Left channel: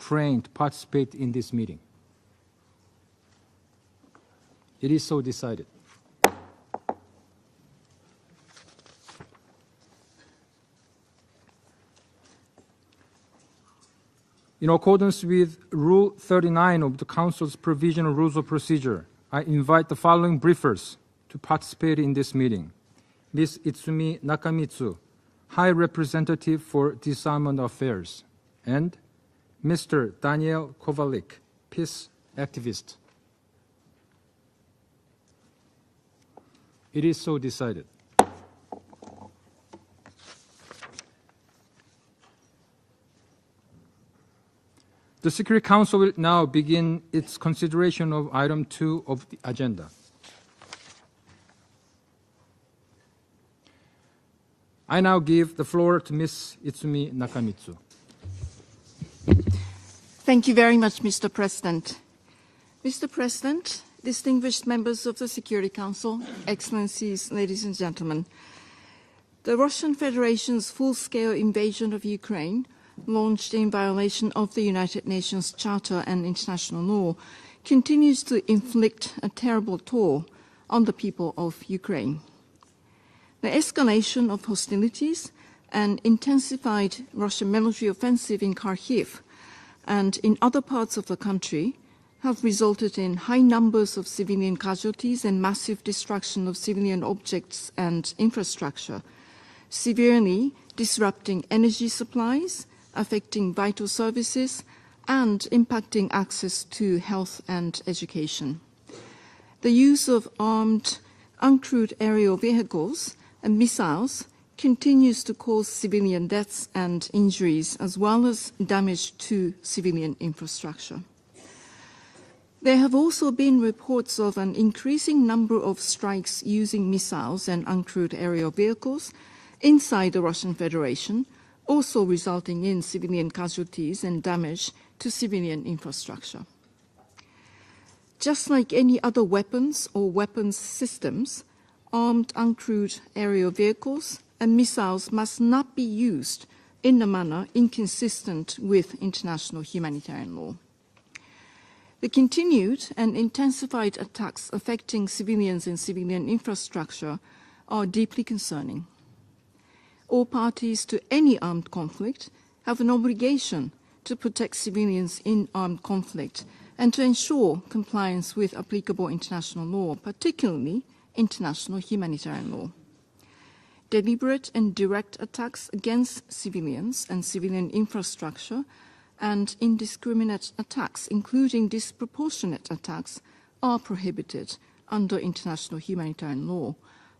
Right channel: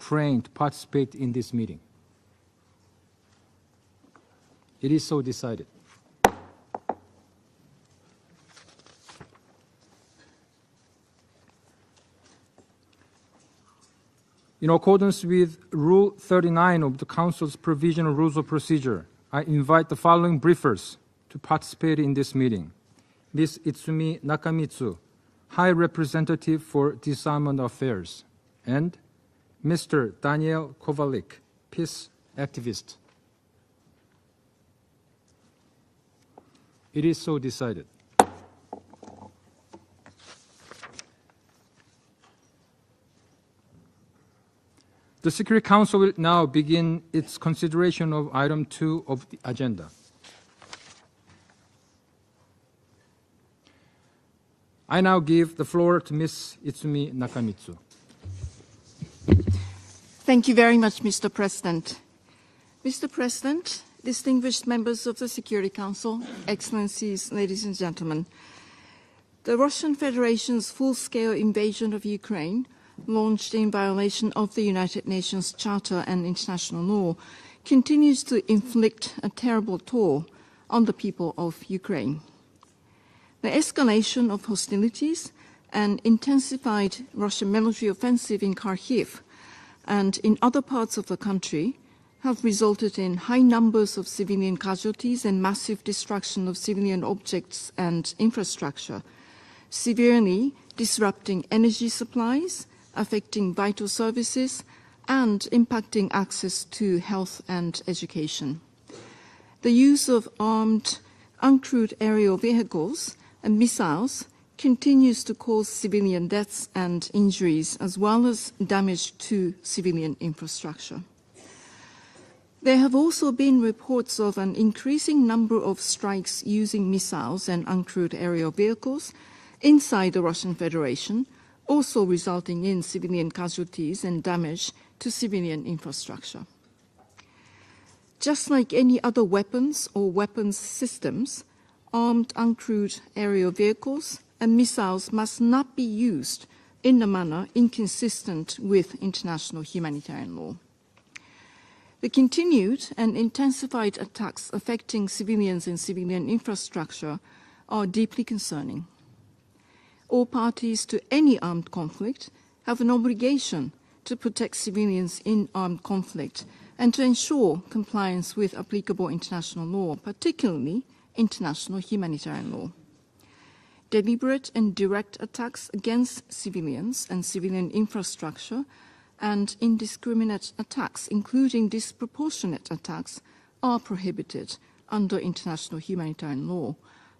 Ukraine to participate in this meeting? It is so decided. In accordance with Rule 39 of the Council's Provisional Rules of Procedure, I invite the following briefers to participate in this meeting. Ms. Itsumi Nakamitsu, High Representative for Disarmament Affairs, and Mr. Daniel Kovalik, Peace Activist. It is so decided. The Security Council will now begin its consideration of item 2 of the agenda. I now give the floor to Ms. Itsumi Nakamitsu. Thank you very much, Mr. President. Mr. President, distinguished members of the Security Council, Excellencies, ladies and gentlemen, the Russian Federation's full-scale invasion of Ukraine, launched in violation of the United Nations Charter and international law, continues to inflict a terrible toll on the people of Ukraine. The escalation of hostilities and intensified Russian military offensive in Kharkiv and in other parts of the country have resulted in high numbers of civilian casualties and massive destruction of civilian objects and infrastructure, severely disrupting energy supplies, affecting vital services, and impacting access to health and education. The use of armed, uncrewed aerial vehicles and missiles continues to cause civilian deaths and injuries, as well as damage to civilian infrastructure. There have also been reports of an increasing number of strikes using missiles and uncrewed aerial vehicles inside the Russian Federation, also resulting in civilian casualties and damage to civilian infrastructure. Just like any other weapons or weapons systems, armed uncrewed aerial vehicles and missiles must not be used in a manner inconsistent with international humanitarian law. The continued and intensified attacks affecting civilians and civilian infrastructure are deeply concerning. All parties to any armed conflict have an obligation to protect civilians in armed conflict and to ensure compliance with applicable international law, particularly international humanitarian law. Deliberate and direct attacks against civilians and civilian infrastructure and indiscriminate attacks, including disproportionate attacks, are prohibited under international humanitarian law,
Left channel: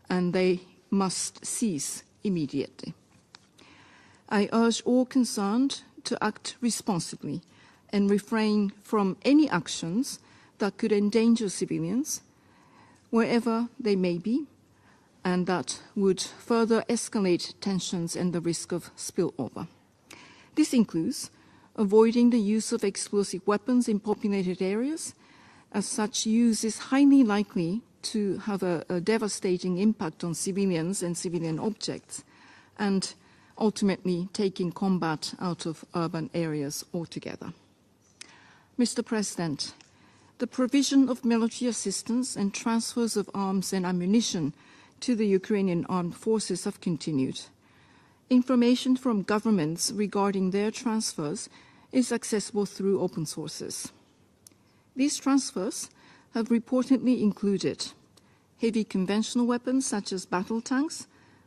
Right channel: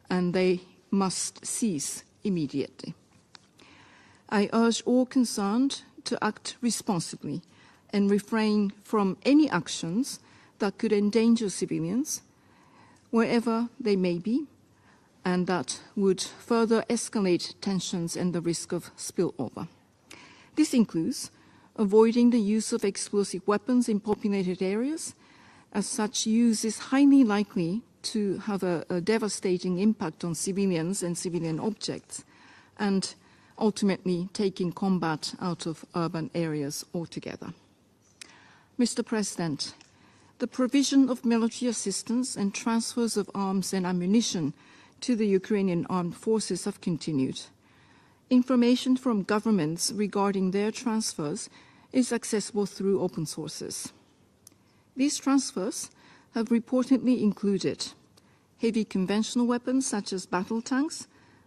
and they must cease immediately. I urge all concerned to act responsibly and refrain from any actions that could endanger civilians, wherever they may be, and that would further escalate tensions and the risk of spillover. This includes avoiding the use of explosive weapons in populated areas, as such use is highly likely to have a devastating impact on civilians and civilian objects, and ultimately taking combat out of urban areas altogether. Mr. President, the provision of military assistance and transfers of arms and ammunition to the Ukrainian armed forces have continued. Information from governments regarding their transfers is accessible through open sources. These transfers have reportedly included heavy conventional weapons such as battle tanks,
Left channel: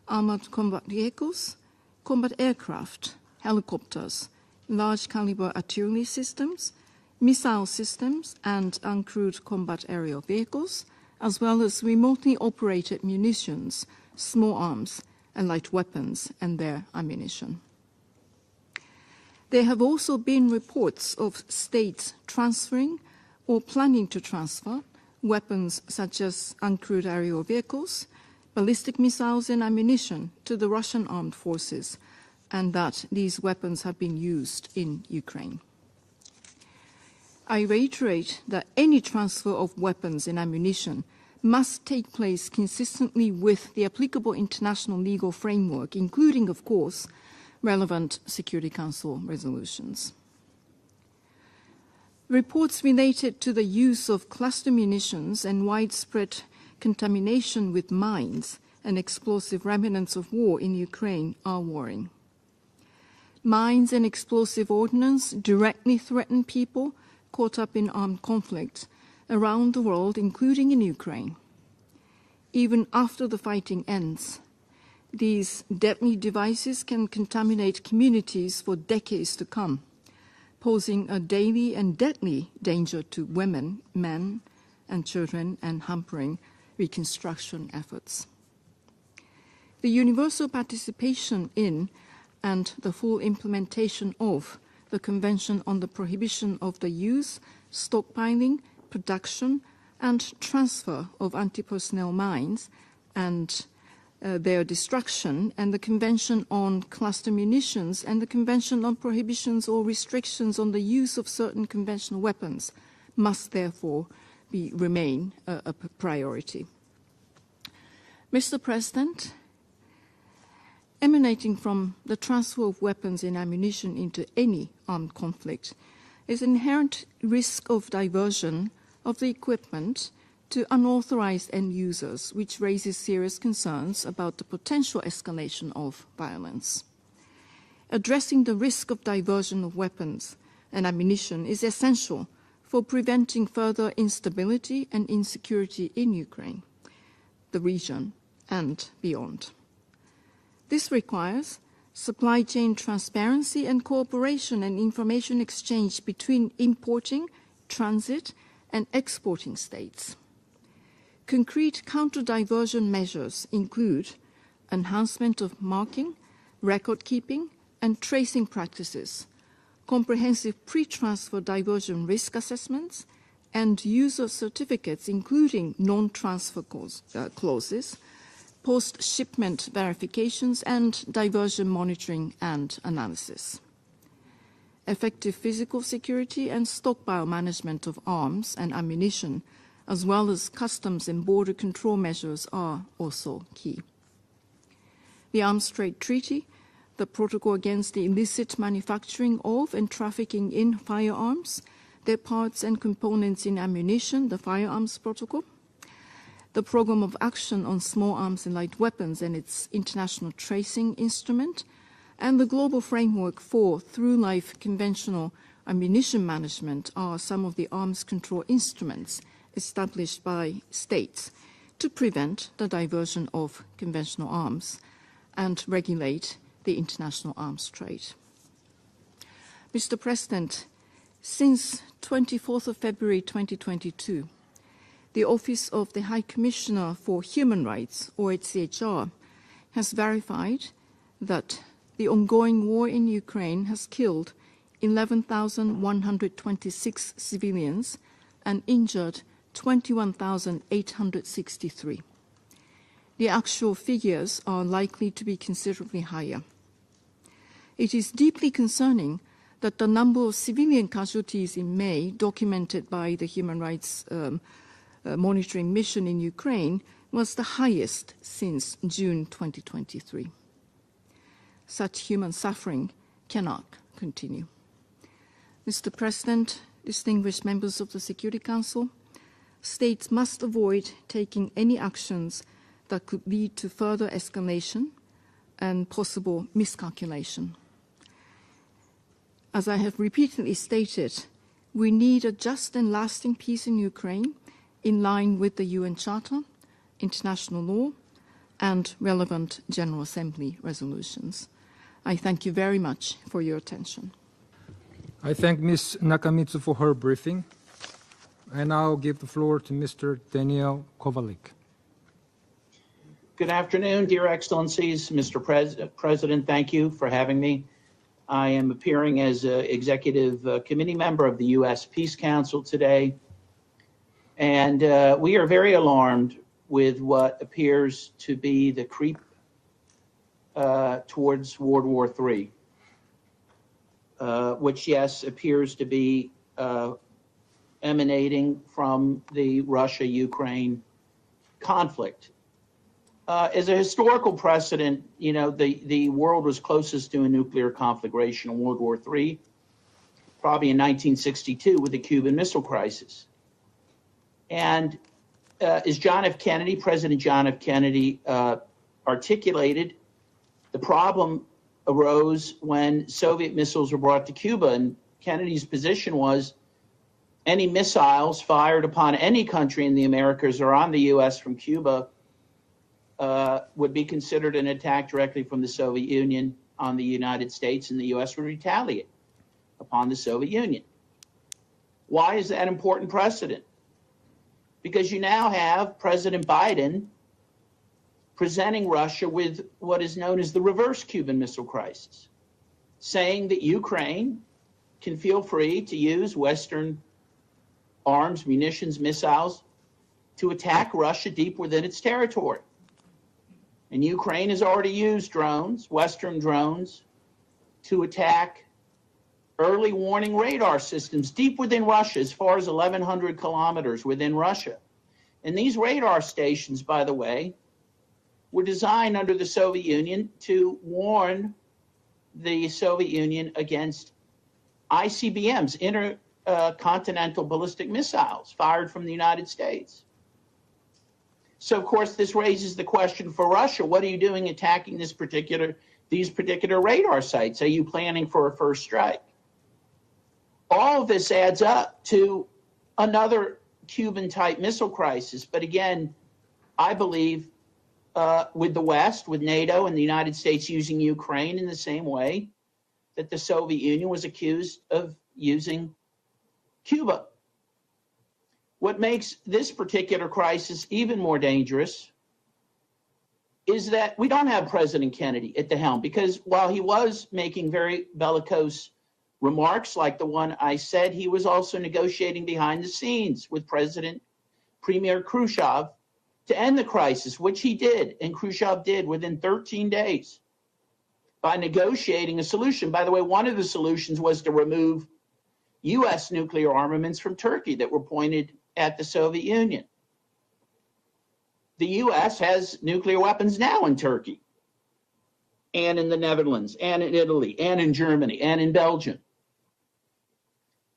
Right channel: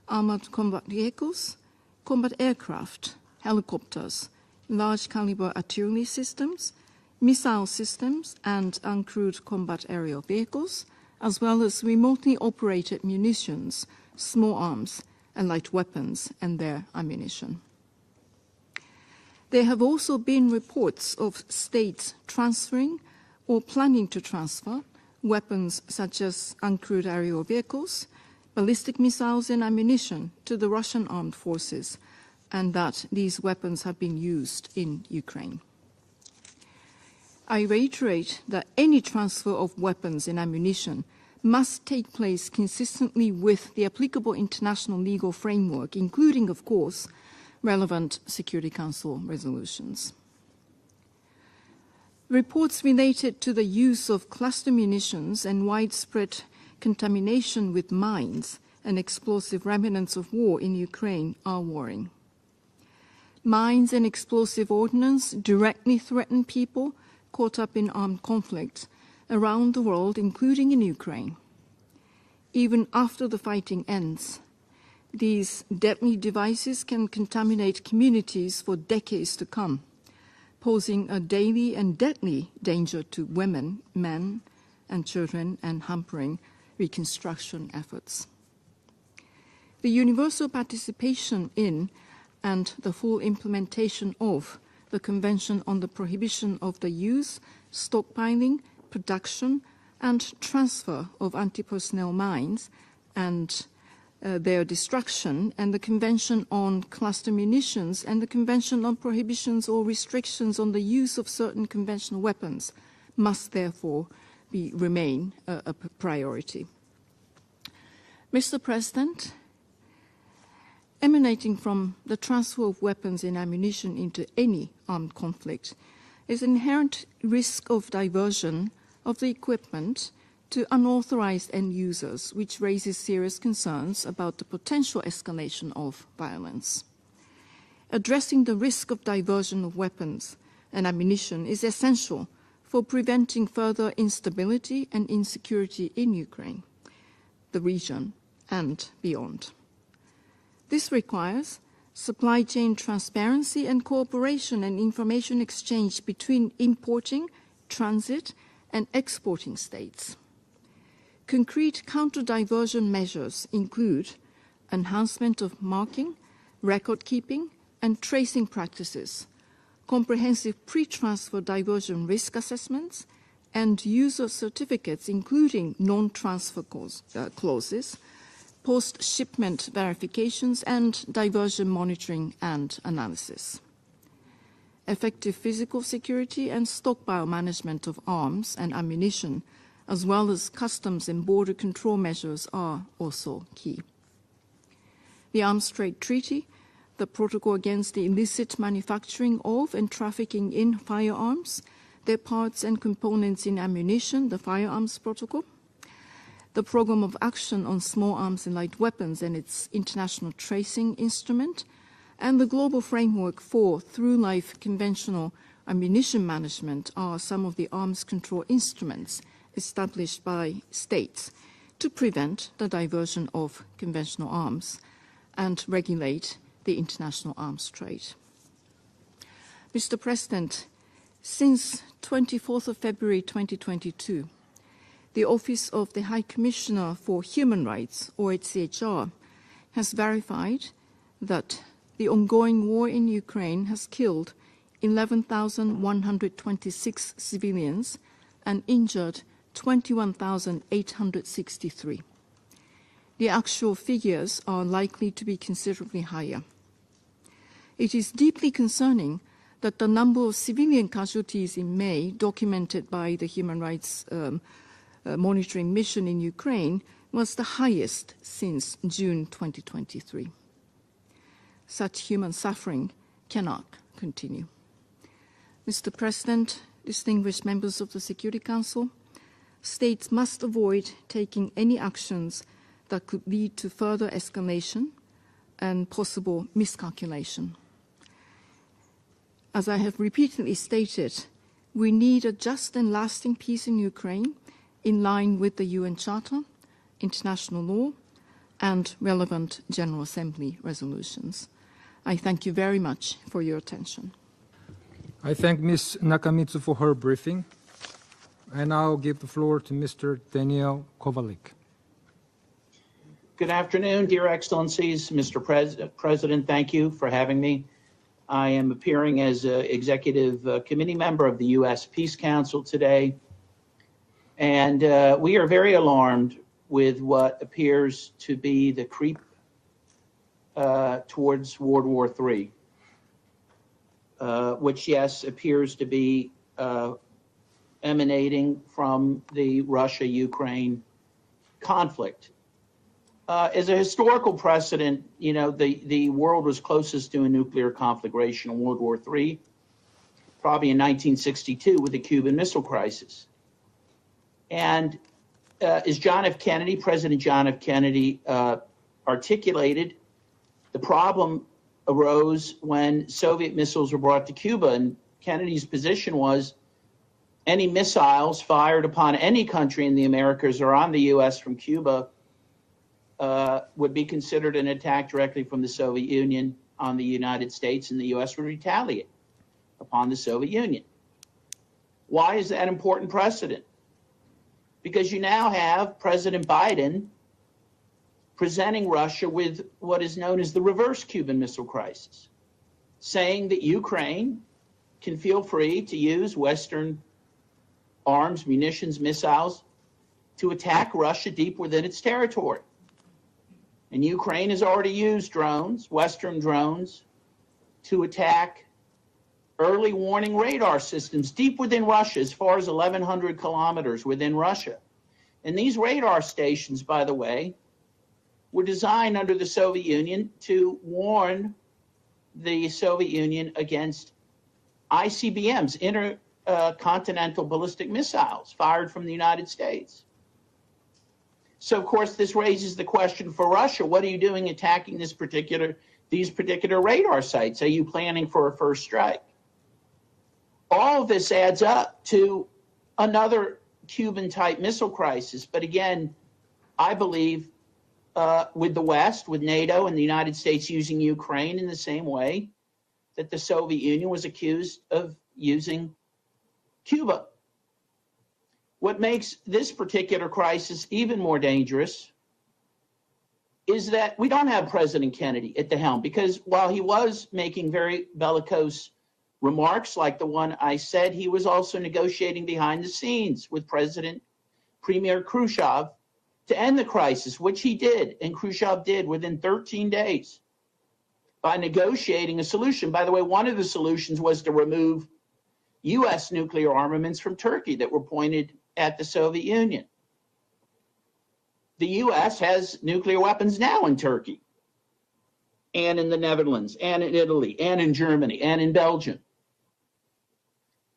armored combat vehicles, combat aircraft, helicopters, large caliber artillery systems, missile systems, and uncrewed combat aerial vehicles, as well as remotely operated munitions, small arms, and light weapons and their ammunition. There have also been reports of states transferring or planning to transfer weapons such as uncrewed aerial vehicles, ballistic missiles and ammunition to the Russian armed forces, and that these weapons have been used in Ukraine. I reiterate that any transfer of weapons and ammunition must take place consistently with the applicable international legal framework, including, of course, relevant Security Council resolutions. Reports related to the use of cluster munitions and widespread contamination with mines and explosive remnants of war in Ukraine are worrying. Mines and explosive ordnance directly threaten people caught up in armed conflict around the world, including in Ukraine. Even after the fighting ends, these deadly devices can contaminate communities for decades to come, posing a daily and deadly danger to women, men, and children, and hampering reconstruction efforts. The universal participation in and the full implementation of the Convention on the Prohibition of the Use, Stockpiling, Production, and Transfer of Anti-Personnel Mines and their destruction, and the Convention on Cluster Munitions and the Convention on Prohibitions or Restrictions on the Use of Certain Conventional Weapons must therefore remain a priority. Mr. President, emanating from the transfer of weapons and ammunition into any armed conflict is an inherent risk of diversion of the equipment to unauthorized end users, which raises serious concerns about the potential escalation of violence. Addressing the risk of diversion of weapons and ammunition is essential for preventing further instability and insecurity in Ukraine, the region, and beyond. This requires supply chain transparency and cooperation and information exchange between importing, transit, and exporting states. Concrete counter-diversion measures include enhancement of marking, record-keeping, and tracing practices, comprehensive pre-transfer diversion risk assessments, and use of certificates, including non-transfer clauses, post-shipment verifications, and diversion monitoring and analysis. Effective physical security and stockpile management of arms and ammunition, as well as customs and border control measures, are also key. The Arms Trade Treaty, the Protocol Against the Illicit Manufacturing of and Trafficking in Firearms, their parts and components in ammunition, the Firearms Protocol, the Programme of Action on Small Arms and Light Weapons and its International Tracing Instrument, and the Global Framework for Through-Life Conventional Ammunition Management are some of the arms control instruments established by states to prevent the diversion of conventional arms and regulate the international arms trade. Mr. President, since 24th of February 2022, the Office of the High Commissioner for Human Rights, OHCHR, has verified that the ongoing war in Ukraine has killed 11,126 civilians and injured 21,863. The actual figures are likely to be considerably higher. It is deeply concerning that the number of civilian casualties in May, documented by the Human Rights Monitoring Mission in Ukraine, was the highest since June 2023. Such human suffering cannot continue. Mr. President, distinguished members of the Security Council, states must avoid taking any actions that could lead to further escalation and possible miscalculation. As I have repeatedly stated, we need a just and lasting peace in Ukraine in line with the UN Charter, international law, and relevant General Assembly resolutions. I thank you very much for your attention. I thank Ms. Nakamitsu for her briefing. I now give the floor to Mr. Daniel Kovalik. Good afternoon, dear Excellencies. Mr. President, thank you for having me. I am appearing as an executive committee member of the U.S. Peace Council today, and we are very alarmed with what appears to be the creep towards World War III, which, yes, appears to be emanating from the Russia-Ukraine conflict. As a historical precedent, you know, the world was closest to a nuclear conflagration in World War III. probably in 1962 with the Cuban Missile Crisis. And as President John F. Kennedy articulated, the problem arose when Soviet missiles were brought to Cuba, and Kennedy's position was any missiles fired upon any country in the Americas or on the U.S. from Cuba would be considered an attack directly from the Soviet Union on the United States, and the U.S. would retaliate upon the Soviet Union. Why is that important precedent? Because you now have President Biden presenting Russia with what is known as the reverse Cuban Missile Crisis, saying that Ukraine can feel free to use Western arms, munitions, missiles to attack Russia deep within its territory. And Ukraine has already used drones, Western drones, to attack early warning radar systems deep within Russia, as far as 1,100 kilometers within Russia. And these radar stations, by the way, were designed under the Soviet Union to warn the Soviet Union against ICBMs, intercontinental ballistic missiles fired from the United States. So, of course, this raises the question for Russia: what are you doing attacking these particular radar sites? Are you planning for a first strike? All of this adds up to another Cuban-type missile crisis. But again, I believe with the West, with NATO and the United States using Ukraine in the same way that the Soviet Union was accused of using Cuba. What makes this particular crisis even more dangerous is that we don't have President Kennedy at the helm, because while he was making very bellicose remarks like the one I said, he was also negotiating behind the scenes with Premier Khrushchev to end the crisis, which he did, and Khrushchev did within 13 days by negotiating a solution. By the way, one of the solutions was to remove U.S. nuclear armaments from Turkey that were pointed at the Soviet Union. The U.S. has nuclear weapons now in Turkey, and in the Netherlands, and in Italy, and in Germany, and in Belgium.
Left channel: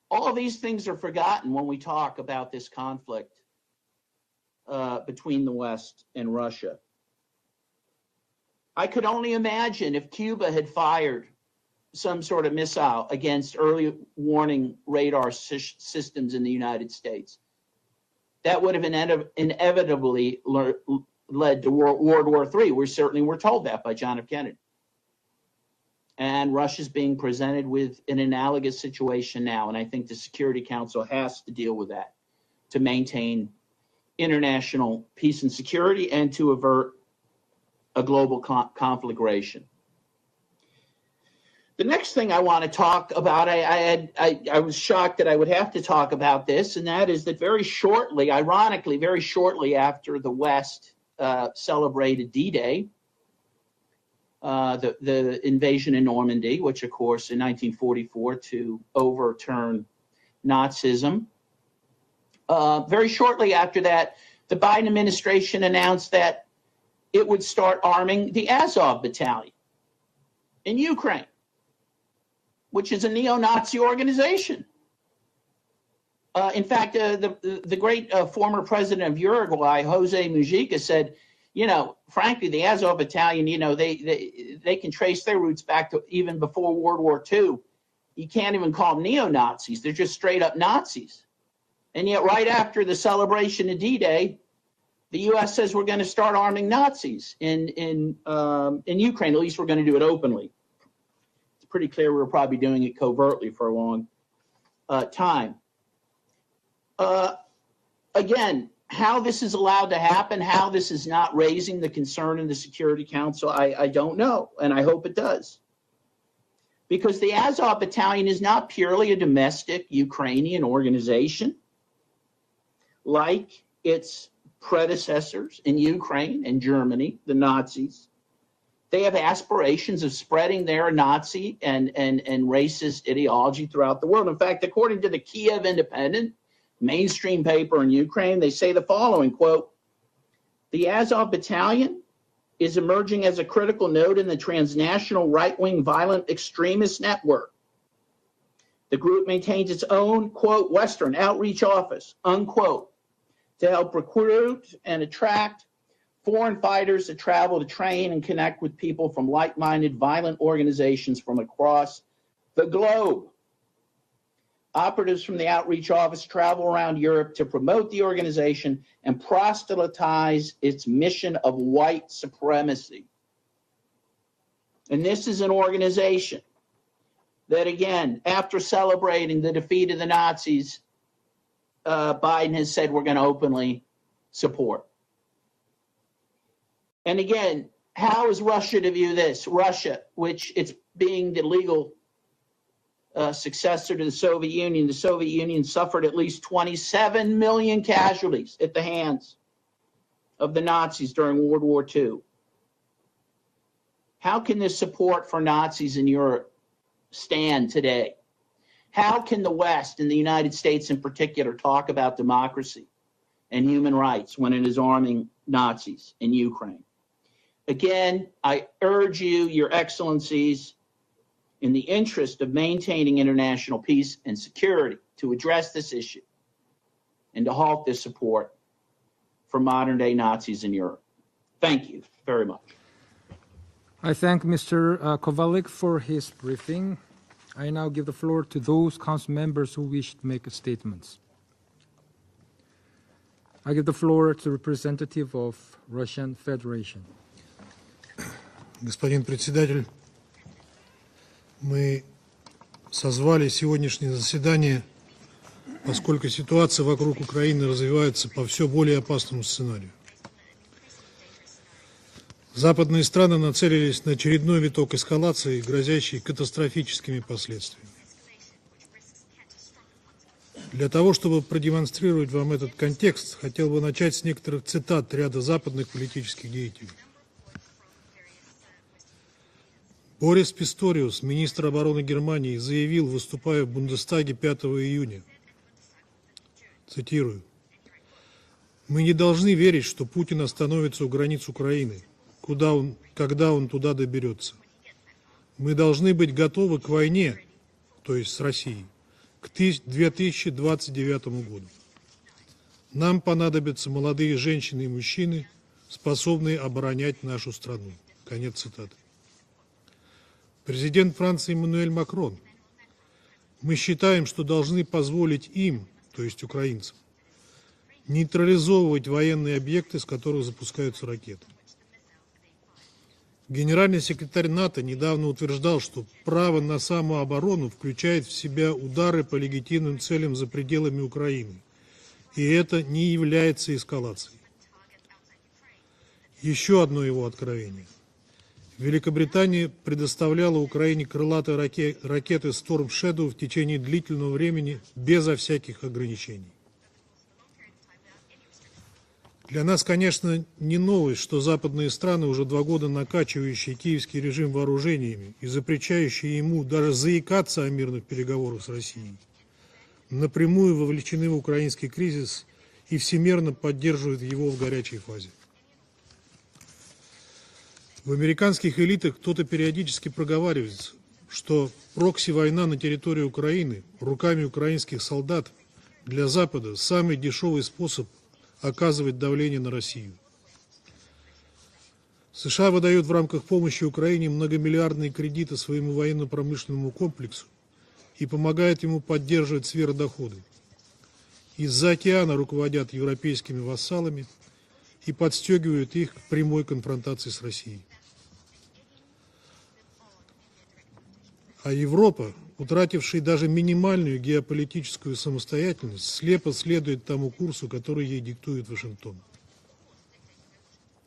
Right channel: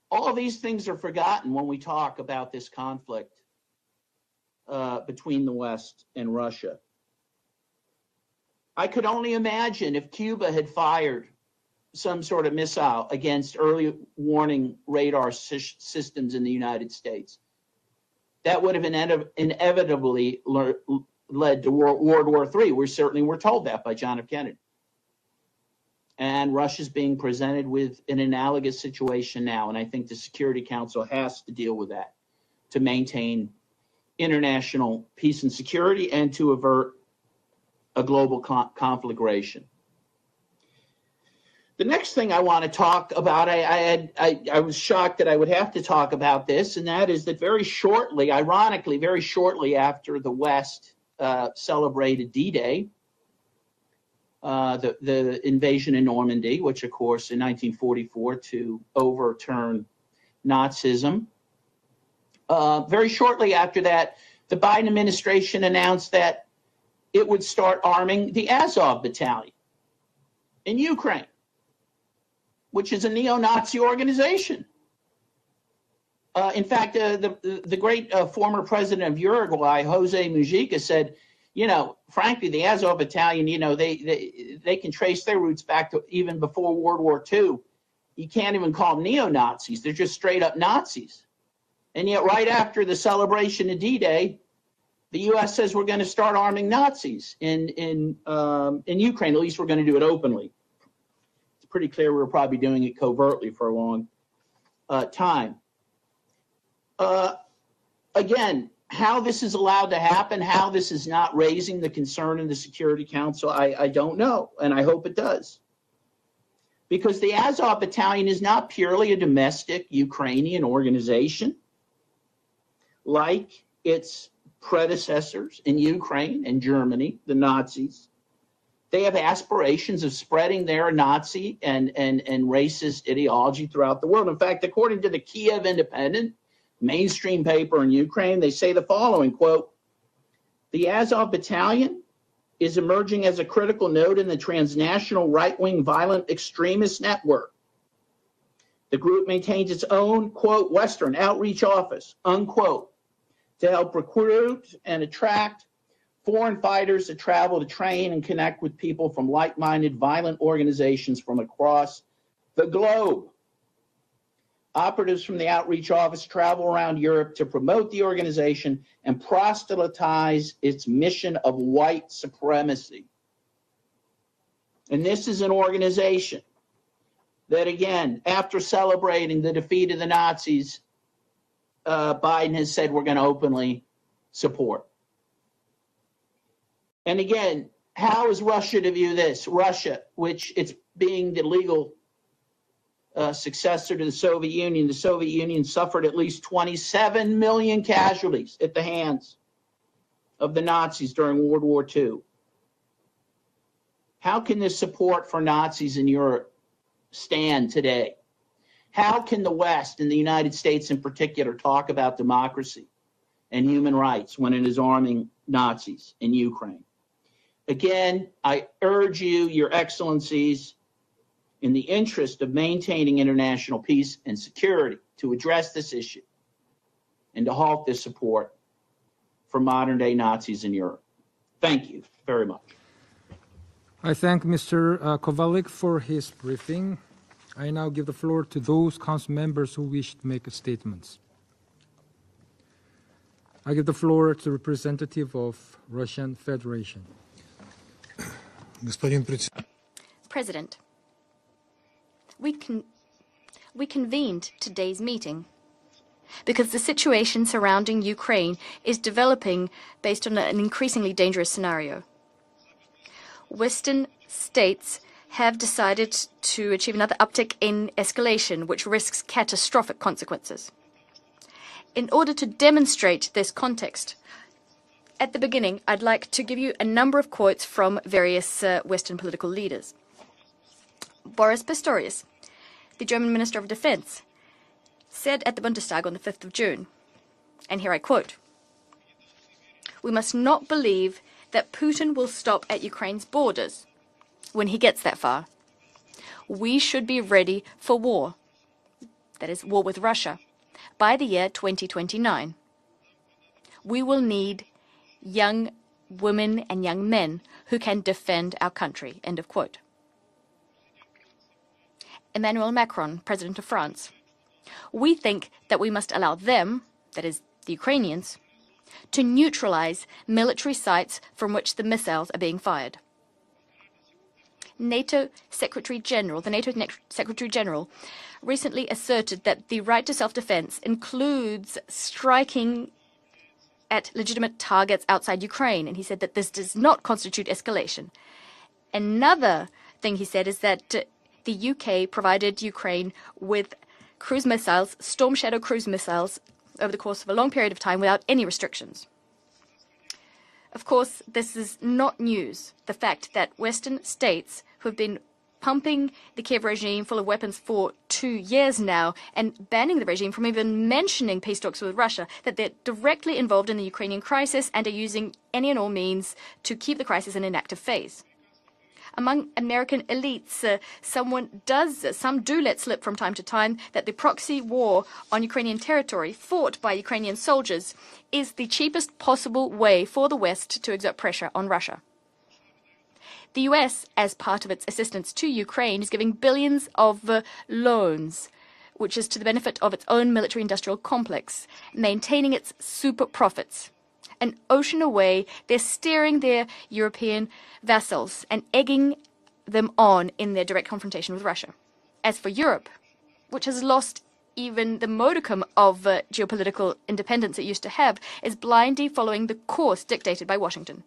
All of these things are forgotten when we talk about this conflict between the West and Russia. I could only imagine if Cuba had fired some sort of missile against early warning radar systems in the United States. That would have inevitably led to World War III. We certainly were told that by John F. Kennedy. And Russia's being presented with an analogous situation now, and I think the Security Council has to deal with that to maintain international peace and security and to avert a global conflagration. The next thing I want to talk about, I was shocked that I would have to talk about this, and that is that very shortly, ironically, very shortly after the West celebrated D-Day, the invasion in Normandy, which, of course, in 1944 to overturn Nazism. Very shortly after that, the Biden administration announced that it would start arming the Azov Battalion in Ukraine, which is a neo-Nazi organization. In fact, the great former president of Uruguay, Jose Mujica, said, frankly, the Azov Battalion, they can trace their roots back to even before World War II. You can't even call them neo-Nazis. They're just straight up Nazis. And yet right after the celebration of D-Day, the U.S. says we're going to start arming Nazis in Ukraine. At least we're going to do it openly. It's pretty clear we're probably doing it covertly for a long time. Again, how this is allowed to happen, how this is not raising the concern in the Security Council, I don't know, and I hope it does. Because the Azov Battalion is not purely a domestic Ukrainian organization like its predecessors in Ukraine and Germany, the Nazis. They have aspirations of spreading their Nazi and racist ideology throughout the world. In fact, according to the Kiev Independent, mainstream paper in Ukraine, they say the following, quote, "The Azov Battalion is emerging as a critical node in the transnational right-wing violent extremist network, The group maintains its own, quote, Western outreach office, unquote, to help recruit and attract foreign fighters to travel to train and connect with people from like-minded violent organizations from across the globe. Operatives from the outreach office travel around Europe to promote the organization and proselytize its mission of white supremacy. And this is an organization that, again, after celebrating the defeat of the Nazis, Biden has said we're going to openly support. And again, how is Russia to view this? Russia, which it's being the legal successor to the Soviet Union suffered at least 27 million casualties at the hands of the Nazis during World War II. How can this support for Nazis in Europe stand today? How can the West and the United States in particular talk about democracy and human rights when it is arming Nazis in Ukraine? Again, I urge you, Your Excellencies, in the interest of maintaining international peace and security, to address this issue and to halt this support for modern-day Nazis in Europe. Thank you very much. I thank Mr. Kowalik for his briefing. I now give the floor to those council members who wish to make statements. I give the floor to the representative of Russian Federation. Господин председатель, President, мы we созвали сегодняшнее convened заседание, today's meeting поскольку because ситуация the вокруг situation Украины surrounding развивается по Ukraine все более is опасному developing сценарию. based on an increasingly dangerous scenario. Западные страны нацелились на Western очередной виток states эскалации, have decided грозящий to achieve another катастрофическими uptick последствиями. in escalation, which risks catastrophic consequences. Для того, чтобы In order продемонстрировать to вам этот demonstrate контекст, this хотел бы context, начать с некоторых цитат At ряда the beginning, западных I'd like to политических give you a деятелей. number of quotes from various Western political leaders. Борис Писториус, министр обороны Pistorius, Германии, заявил, the German Minister выступая of в Defense, Бундестаге 5 июня, said at the Bundestag on the 5th of June, цитирую, and here I quote, «Мы не должны верить, что We must Путин not остановится у believe границ that Украины, Putin will stop куда at он- Ukraine's когда он borders туда доберется. when he gets that far. Мы должны быть готовы We к should be войне, ready for то war, есть с Россией, that is в war with Russia, 2029 by the year году. 2029. Нам понадобятся We will молодые need женщины и мужчины, Young способные women and young оборонять men нашу who страну». can defend Конец our цитаты. country. End of quote. Президент Франции Эммануэль Макрон. Emmanuel Macron, President of Мы France. считаем, что должны We позволить think им, that we must то allow есть them, украинцам, that is the Ukrainians, нейтрализовывать to военные объекты, neutralize с которых military запускаются sites ракеты. from which the missiles are being fired. Генеральный секретарь НАТО недавно NATO утверждал, что Secretary-General, право NATO на Secretary самооборону General включает в себя recently удары по asserted that the легитимным right to целям за self-defense пределами Украины. includes И это striking не является at эскалацией. legitimate targets outside Ukraine, and he said that this does Еще not одно его constitute откровение. escalation. Великобритания Another thing he said предоставляла is that Украине крылатые the UK ракеты provided Storm Ukraine Shadow в течение with длительного cruise времени missiles, безо Storm Shadow всяких cruise missiles, ограничений. over the course of a long period of time without any restrictions. Для нас, конечно, не Of course, новость, что this is западные not страны уже news, 2 года the fact that накачивающие Western киевский режим states have вооружениями и been pumping запрещающие the ему Kiev даже regime full of weapons заикаться о for мирных 2 переговорах с years now, Россией. and banning the regime from Напрямую even вовлечены в mentioning peace talks украинский with Russia, кризис that they're и directly всемерно involved in the Ukrainian поддерживают его в crisis and are горячей using фазе. any and all means to keep the crisis in an active phase. В американских элитах Among кто-то American периодически elites, проговаривает, some что do прокси-война на let slip from территории time to time Украины that the руками proxy украинских war солдат on Ukrainian для territory Запада fought by самый Ukrainian дешевый soldiers способ is the оказывать cheapest давление possible на way Россию. for the West to exert pressure on Russia. США выдают в рамках The помощи US, Украине as part of its многомиллиардные assistance to кредиты своему Ukraine, is giving billions военно-промышленному of комплексу и loans, помогает ему which is to the поддерживать benefit of its own сверхдоходы. military-industrial complex, Из-за океана maintaining руководят its super европейскими profits. вассалами An ocean и away, they're подстегивают их к steering прямой their конфронтации с European Россией. vassals and egging them on in their direct confrontation with А Russia. Европа, As for Europe, утративший даже which has lost минимальную even the геополитическую modicum of самостоятельность, слепо geopolitical следует тому independence it курсу, used to который have, ей is диктует blindly Вашингтон. following the course dictated by Washington.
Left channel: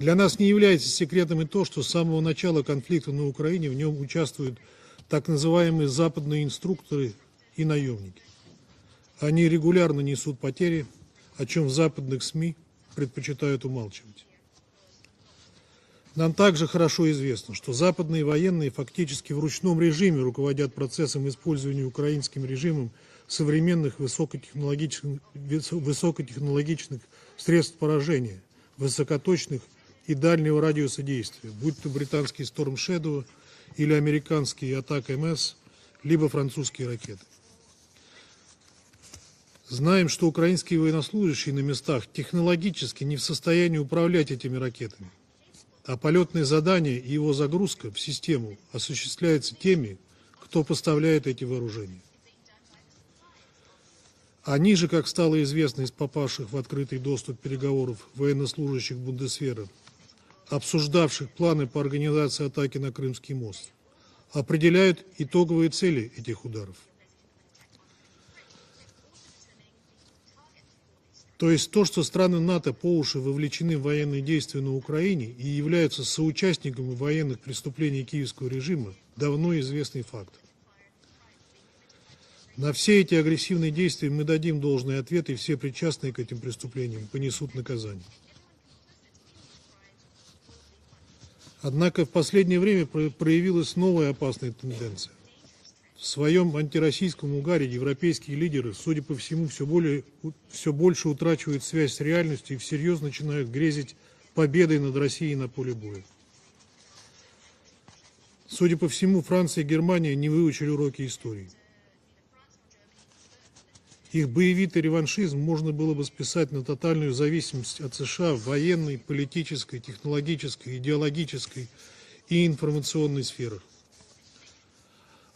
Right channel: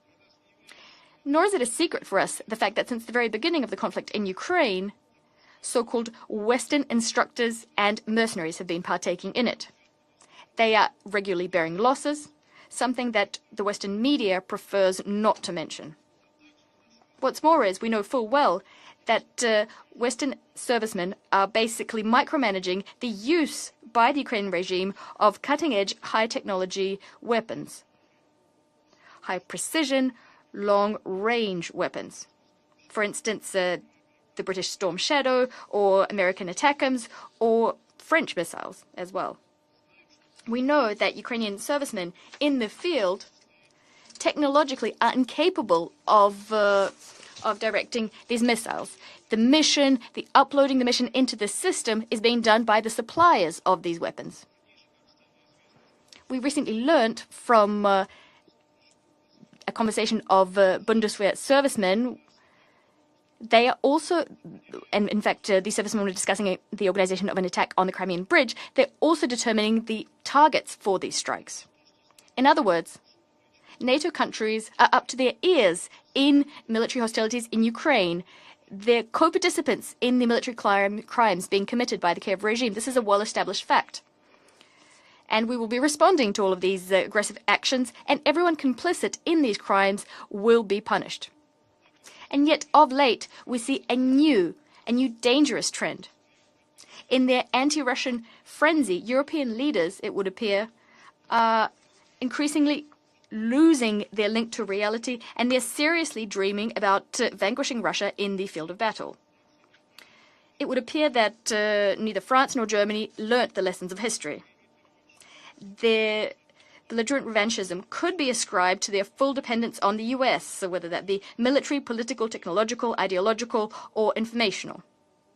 Для нас не является секретом Nor и is it то, a что с secret for самого us the начала fact that since конфликта the на very beginning Украине of the в нем conflict in участвуют Ukraine, так называемые so-called западные Western instructors инструкторы и and наемники. mercenaries have been partaking Они in it. регулярно несут They потери, are о regularly чем в bearing западных losses, СМИ something that предпочитают the Western умалчивать. media prefers not to mention. Нам также хорошо What's известно, more что is, we know западные full well военные that фактически в ручном режиме Western руководят процессом servicemen are использования basically украинским micromanaging режимом the use современных by the Ukrainian regime of cutting-edge, high-technology высокотехнологичных weapons. средств поражения, высокоточных precision, и дальнего радиуса long-range действия, будь то weapons. британский Storm For Shadow instance, или the американский British Storm Attack Shadow MS, or либо American французские ATACMS ракеты. or French missiles as well. Знаем, что We украинские know that военнослужащие Ukrainian на местах servicemen in the технологически не field в состоянии управлять этими technologically ракетами, are incapable а полетные of задания и его загрузка в directing these систему missiles. The осуществляются mission, теми, the кто uploading the mission поставляет into эти the system вооружения. is being done by the suppliers of these weapons. Они же, как стало известно из попавших We в recently открытый learned доступ from, переговоров военнослужащих Бундесвера, A conversation of обсуждавших Bundeswehr планы по servicemen. организации атаки на Крымский мост, They are also, определяют and in fact, итоговые these servicemen were цели discussing этих ударов. the organization of an attack on the Crimean Bridge. They're also determining the targets for these strikes. То есть то, что страны In other НАТО words, по уши вовлечены в NATO военные действия countries на are up to Украине their и являются ears in соучастниками military военных hostilities in преступлений Ukraine. киевского режима, They're давно co-participants известный in the факт. military crimes being committed by the Kiev regime. На This все is a эти well-established агрессивные fact. действия мы дадим должные ответы, и And we все will be причастные к responding этим to all of these преступлениям aggressive понесут actions, наказание. and everyone complicit in these crimes will be punished. Однако в And последнее yet, время of late, we проявилась see a новая опасная new, тенденция. dangerous trend. В своем In антироссийском their угаре anti-Russian европейские лидеры, frenzy, судя по European всему, leaders, it would appear, все больше утрачивают связь с реальностью и increasingly всерьез начинают losing грезить their link to победой над reality, Россией на and they're поле боя. seriously dreaming about vanquishing Russia in the field Судя of по battle. всему, Франция и Германия не It выучили would уроки appear истории. that neither France nor Germany learnt the lessons of Их history. боевитый реваншизм можно было бы Their списать на тотальную belligerent зависимость revanchism от could be США ascribed to военной, their full dependence on the US, политической, so whether that be идеологической military, political, и technological, информационной ideological, сферах, or informational.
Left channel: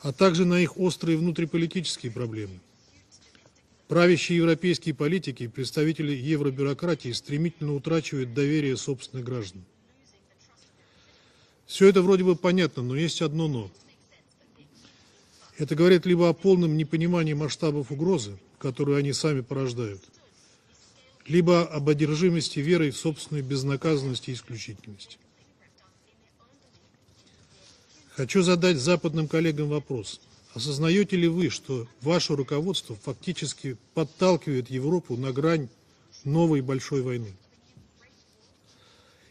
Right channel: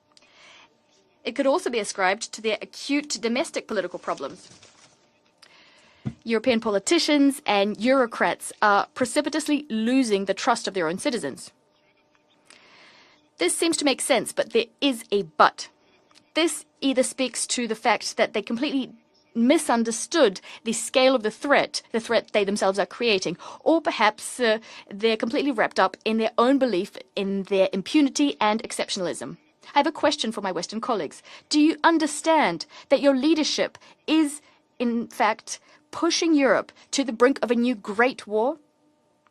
а также на их острые It could also be внутриполитические ascribed to their проблемы. acute domestic political Правящие problems. европейские политики и представители European евробюрократии politicians стремительно and утрачивают bureaucrats доверие are собственных precipitously граждан. losing the trust of their own citizens. Все это вроде бы понятно, но есть одно This но. seems to make sense, but there is a but. Это говорит либо о This полном either непонимании speaks to the масштабов fact угрозы, that they completely которую они сами порождают, misunderstood the scale of the либо threat, об the threat they одержимости themselves are верой в creating, собственную or perhaps безнаказанность и исключительность. they're completely wrapped up in their own belief in their impunity Хочу and задать западным exceptionalism. коллегам I have a вопрос. question for my Western Осознаете colleagues. ли вы, Do you что ваше understand руководство that your фактически leadership is, подталкивает in Европу на fact, грань pushing новой Europe большой to the войны? brink of a new great war?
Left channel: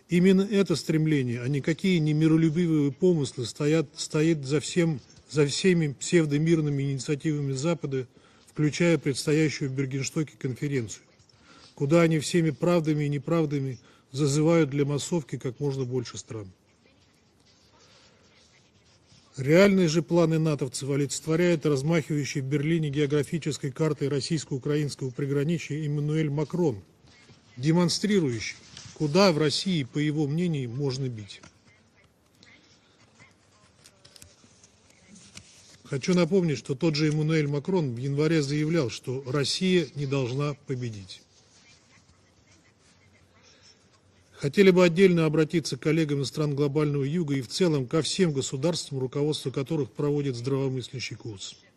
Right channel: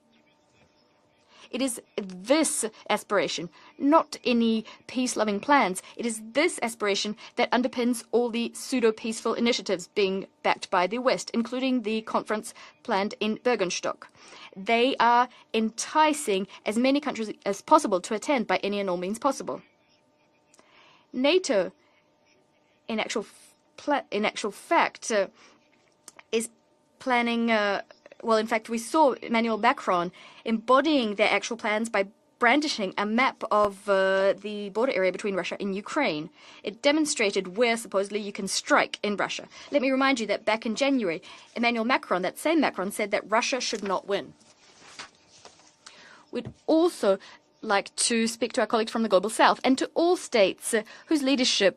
Именно это стремление, а It is никакие не this миролюбивые aspiration, помыслы стоят not за any всеми peace-loving plans. всеми It is this псевдомирными aspiration that инициативами underpins Запада, all the включая pseudo-peaceful предстоящую initiatives being Бергенстоке backed by the конференцию, West, including куда the они всеми conference правдами и planned in неправдами Bergenstock. зазывают для They are массовки как можно больше enticing стран. as many countries as possible to attend by any and all means possible. Реальные же планы натовцев олицетворяет NATO, размахивающий в Берлине in actual географической картой in actual российско-украинского fact, приграничья Эммануэль is Макрон, planning, демонстрирующий, well, in fact, we saw куда в Emmanuel России, по Macron его мнению, embodying можно their бить. actual plans by brandishing a map of the border area between Russia and Хочу Ukraine. напомнить, что It тот же demonstrated Эммануэль where Макрон в supposedly you январе can заявлял, strike in что Russia. Россия Let me не remind you that должна back in победить. January, Emmanuel Macron, that same Macron, said that Russia should not win. Хотели бы отдельно обратиться к коллегам из стран глобального Also юга и в целом like ко to всем speak to our colleagues from государствам, the global руководство south and to которых all проводит states здравомыслящий whose курс. leadership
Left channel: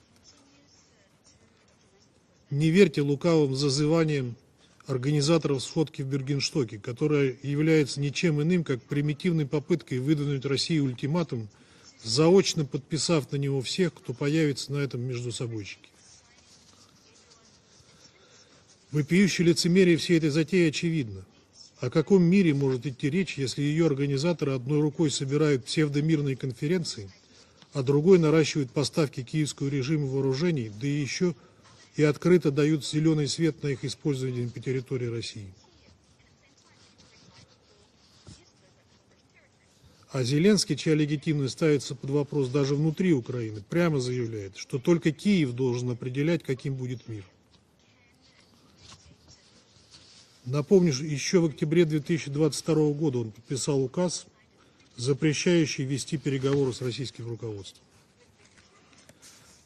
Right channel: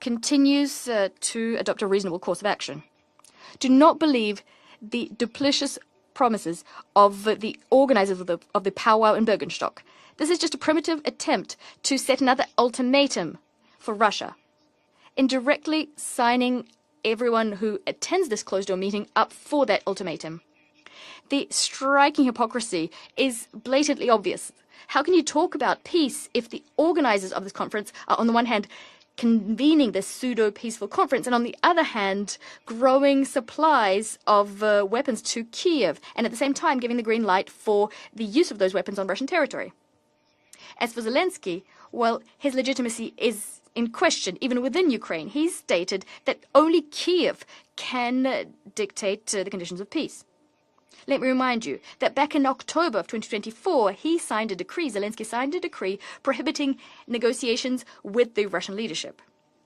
continues to adopt a reasonable course of Не action. верьте лукавым Do not зазываниям believe the организаторов duplicitous сходки в promises Бергенстоке, of которая the является organizers ничем of иным, the как powwow in примитивной Bergenstock. попыткой This выдвинуть is just a России primitive ультиматум, attempt to set another заочно подписав ultimatum на него всех, for кто Russia, появится на этом междусобойчике. indirectly signing everyone who attends this closed-door meeting up Вопиющее for that лицемерие всей этой ultimatum. затеи очевидно. The О каком striking мире может hypocrisy идти речь, is если ее blatantly obvious. организаторы одной How рукой can you talk собирают about peace псевдомирные if the конференции, organizers of this а conference другой are, on the one hand, наращивает поставки киевскому convening режиму this вооружений, pseudo-peaceful да conference, and on еще the other и hand, открыто дают growing зеленый свет на их supplies использование of на территории weapons to России. Kiev, and at the same time giving the green light for the use of those weapons on Russian territory. А Зеленский, As чья for легитимность Zelensky, ставится под well, вопрос his даже внутри legitimacy is Украины, in прямо question even заявляет, что within только Ukraine. He Киев должен stated определять, that каким only будет мир. Kiev can dictate the conditions of peace. Напомню, Let me еще в remind октябре you that back in 2022 October of года он подписал 2024, he указ, signed a decree, Zelensky signed a запрещающий decree вести prohibiting переговоры с российским negotiations with the Russian leadership.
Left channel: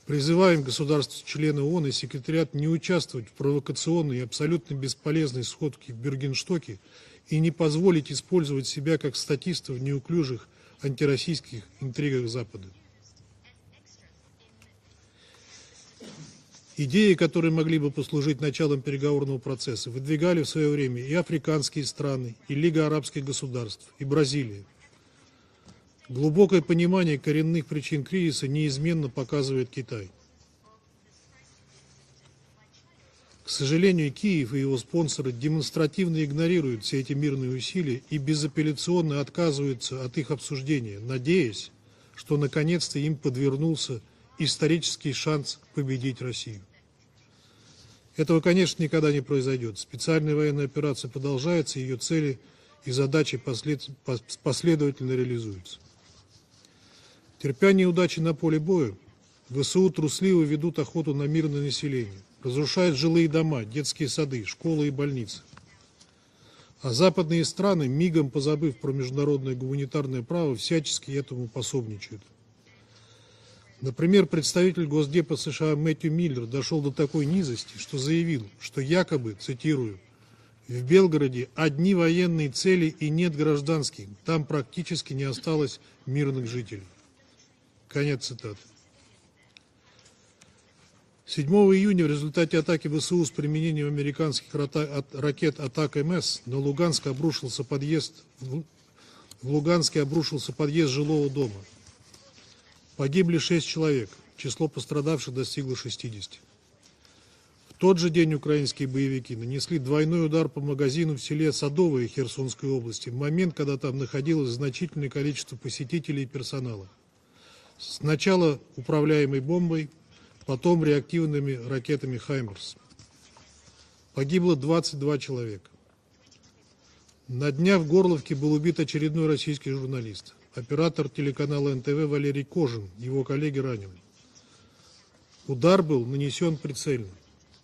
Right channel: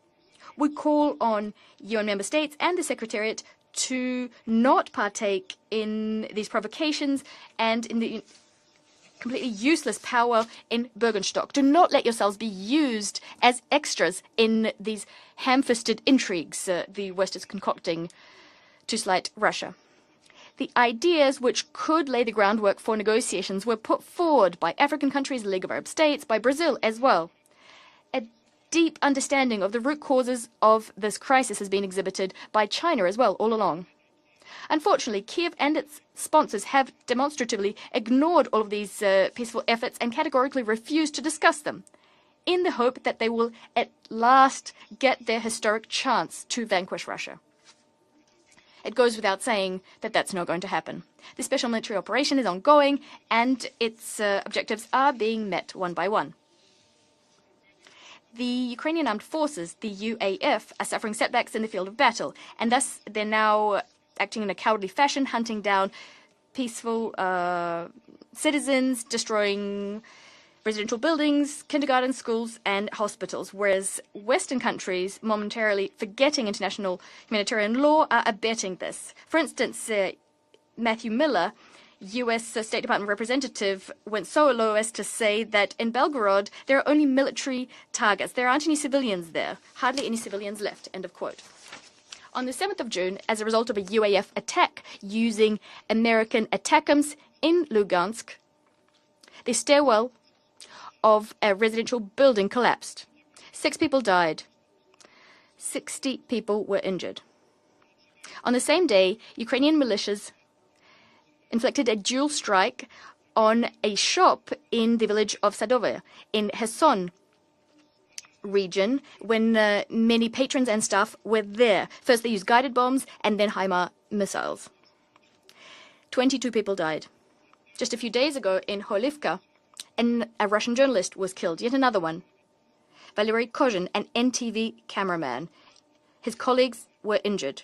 Призываем We call государства-члены ООН и on your member секретариат states не and the участвовать в Secretariat провокационной и to абсолютно not бесполезной partake сходке в in these Бергенстоке provocations и не and in позволить the использовать себя как completely статистов useless power in неуклюжих Bergenstock. Do антироссийских not let интригах yourselves be Запада. used as extras in these ham-fisted intrigues Идеи, the West is которые могли бы concocting. послужить началом just like переговорного Russia. процесса, выдвигали в свое The время и ideas which африканские could lay страны, the и groundwork Лига for арабских negotiations were государств, put и forward Бразилия. by African countries, the League of Arab States, by Глубокое Brazil as понимание well. коренных причин кризиса A deep неизменно understanding of показывает the root Китай. causes of this crisis has been exhibited by China as well, all К along. сожалению, Киев и его Unfortunately, спонсоры Kiev and its демонстративно sponsors игнорируют have все эти мирные demonstratively усилия и ignored all of these безапелляционно peaceful efforts отказываются and от их categorically refused to discuss обсуждения, надеясь, them, что in the hope наконец-то им that they will подвернулся at last исторический get their шанс historic победить chance Россию. to vanquish Russia. Этого, конечно, It никогда goes не without saying произойдет. that that's Специальная not going военная to happen. операция The special продолжается, military ее operation цели is и ongoing, задачи and its objectives последовательно are being met реализуются. one by one. Терпение и удачи на The поле боя. Ukrainian armed forces, ВСУ the трусливо UAF, ведут are охоту suffering на setbacks мирное in the field of население, battle, and разрушают thus жилые they're дома, now детские acting сады, in a школы cowardly и fashion, больницы. hunting down А peaceful западные страны, мигом позабыв про citizens, международное destroying гуманитарное право, residential всячески этому buildings, kindergarten пособничают. schools, and hospitals, whereas Например, Western представитель countries, Госдепа США momentarily Мэтью forgetting Миллер дошел до international такой humanitarian низости, law, что are заявил, abetting что this. якобы, For instance, цитирую, в Matthew Белгороде Miller, одни военные US State цели Department и нет representative, гражданских. went Там so low as to практически не say that осталось in мирных Belgorod there жителей. are only military targets. There цитаты. aren't any civilians there. Hardly any civilians left. End of quote. 7 июня в On the результате 7th атаки of June, ВСУ с as a result of a применением UAF американских attack using ракет атак МС American на Луганск ATACMS обрушился in Lugansk, в the Луганске stairwell обрушился подъезд жилого of a дома. residential building collapsed. Погибли 6 6 people человек, died. число пострадавших достигло 60 60. people were injured. В тот же день On the same украинские day, боевики Ukrainian нанесли двойной militias удар по магазину в селе inflicted a Садовое dual Херсонской strike области, в момент, on когда там a shop находилось in the значительное village количество of Sadove посетителей и in персонала. Kherson Сначала region, управляемой when бомбой, many patrons потом and staff were реактивными there. ракетами First they used guided «Хаймерс». bombs and then HIMARS Погибло missiles. 22 человека. 22 people died. На днях в Just a few Горловке days был ago убит in очередной Kholyvka, российский журналист. a Russian Оператор journalist was killed, телеканала yet another НТВ one. Валерий Кожин, его Vladimir коллега Kozhin, ранен. an NTV cameraman. Удар был His нанесен colleagues прицельно. were injured.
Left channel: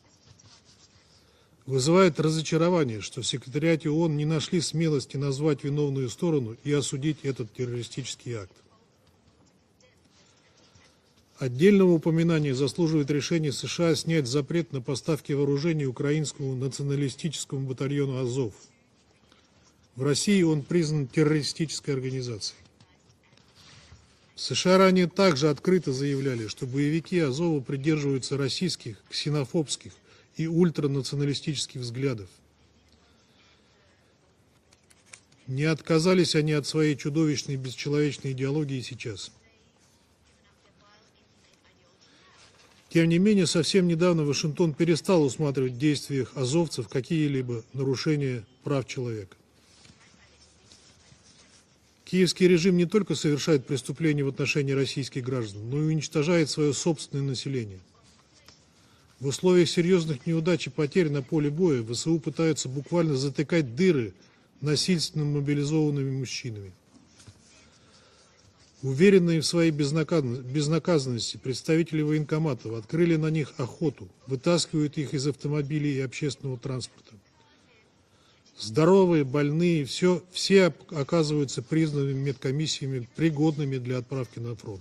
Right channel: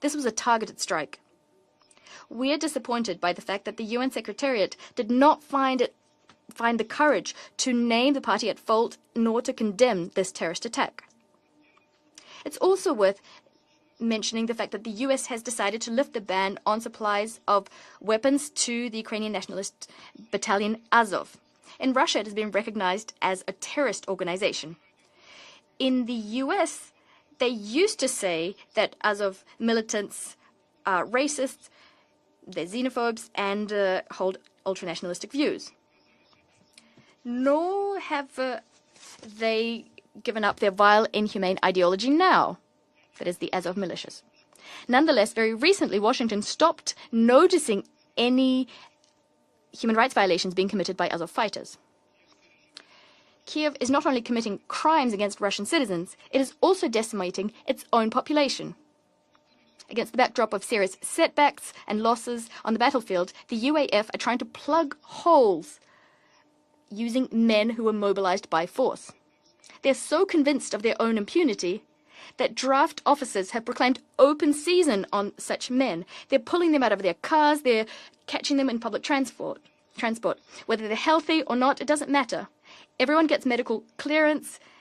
This was a targeted strike. Вызывает We are разочарование, disappointed что в by the fact that the секретариате UN ООН не нашли Secretariat смелости did not назвать виновную сторону и find the осудить courage этот to name the террористический party акт. at fault nor to condemn this terrorist attack. Отдельного упоминания It's also заслуживает worth решение США снять mentioning the запрет fact на that the US поставки has decided to вооружения lift the ban украинскому on supplies националистическому of батальону weapons «Азов». to the Ukrainian nationalist В России он battalion признан Azov. террористической In Russia, it has been организацией. recognized as a terrorist organization. США ранее также открыто In the заявляли, что US, боевики they Азова used to придерживаются say российских, that Azov ксенофобских militants и are ультранационалистических взглядов. They're xenophobes and hold ultranationalistic views. Не отказались они от своей чудовищной No бесчеловечной have идеологии сейчас. they given up their vile, inhumane ideology now. Тем не менее, the Azov совсем militias. недавно Вашингтон перестал Nonetheless, very усматривать recently, действия Washington азовцев stopped какие-либо noticing нарушения any прав человека. Human rights violations being committed by Azov fighters. Киевский режим не только совершает Kiev is not only преступления в отношении committing crimes российских against Russian граждан, но и citizens, it уничтожает is свое also собственное decimating население. its own population. В условиях Against серьезных the backdrop of неудач и serious потерь на поле setbacks боя and ВСУ losses пытаются on the буквально battlefield, the затыкать UAF дыры are trying to plug насильственными holes мобилизованными мужчинами. using men who were mobilized by force. Уверенные в своей They're so convinced of their own безнаказанности impunity представители that военкомата draft открыли на officers них have proclaimed охоту, open вытаскивают season их из on such автомобилей и men. They're общественного pulling them out транспорта. of their cars, they're catching them in public Здоровые, transport. больные, все Whether they're healthy or оказываются not, it doesn't признанными matter. медкомиссиями Everyone gets пригодными medical для отправки clearance на фронт.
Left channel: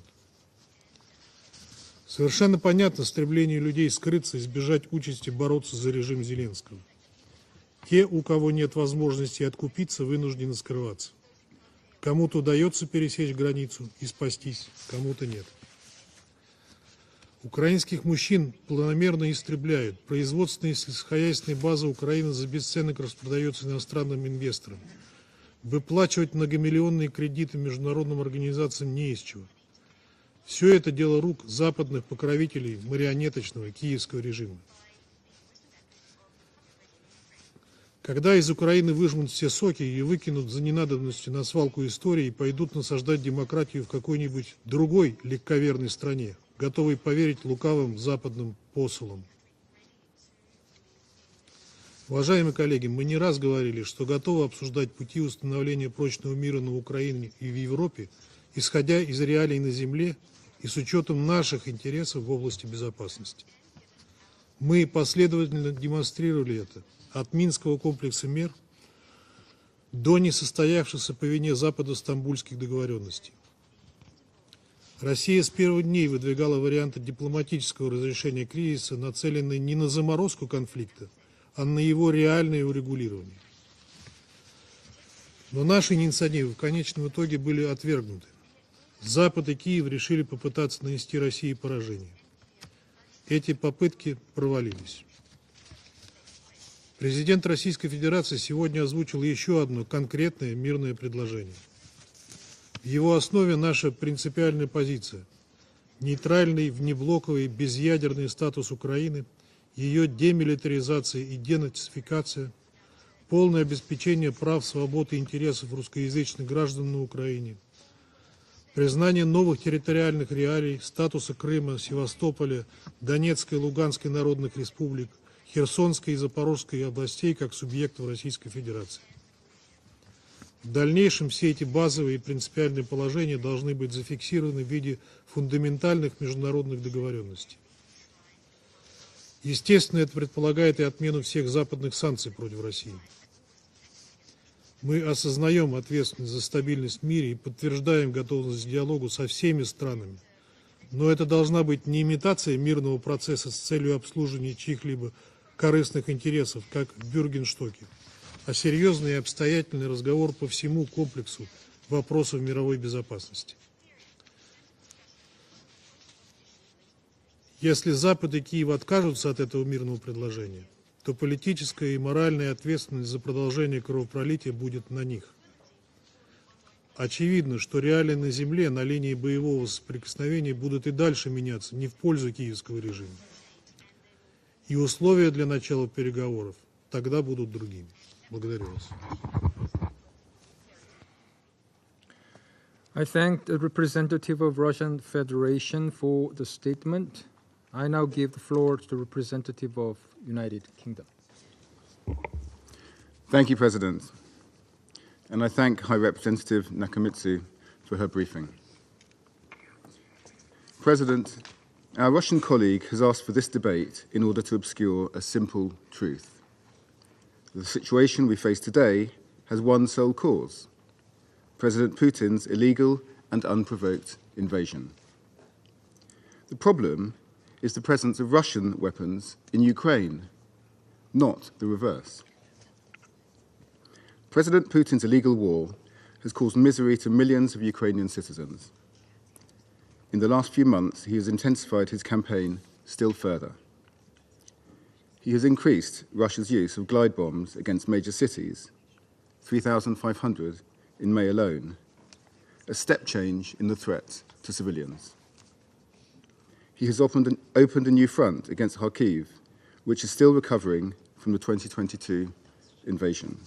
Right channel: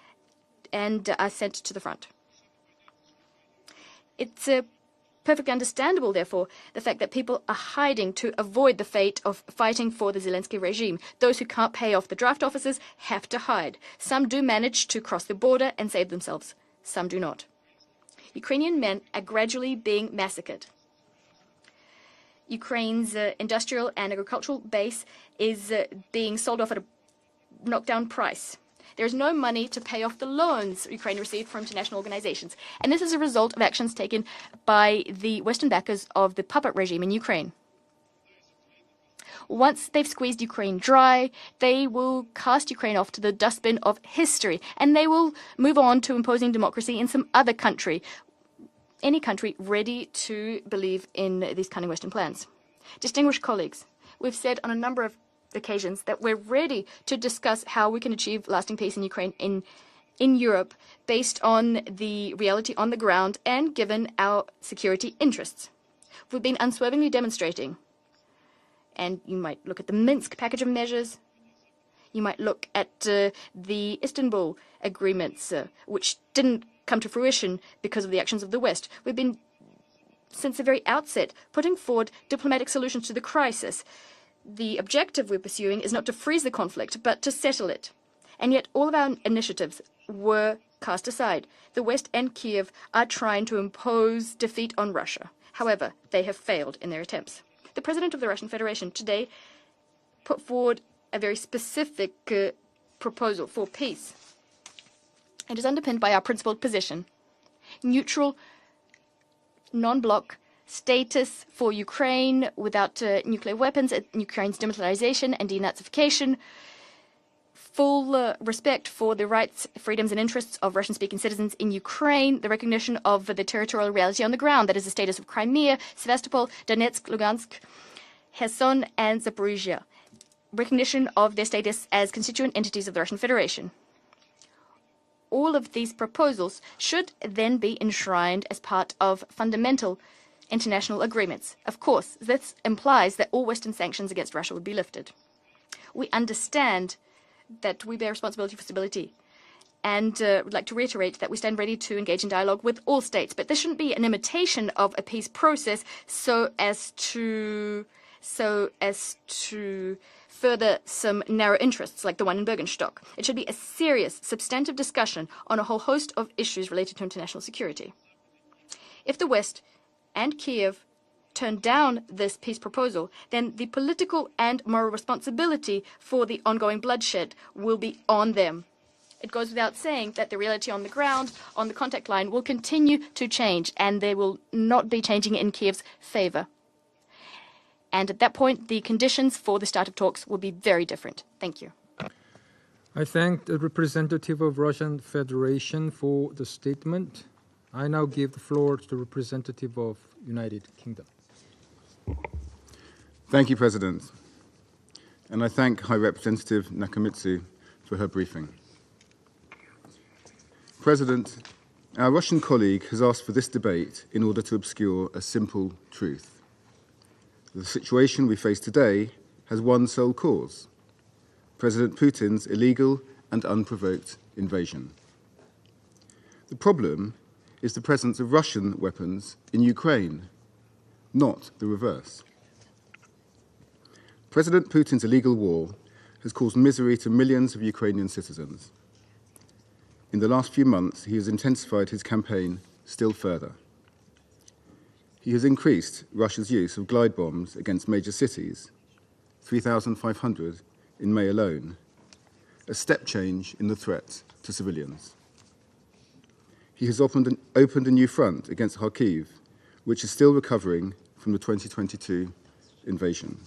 and are sent to the front. Совершенно понятно стремление людей скрыться и It's избежать участи perfectly бороться за understandable, режим therefore, Зеленского. the fact that people are Те, hiding у to кого нет avoid the fate of возможности fighting откупиться, for the вынуждены Zelensky regime. скрываться. Those who can't pay off the Кому-то draft удается officers пересечь have to hide. границу и Some do спастись, manage to cross кому-то the нет. border and save themselves. Some do not. Украинских мужчин Ukrainian men планомерно are gradually истребляют. being Производственные сельскохозяйственные базы Украины за бесценок Ukraine's распродаются industrial and иностранным agricultural инвесторам. base is Выплачивать being sold off at a многомиллионные кредиты knockdown международным price. организациям не There is из no чего. money to pay off the loans Все это Ukraine дело рук received from international западных organizations. покровителей And this is a result of марионеточного actions киевского taken режима. by the Western backers of the puppet regime in Ukraine. Когда из Украины выжмут все Once соки и they've squeezed выкинут за Ukraine ненадобностью dry, на they свалку will истории, cast пойдут Ukraine off to насаждать the dustbin демократию в of какой-нибудь history, and they другой will move легковерной on to стране, imposing democracy готовой in some поверить other лукавым country. западным посылам. Any country ready to believe in these cunning Western plans. Уважаемые коллеги, мы не раз Distinguished говорили, colleagues, что we've готовы said on a обсуждать number of пути установления occasions that прочного we're мира на ready Украине to и discuss в how we Европе, can achieve lasting peace исходя in из реалий на Ukraine земле in и Europe с учетом based наших on интересов the в reality области on the ground безопасности. and given our Мы security последовательно interests. демонстрировали We've been unswervingly это от demonstrating. Минского комплекса мер And you might look at the до Minsk package of measures. несостоявшейся по вине Запада You might Стамбульских look at договоренностей. the Istanbul Россия с agreements, первых дней which выдвигала didn't варианты come to fruition дипломатического because of the actions разрешения of the West. кризиса, We've been, нацеленные не на заморозку since the very конфликта, outset, а на putting его forward реальное diplomatic solutions to the урегулирование. crisis. The objective we Но pursue is наши not to freeze инициативы the в conflict, конечном but to итоге settle были it. отвергнуты. And yet all of our Запад и initiatives Киев решили were попытаться cast нанести aside. России The West поражение. and Kiev are trying Эти to попытки impose defeat on провалились. Russia. However, they have failed in their attempts. Президент The Российской President of the Федерации Russian сегодня Federation озвучил today еще одно put конкретное forward мирное a very предложение. specific В его proposal основе for наша peace. принципиальная позиция. It is underpinned by our principled Нейтральный, position. неблоковый, безъядерный Neutral статус Украины non-bloc демилитаризация status и for Ukraine денацификация, without nuclear полное weapons, обеспечение Ukraine's прав, свобод и demilitarization and интересов русскоязычных denazification, граждан на Украине, full respect for признание the новых rights, freedoms and территориальных interests of реалий, Russian-speaking статуса citizens in Крыма, Ukraine, the Севастополя, recognition of the Донецкой и territorial Луганской reality on the народных ground, that is the республик, status of Crimea, Херсонской и Sevastopol, Запорожской Donetsk, областей Lugansk, как субъектов Российской Kherson Федерации. and Zaporizhia. В Recognition дальнейшем of their все эти status as базовые и constituent принципиальные entities of the Russian положения Federation. должны быть зафиксированы в виде All of these фундаментальных proposals международных should договоренностей. then be enshrined as part of fundamental Естественно, это предполагает и international отмену всех agreements. Of западных course, санкций this против России. implies that all Western sanctions against Russia would be Мы lifted. осознаем ответственность за стабильность в мире и подтверждаем готовность к диалогу со всеми странами. And would like to Но reiterate это that we stand должна ready быть to не engage in имитация dialogue with мирного all states. процесса But this с shouldn't be целью an обслуживания imitation of a чьих-либо peace process корыстных so интересов, as как в Бюргенштоке, to а серьезный и обстоятельный разговор по further всему some комплексу narrow interests like the one вопросов in мировой Bürgenstock. It should be безопасности. a serious, substantive discussion on a whole host of issues related to international security. Если Запад и Киев If откажутся the от West этого мирного and предложения, Kiev то turn политическая down и this моральная peace proposal, ответственность за then the продолжение political кровопролития and будет moral на них. responsibility for the ongoing bloodshed Очевидно, что will be реалии on на them. земле на линии It goes боевого without saying that the соприкосновения reality on будут the и дальше ground, on меняться the не в contact line, пользу will киевского continue режима. to change, and they will И not be условия changing для in начала Kiev's favor. переговоров тогда будут другими. And at that point, Благодарю the вас. conditions for the start of talks will be very different. Thank you. I thank the representative of Russian Federation for the statement. I now give the floor to the representative of United Kingdom. Thank you, President. And I thank High Representative Nakamitsu for her briefing. President, our Russian colleague has asked for this debate in order to obscure a simple truth. The situation we face today has one sole cause: President Putin's illegal and unprovoked invasion. The problem is the presence of Russian weapons in Ukraine, not the reverse. President Putin's illegal war has caused misery to millions of Ukrainian citizens. In the last few months, he has intensified his campaign still further. He has increased Russia's use of glide bombs against major cities, 3,500 in May alone, a step change in the threat to civilians. He has opened a new front against Kharkiv, which is still recovering from the 2022 invasion.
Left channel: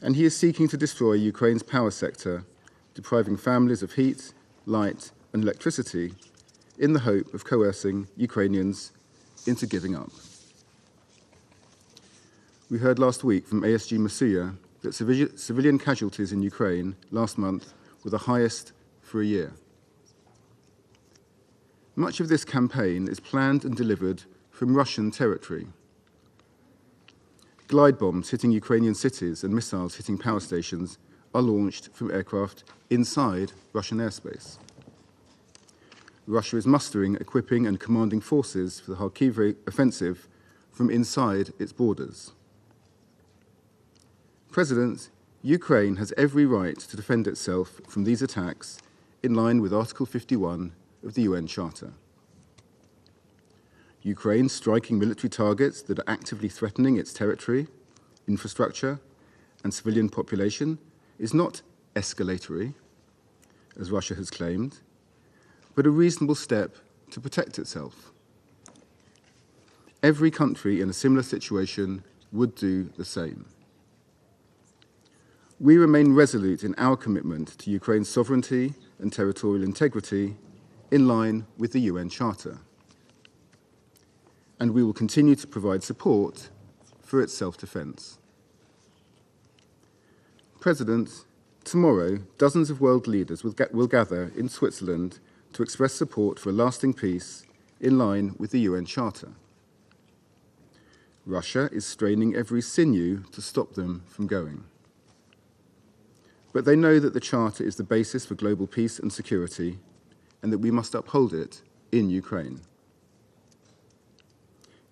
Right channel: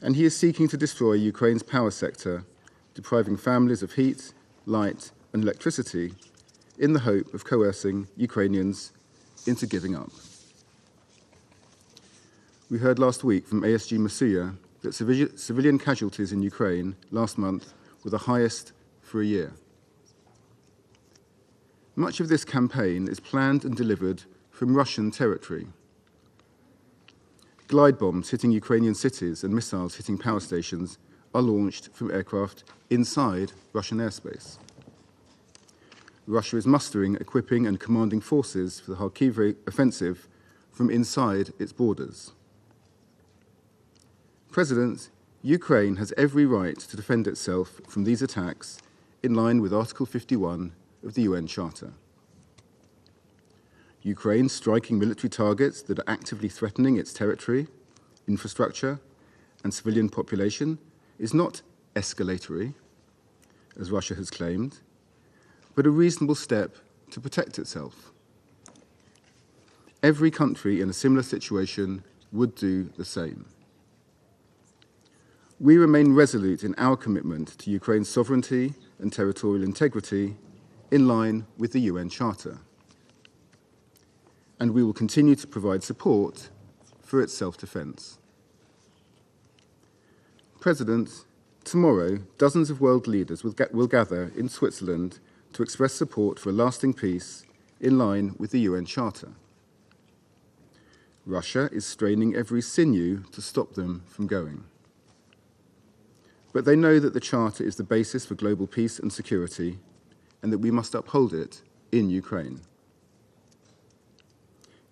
And he is seeking to destroy Ukraine's power sector, depriving families of heat, light, and electricity in the hope of coercing Ukrainians into giving up. We heard last week from ASG Masuya that civilian casualties in Ukraine last month were the highest for a year. Much of this campaign is planned and delivered from Russian territory. Glide bombs hitting Ukrainian cities and missiles hitting power stations are launched from aircraft inside Russian airspace. Russia is mustering, equipping, and commanding forces for the Kharkiv offensive from inside its borders. President, Ukraine has every right to defend itself from these attacks in line with Article 51 of the UN Charter. Ukraine striking military targets that are actively threatening its territory, infrastructure, and civilian population is not escalatory, as Russia has claimed, but a reasonable step to protect itself. Every country in a similar situation would do the same. We remain resolute in our commitment to Ukraine's sovereignty and territorial integrity in line with the UN Charter. And we will continue to provide support for its self-defense. President, tomorrow, dozens of world leaders will gather in Switzerland to express support for a lasting peace in line with the UN Charter. Russia is straining every sinew to stop them from going. But they know that the Charter is the basis for global peace and security, and that we must uphold it in Ukraine.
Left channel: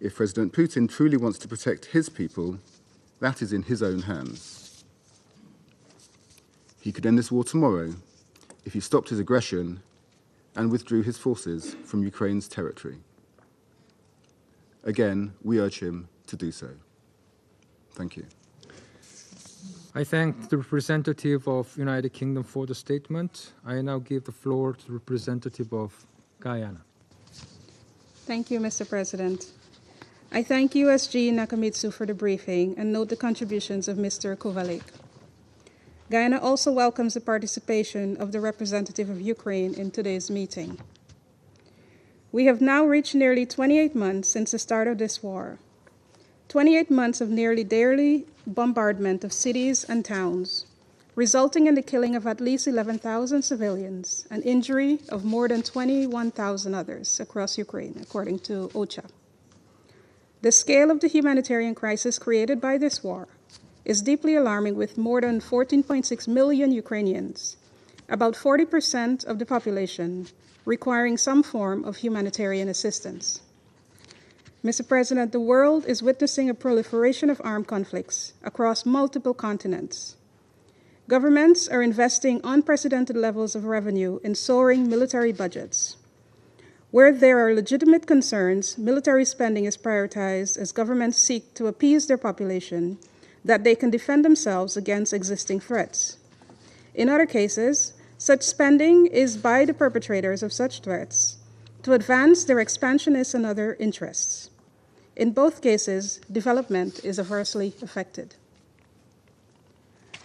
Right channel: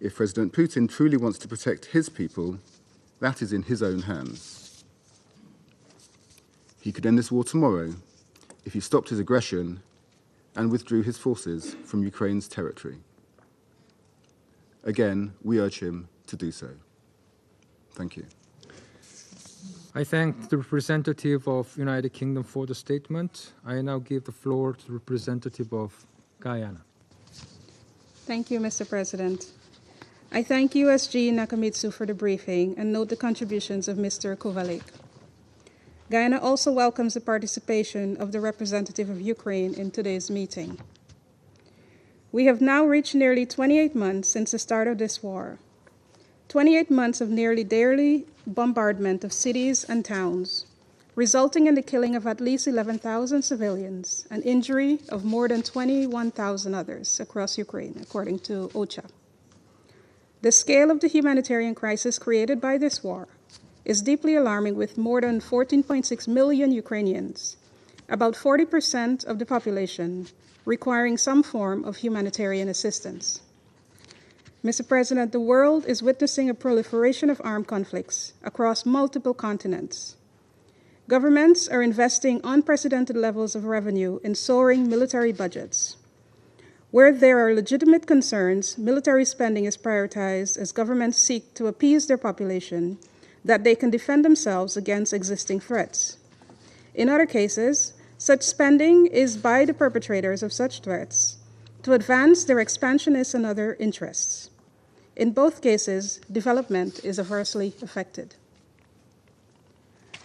If President Putin truly wants to protect his people, that is in his own hands. He could end this war tomorrow if he stopped his aggression and withdrew his forces from Ukraine's territory. Again, we urge him to do so. Thank you. I thank the representative of United Kingdom for the statement. I now give the floor to the representative of Guyana. Thank you, Mr. President. I thank USG Nakamitsu for the briefing and note the contributions of Mr. Kovalik. Guyana also welcomes the participation of the representative of Ukraine in today's meeting. We have now reached nearly 28 months since the start of this war. 28 months of nearly daily bombardment of cities and towns, resulting in the killing of at least 11,000 civilians and injury of more than 21,000 others across Ukraine, according to OCHA. The scale of the humanitarian crisis created by this war is deeply alarming, with more than 14.6 million Ukrainians, about 40% of the population, requiring some form of humanitarian assistance. Mr. President, the world is witnessing a proliferation of armed conflicts across multiple continents. Governments are investing unprecedented levels of revenue in soaring military budgets. Where there are legitimate concerns, military spending is prioritized as governments seek to appease their population that they can defend themselves against existing threats. In other cases, such spending is by the perpetrators of such threats to advance their expansionist and other interests. In both cases, development is adversely affected.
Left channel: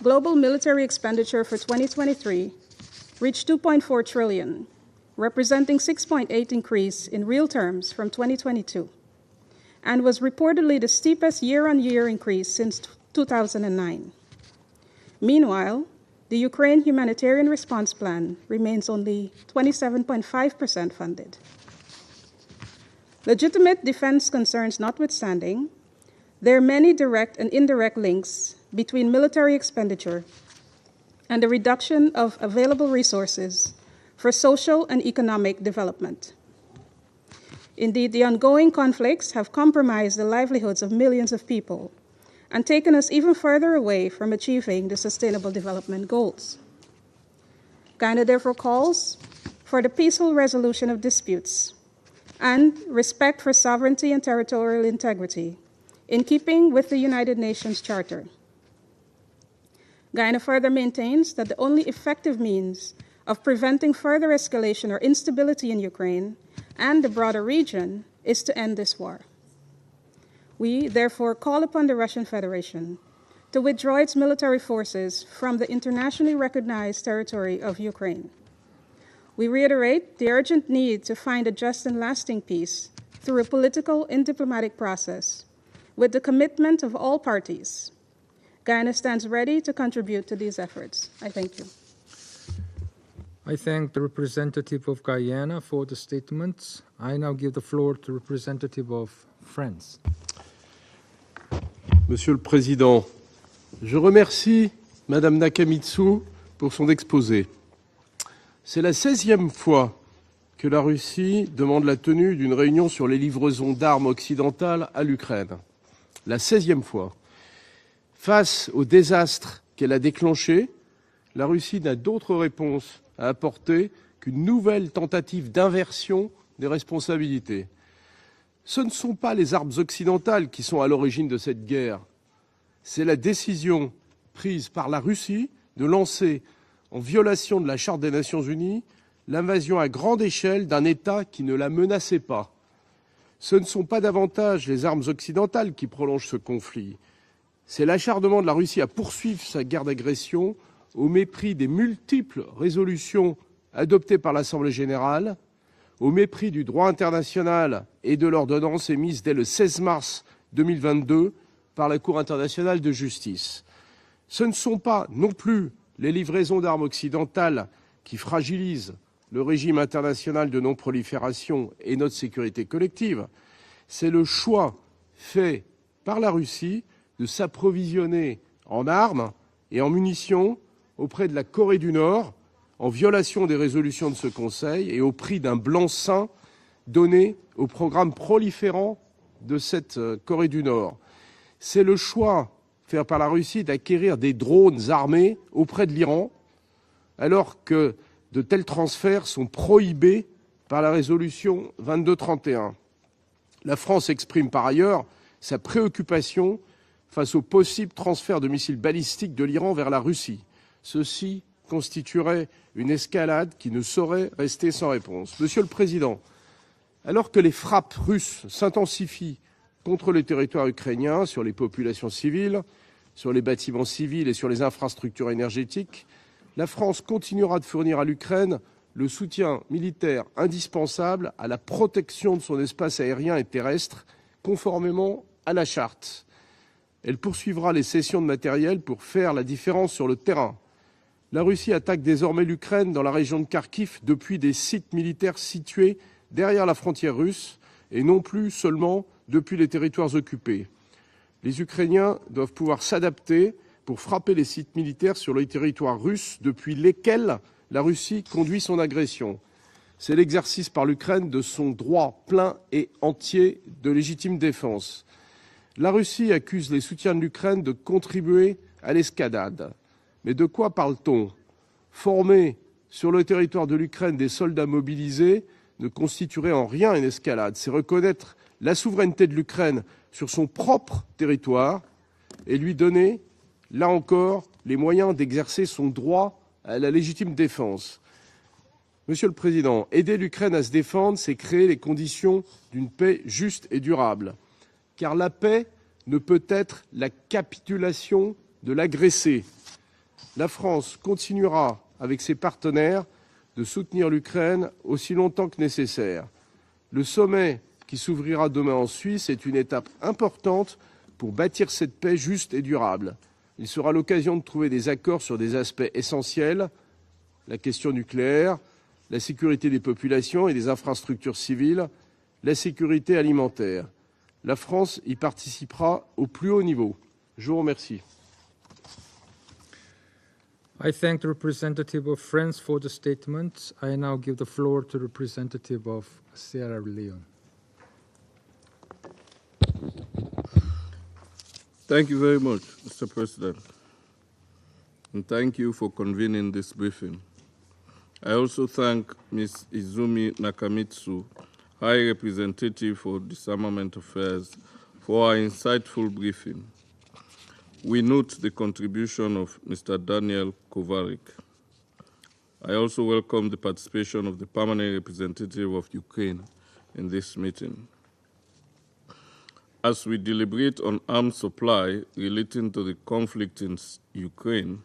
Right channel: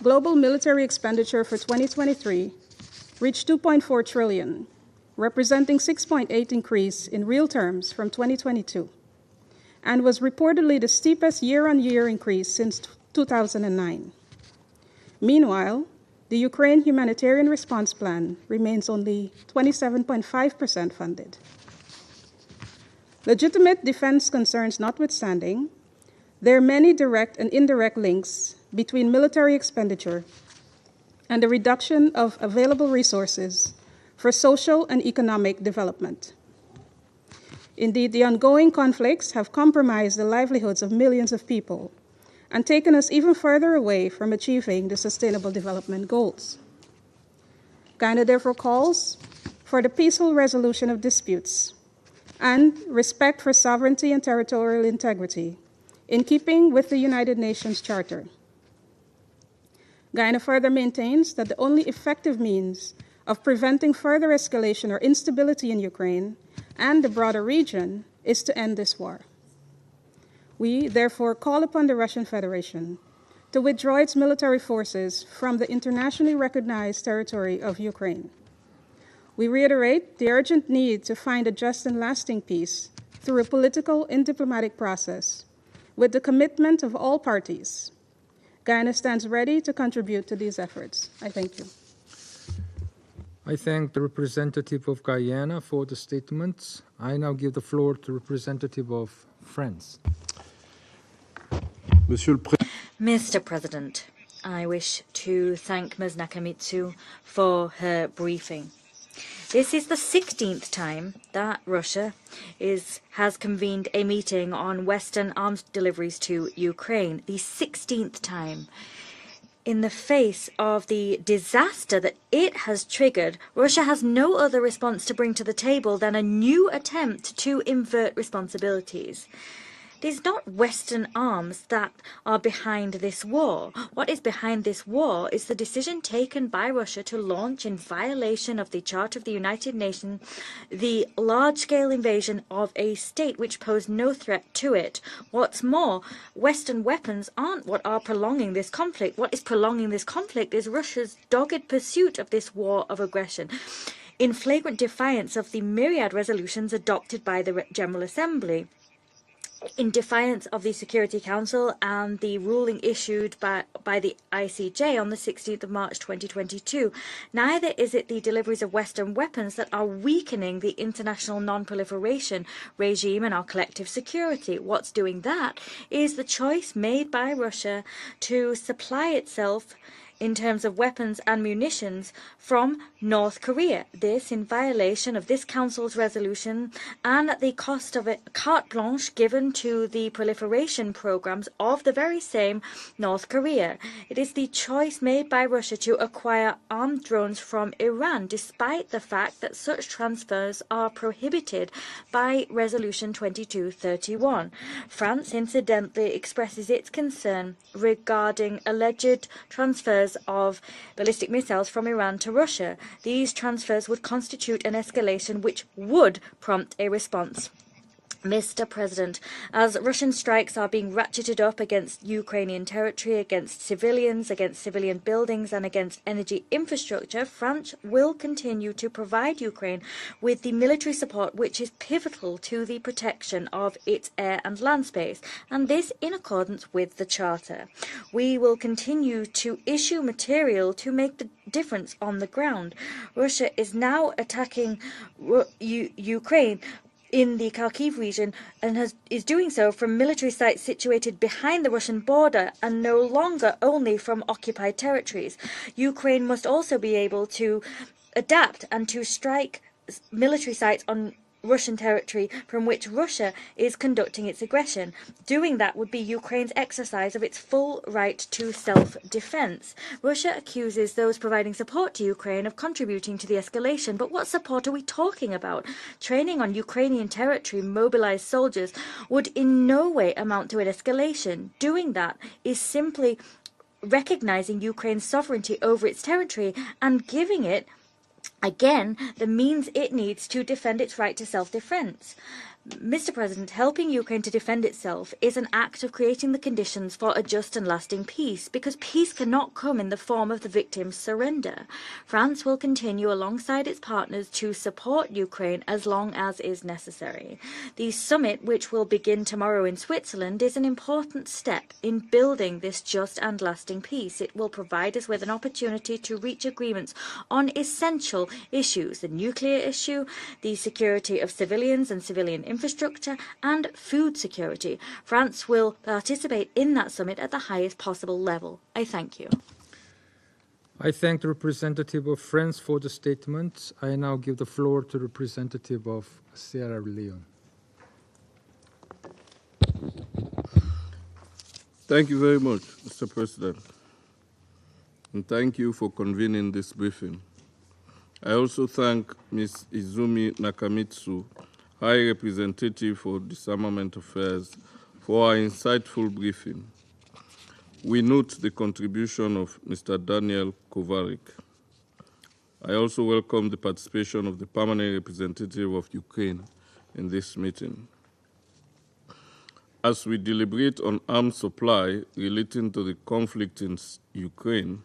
Global military expenditure for 2023 reached $2.4 trillion, representing 6.8% increase in real terms from 2022, and was reportedly the steepest year-on-year increase since 2009. Meanwhile, the Ukraine humanitarian response plan remains only 27.5% funded. Legitimate defense concerns notwithstanding, there are many direct and indirect links between military expenditure and the reduction of available resources for social and economic development. Indeed, the ongoing conflicts have compromised the livelihoods of millions of people and taken us even further away from achieving the Sustainable Development Goals. Guyana therefore calls for the peaceful resolution of disputes and respect for sovereignty and territorial integrity in keeping with the United Nations Charter. Guyana further maintains that the only effective means of preventing further escalation or instability in Ukraine and the broader region is to end this war. We therefore call upon the Russian Federation to withdraw its military forces from the internationally recognized territory of Ukraine. We reiterate the urgent need to find a just and lasting peace through a political and diplomatic process with the commitment of all parties. Guyana stands ready to contribute to these efforts. I thank you. I thank the representative of Guyana for the statements. I now give the floor to representative of France. Monsieur le Président, Mr. President, je remercie I wish Madame to Nakamitsu thank Ms. Nakamitsu pour son exposé. for her briefing. C'est la 16e This fois is the 16th que la time Russie that demande la Russia tenue d'une réunion sur les has livraisons convened a d'armes meeting occidentales on à Western l'Ukraine. arms deliveries to La 16e Ukraine. The 16th Face time. au désastre In qu'elle a the face déclenché, of the la Russie disaster n'a that d'autre it réponse has à triggered, apporter Russia has no qu'une other nouvelle response to bring to tentative the table than a d'inversion new des attempt to responsabilités. invert Ce ne responsibilities. sont pas les armes It's occidentales not qui sont à Western l'origine de arms cette that guerre. are behind C'est la this war. décision What is behind prise this par la war Russie is the de decision lancer, taken by Russia en to violation launch de la in Charte des Nations violation of the Unies, Charter of the United l'invasion à grande Nations, échelle d'un the État qui ne la large-scale menaçait invasion pas. of a state which Ce ne sont posed pas no threat davantage to les it. armes What's occidentales qui more, prolongent ce Western conflit. weapons aren't what C'est are l'acharnement de la prolonging this Russie à conflict. What is poursuivre sa guerre prolonging this d'agression conflict is au Russia's mépris dogged des pursuit of multiples this war of résolutions aggression, adoptées par in l'Assemblée flagrant générale, defiance of the au myriad mépris du resolutions droit adopted by the international General et de Assembly, l'ordonnance émise dès le 16 in mars defiance of the Security 2022 Council par la and Cour the internationale ruling de issued justice. by the Ce ne sont ICJ pas on the non 16th plus of March les livraisons d'armes 2022. occidentales Neither is it qui the deliveries of fragilisent Western le weapons that régime are international de weakening the international non-prolifération et notre non-proliferation sécurité regime collective. and our collective C'est le security. choix What's doing that fait is par the la choice Russie made de by Russia s'approvisionner to en supply armes itself et en in munitions terms of weapons auprès de and la Corée du munitions Nord, from en violation North des Korea. résolutions de ce This in Conseil et au violation of prix this d'un Council's blanc-seing resolution donné and at the au cost of programme a carte proliférant blanche given de to cette the Corée du proliferation Nord. programs of C'est the le very choix same fait par la North Russie Korea. d'acquérir It is des the drones choice armés made by Russia auprès de to l'Iran, acquire armed drones alors from que Iran, de tels despite the transferts fact sont that such prohibés transfers par la are résolution prohibited by 2231. Resolution 2231. La France exprime par ailleurs France sa incidentally préoccupation expresses its face au concern possible transfert de regarding missiles alleged balistiques de l'Iran vers la transfers Russie. of ballistic Ceci missiles from Iran to constituerait Russia. une These escalade qui ne transfers would saurait constitute rester an sans réponse. escalation which Monsieur le Président, would prompt a alors response. que les frappes russes Mr. President, s'intensifient as Russian contre le strikes territoire are being ukrainien, ratcheted sur les up against populations Ukrainian civiles, territory, sur les against bâtiments civilians, civils et sur les against civilian infrastructures buildings and against énergétiques, energy la France infrastructure, continuera de France fournir à will l'Ukraine continue to le provide soutien Ukraine militaire with the military indispensable support à la which is protection pivotal de son to the espace aérien et protection of terrestre, its air and land conformément space, à la and this charte. in accordance with the Elle Charter. poursuivra les cessions de We will matériel pour continue faire la to différence issue sur le terrain. material to make the La Russie difference attaque on the désormais ground. l'Ukraine dans la région de Russia is Kharkiv now depuis des attacking sites militaires situés Ukraine derrière la frontière in russe the Kharkiv et non region plus and seulement is doing depuis so les from territoires military occupés. sites situated Les behind the Russian Ukrainiens border doivent pouvoir and no s'adapter longer only pour from frapper les occupied sites militaires territories. sur le territoire Ukraine russe must depuis also be able lesquels to la Russie adapt conduit son and to agression. strike C'est military l'exercice sites par on l'Ukraine de son Russian droit territory plein from et which Russia entier is de conducting légitime its aggression. défense. Doing that La would be Russie Ukraine's accuse les exercise soutiens de of its l'Ukraine de full right contribuer to à l'escalade. self-defense. Russia Mais de quoi accuses those parle-t-on? providing support to Ukraine Former of contributing sur le to the territoire de escalation. But l'Ukraine what des support soldats are we talking mobilisés about? ne Training constituerait on en rien une Ukrainian escalade. territory C'est mobilized reconnaître soldiers la souveraineté would de in l'Ukraine no way sur son amount to an propre escalation. territoire Doing that et is lui simply donner, là encore, recognizing les Ukraine's moyens sovereignty d'exercer son over its droit territory à la and légitime giving it défense. again Monsieur the le means Président, it aider needs to l'Ukraine à se defend its right défendre, to c'est créer les self-defense. conditions d'une Mr. paix President, juste et helping Ukraine durable. to defend itself Car la is an paix act of ne creating peut the être conditions la for a just and lasting capitulation peace, because de peace l'agressé. cannot come in the form of La the victim's France surrender. continuera avec ses France will partenaires continue de alongside its soutenir partners to l'Ukraine support aussi longtemps que Ukraine as long nécessaire. as is Le necessary. sommet The qui summit, s'ouvrira which demain will en begin Suisse, est une tomorrow in étape Switzerland, is an importante important pour step bâtir cette in paix juste building et this durable. just and Il lasting sera peace. It l'occasion de will trouver des provide us accords with an sur des aspects opportunity to reach essentiels, agreements on la question essential nucléaire, issues, the la nuclear sécurité des issue, populations et the des security infrastructures of civiles, civilians and civilian la sécurité infrastructure, alimentaire. and food La security. France y France will participera au participate plus haut in niveau. that summit at the Je vous highest remercie. possible level. I thank you. I thank the representative of France for the statement. I now give the floor to the representative of Sierra Leone. Thank you very much, Mr. President. And thank you for convening this briefing. I also thank Ms. Izumi Nakamitsu, High Representative for Disarmament Affairs, for her insightful briefing. We note the contribution of Mr. Daniel Kovarik. I also welcome the participation of the permanent representative of Ukraine in this meeting. As we deliberate on arms supply relating to the conflict in Ukraine,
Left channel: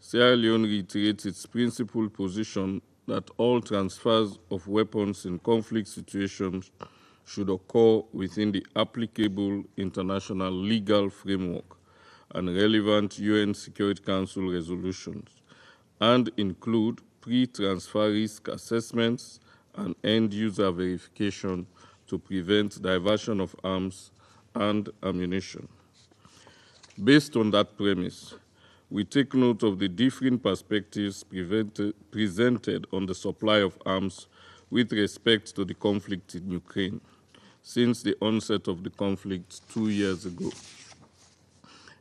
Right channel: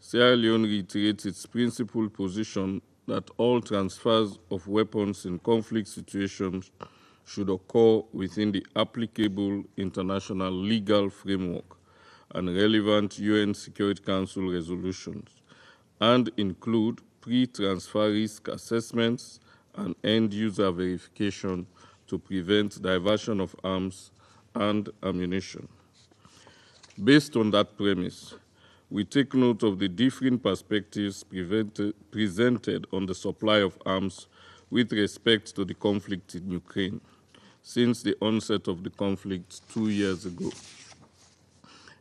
Sierra Leone reiterates its principled position that all transfers of weapons in conflict situations should occur within the applicable international legal framework and relevant UN Security Council resolutions, and include pre-transfer risk assessments and end-user verification to prevent diversion of arms and ammunition. Based on that premise, we take note of the differing perspectives presented on the supply of arms with respect to the conflict in Ukraine since the onset of the conflict 2 years ago,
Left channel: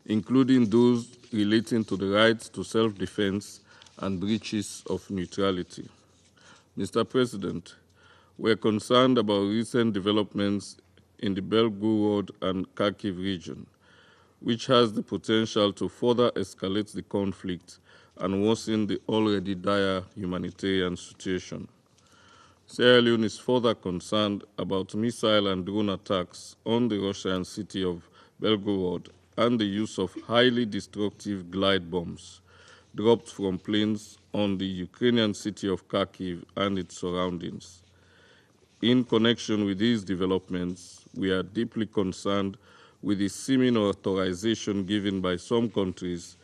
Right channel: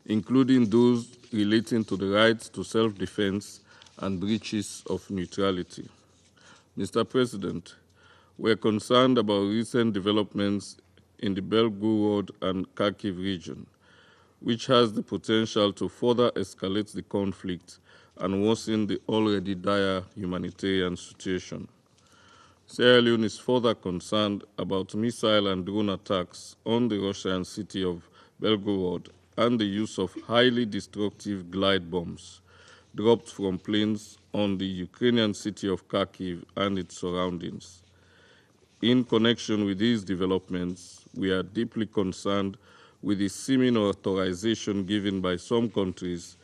including those relating to the right to self-defense and breaches of neutrality. Mr. President, we are concerned about recent developments in the Belgorod and Kharkiv region, which has the potential to further escalate the conflict and worsen the already dire humanitarian situation. Sierra Leone is further concerned about missile and drone attacks on the Russian city of Belgorod and the use of highly destructive glide bombs dropped from planes on the Ukrainian city of Kharkiv and its surroundings. In connection with these developments, we are deeply concerned with the seeming authorization given by some countries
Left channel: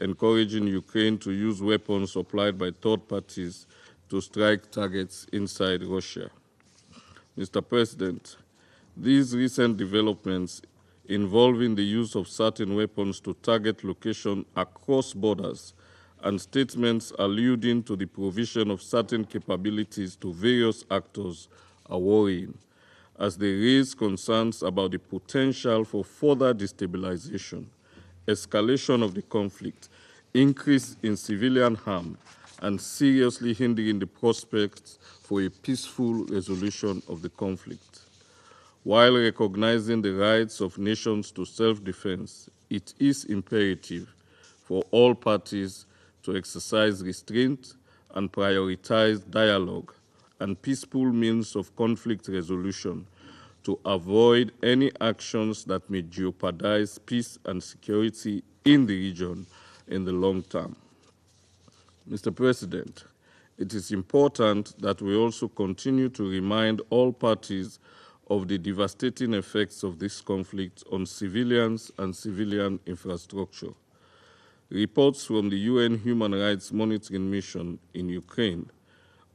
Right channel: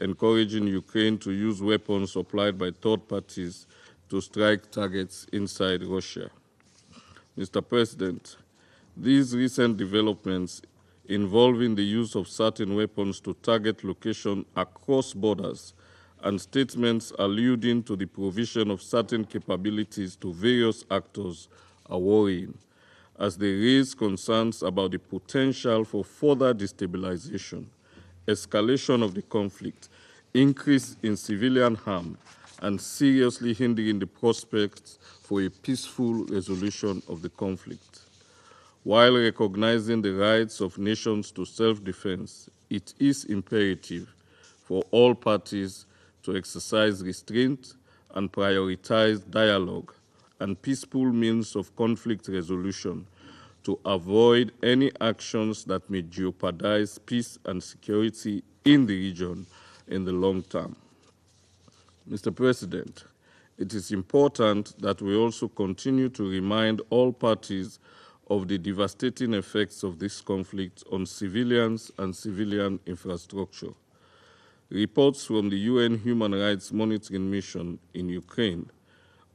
encouraging Ukraine to use weapons supplied by third parties to strike targets inside Russia. Mr. President, these recent developments involving the use of certain weapons to target locations across borders and statements alluding to the provision of certain capabilities to various actors are worrying as they raise concerns about the potential for further destabilization, escalation of the conflict, increase in civilian harm, and seriously hindering the prospects for a peaceful resolution of the conflict. While recognizing the rights of nations to self-defense, it is imperative for all parties to exercise restraint and prioritize dialogue and peaceful means of conflict resolution to avoid any actions that may jeopardize peace and security in the region in the long term. Mr. President, it is important that we also continue to remind all parties of the devastating effects of this conflict on civilians and civilian infrastructure. Reports from the UN Human Rights Monitoring Mission in Ukraine,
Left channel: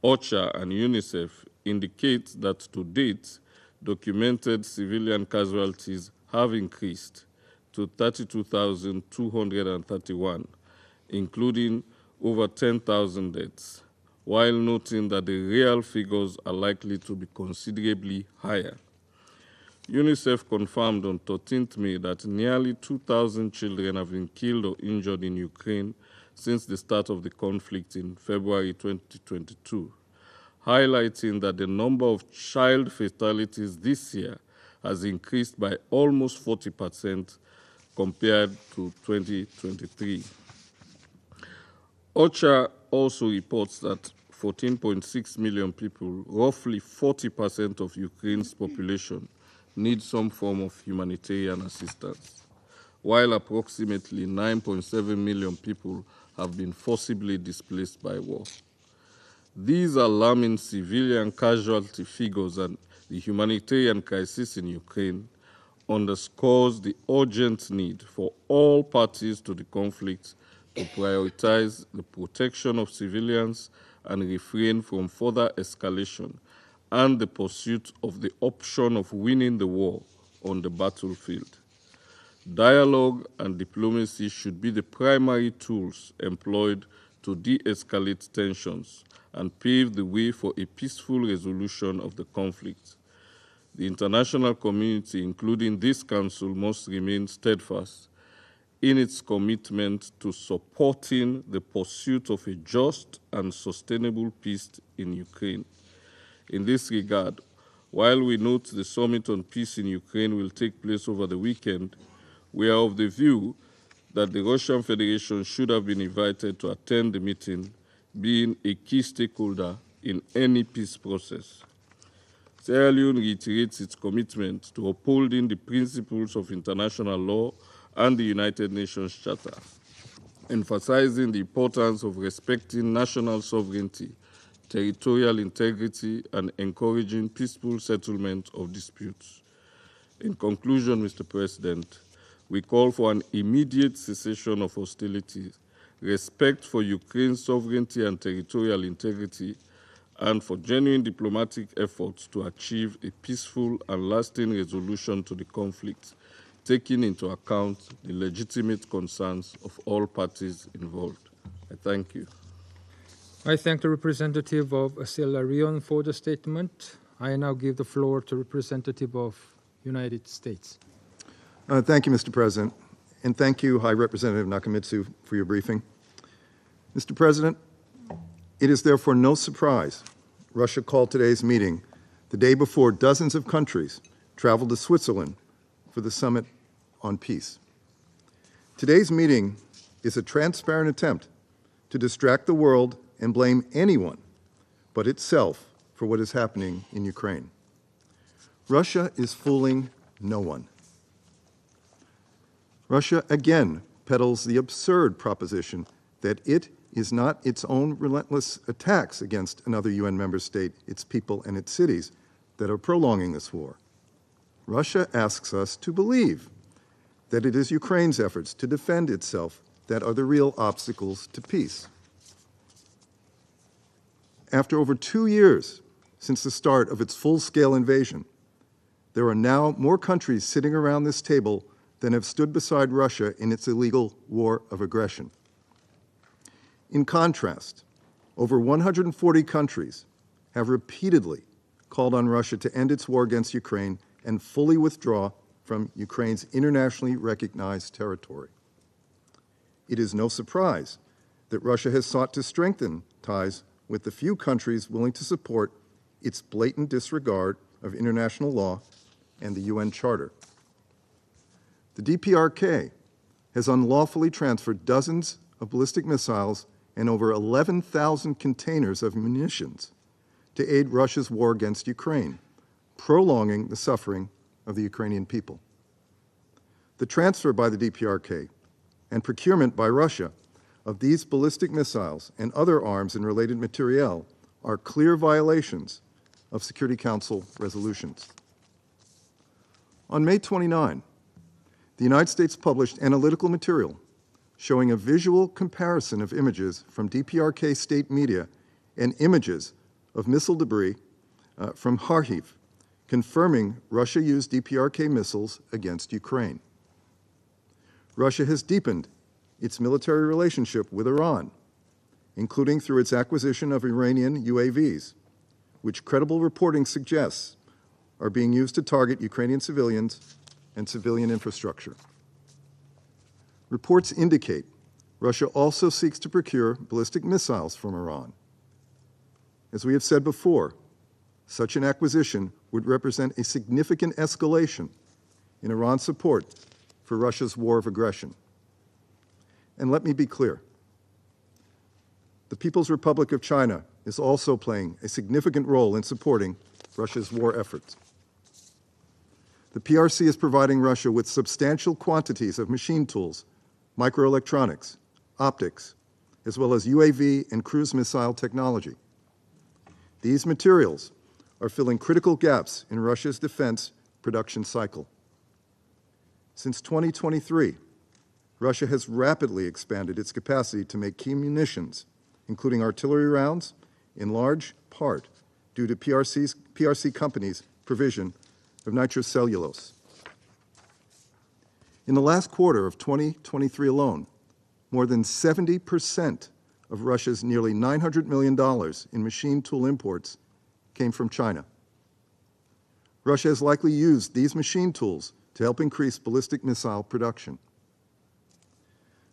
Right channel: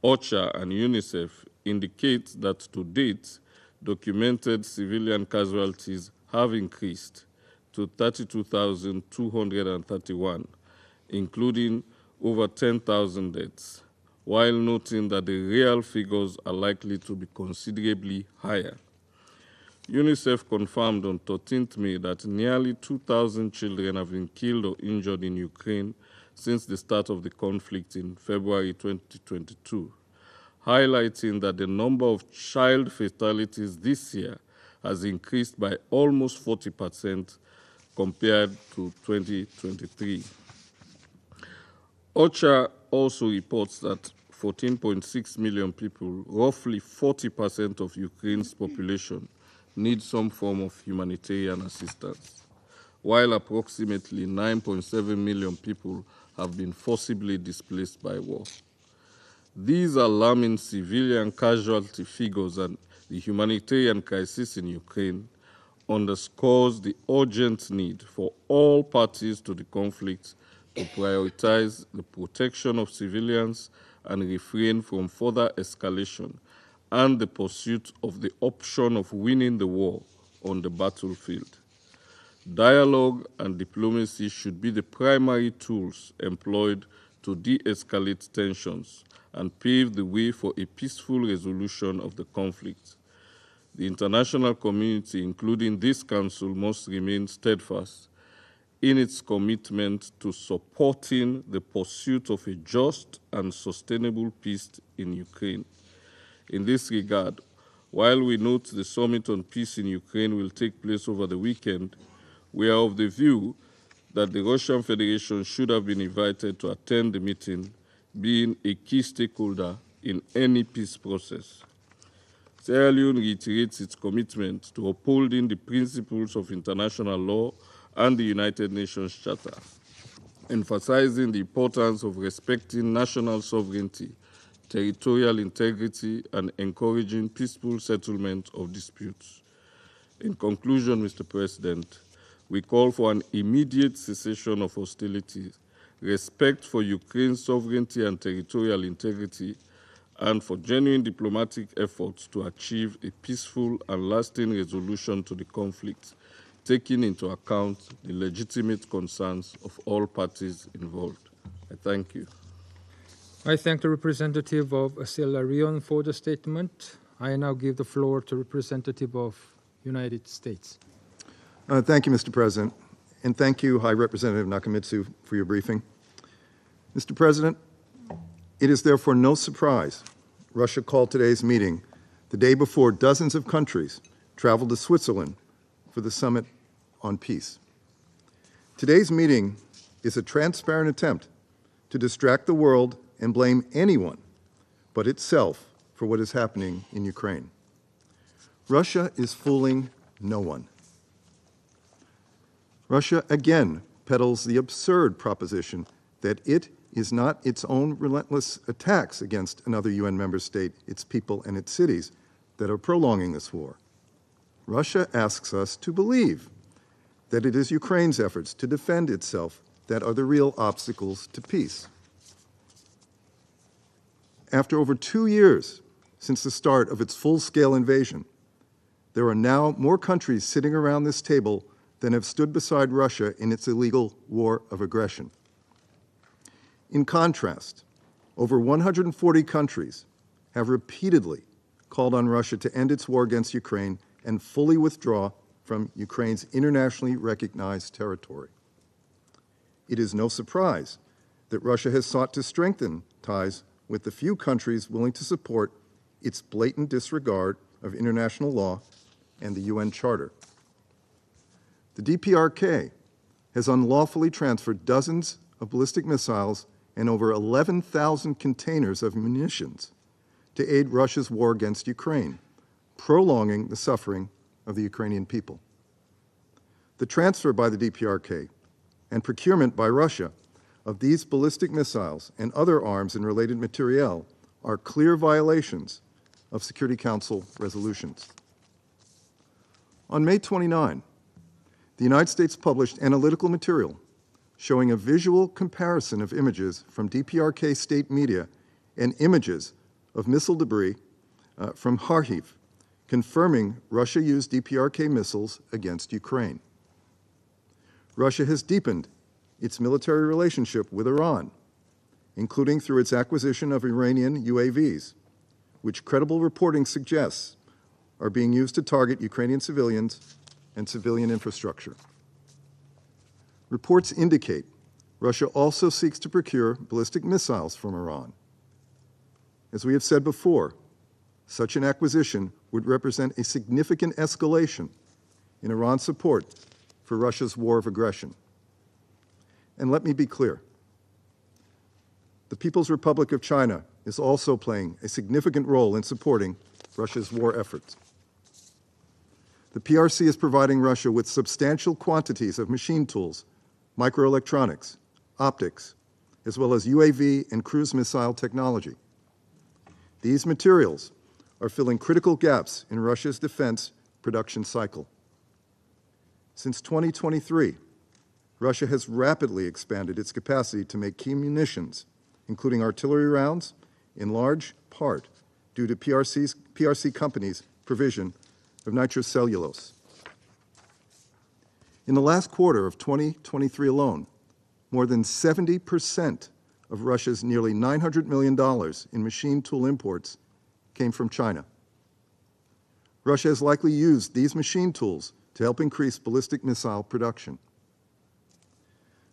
OCHA and UNICEF indicate that to date, documented civilian casualties have increased to 32,231, including over 10,000 deaths, while noting that the real figures are likely to be considerably higher. UNICEF confirmed on 13th May that nearly 2,000 children have been killed or injured in Ukraine since the start of the conflict in February 2022, highlighting that the number of child fatalities this year has increased by almost 40% compared to 2023. OCHA also reports that 14.6 million people, roughly 40% of Ukraine's population, need some form of humanitarian assistance, while approximately 9.7 million people have been forcibly displaced by war. These alarming civilian casualty figures and the humanitarian crisis in Ukraine underscores the urgent need for all parties to the conflict to prioritize the protection of civilians and refrain from further escalation and the pursuit of the option of winning the war on the battlefield. Dialogue and diplomacy should be the primary tools employed to de-escalate tensions and pave the way for a peaceful resolution of the conflict. The international community, including this Council, must remain steadfast in its commitment to supporting the pursuit of a just and sustainable peace in Ukraine. In this regard, while we note the Summit on Peace in Ukraine will take place over the weekend, we are of the view that the Russian Federation should have been invited to attend the meeting, being a key stakeholder in any peace process. Sierra Leone reiterates its commitment to upholding the principles of international law and the United Nations Charter, emphasizing the importance of respecting national sovereignty, territorial integrity, and encouraging peaceful settlement of disputes. In conclusion, Mr. President, we call for an immediate cessation of hostilities, respect for Ukraine's sovereignty and territorial integrity, and for genuine diplomatic efforts to achieve a peaceful and lasting resolution to the conflict, taking into account the legitimate concerns of all parties involved. I thank you. I thank the representative of Sierra Leone for the statement. I now give the floor to representative of United States. Thank you, Mr. President, and thank you, High Representative Nakamitsu, for your briefing. Mr. President, it is therefore no surprise Russia called today's meeting the day before dozens of countries traveled to Switzerland for the Summit on Peace. Today's meeting is a transparent attempt to distract the world and blame anyone but itself for what is happening in Ukraine. Russia is fooling no one. Russia again peddles the absurd proposition that it is not its own relentless attacks against another UN member state, its people, and its cities that are prolonging this war. Russia asks us to believe that it is Ukraine's efforts to defend itself that are the real obstacles to peace. After over 2 years since the start of its full-scale invasion, there are now more countries sitting around this table than have stood beside Russia in its illegal war of aggression. In contrast, over 140 countries have repeatedly called on Russia to end its war against Ukraine and fully withdraw from Ukraine's internationally recognized territory. It is no surprise that Russia has sought to strengthen ties with the few countries willing to support its blatant disregard of international law and the UN Charter. The DPRK has unlawfully transferred dozens of ballistic missiles and over 11,000 containers of munitions to aid Russia's war against Ukraine, prolonging the suffering of the Ukrainian people. The transfer by the DPRK and procurement by Russia of these ballistic missiles and other arms and related materiel are clear violations of Security Council resolutions. On May 29, the United States published analytical material showing a visual comparison of images from DPRK state media and images of missile debris from Kharkiv, confirming Russia used DPRK missiles against Ukraine. Russia has deepened its military relationship with Iran, including through its acquisition of Iranian UAVs, which credible reporting suggests are being used to target Ukrainian civilians and civilian infrastructure. Reports indicate Russia also seeks to procure ballistic missiles from Iran. As we have said before, such an acquisition would represent a significant escalation in Iran's support for Russia's war of aggression. And let me be clear, the People's Republic of China is also playing a significant role in supporting Russia's war efforts. The PRC is providing Russia with substantial quantities of machine tools, microelectronics, optics, as well as UAV and cruise missile technology. These materials are filling critical gaps in Russia's defense production cycle. Since 2023, Russia has rapidly expanded its capacity to make key munitions, including artillery rounds, in large part due to PRC companies' provision of nitrocellulose. In the last quarter of 2023 alone, more than 70% of Russia's nearly $900 million in machine tool imports came from China. Russia has likely used these machine tools to help increase ballistic missile production.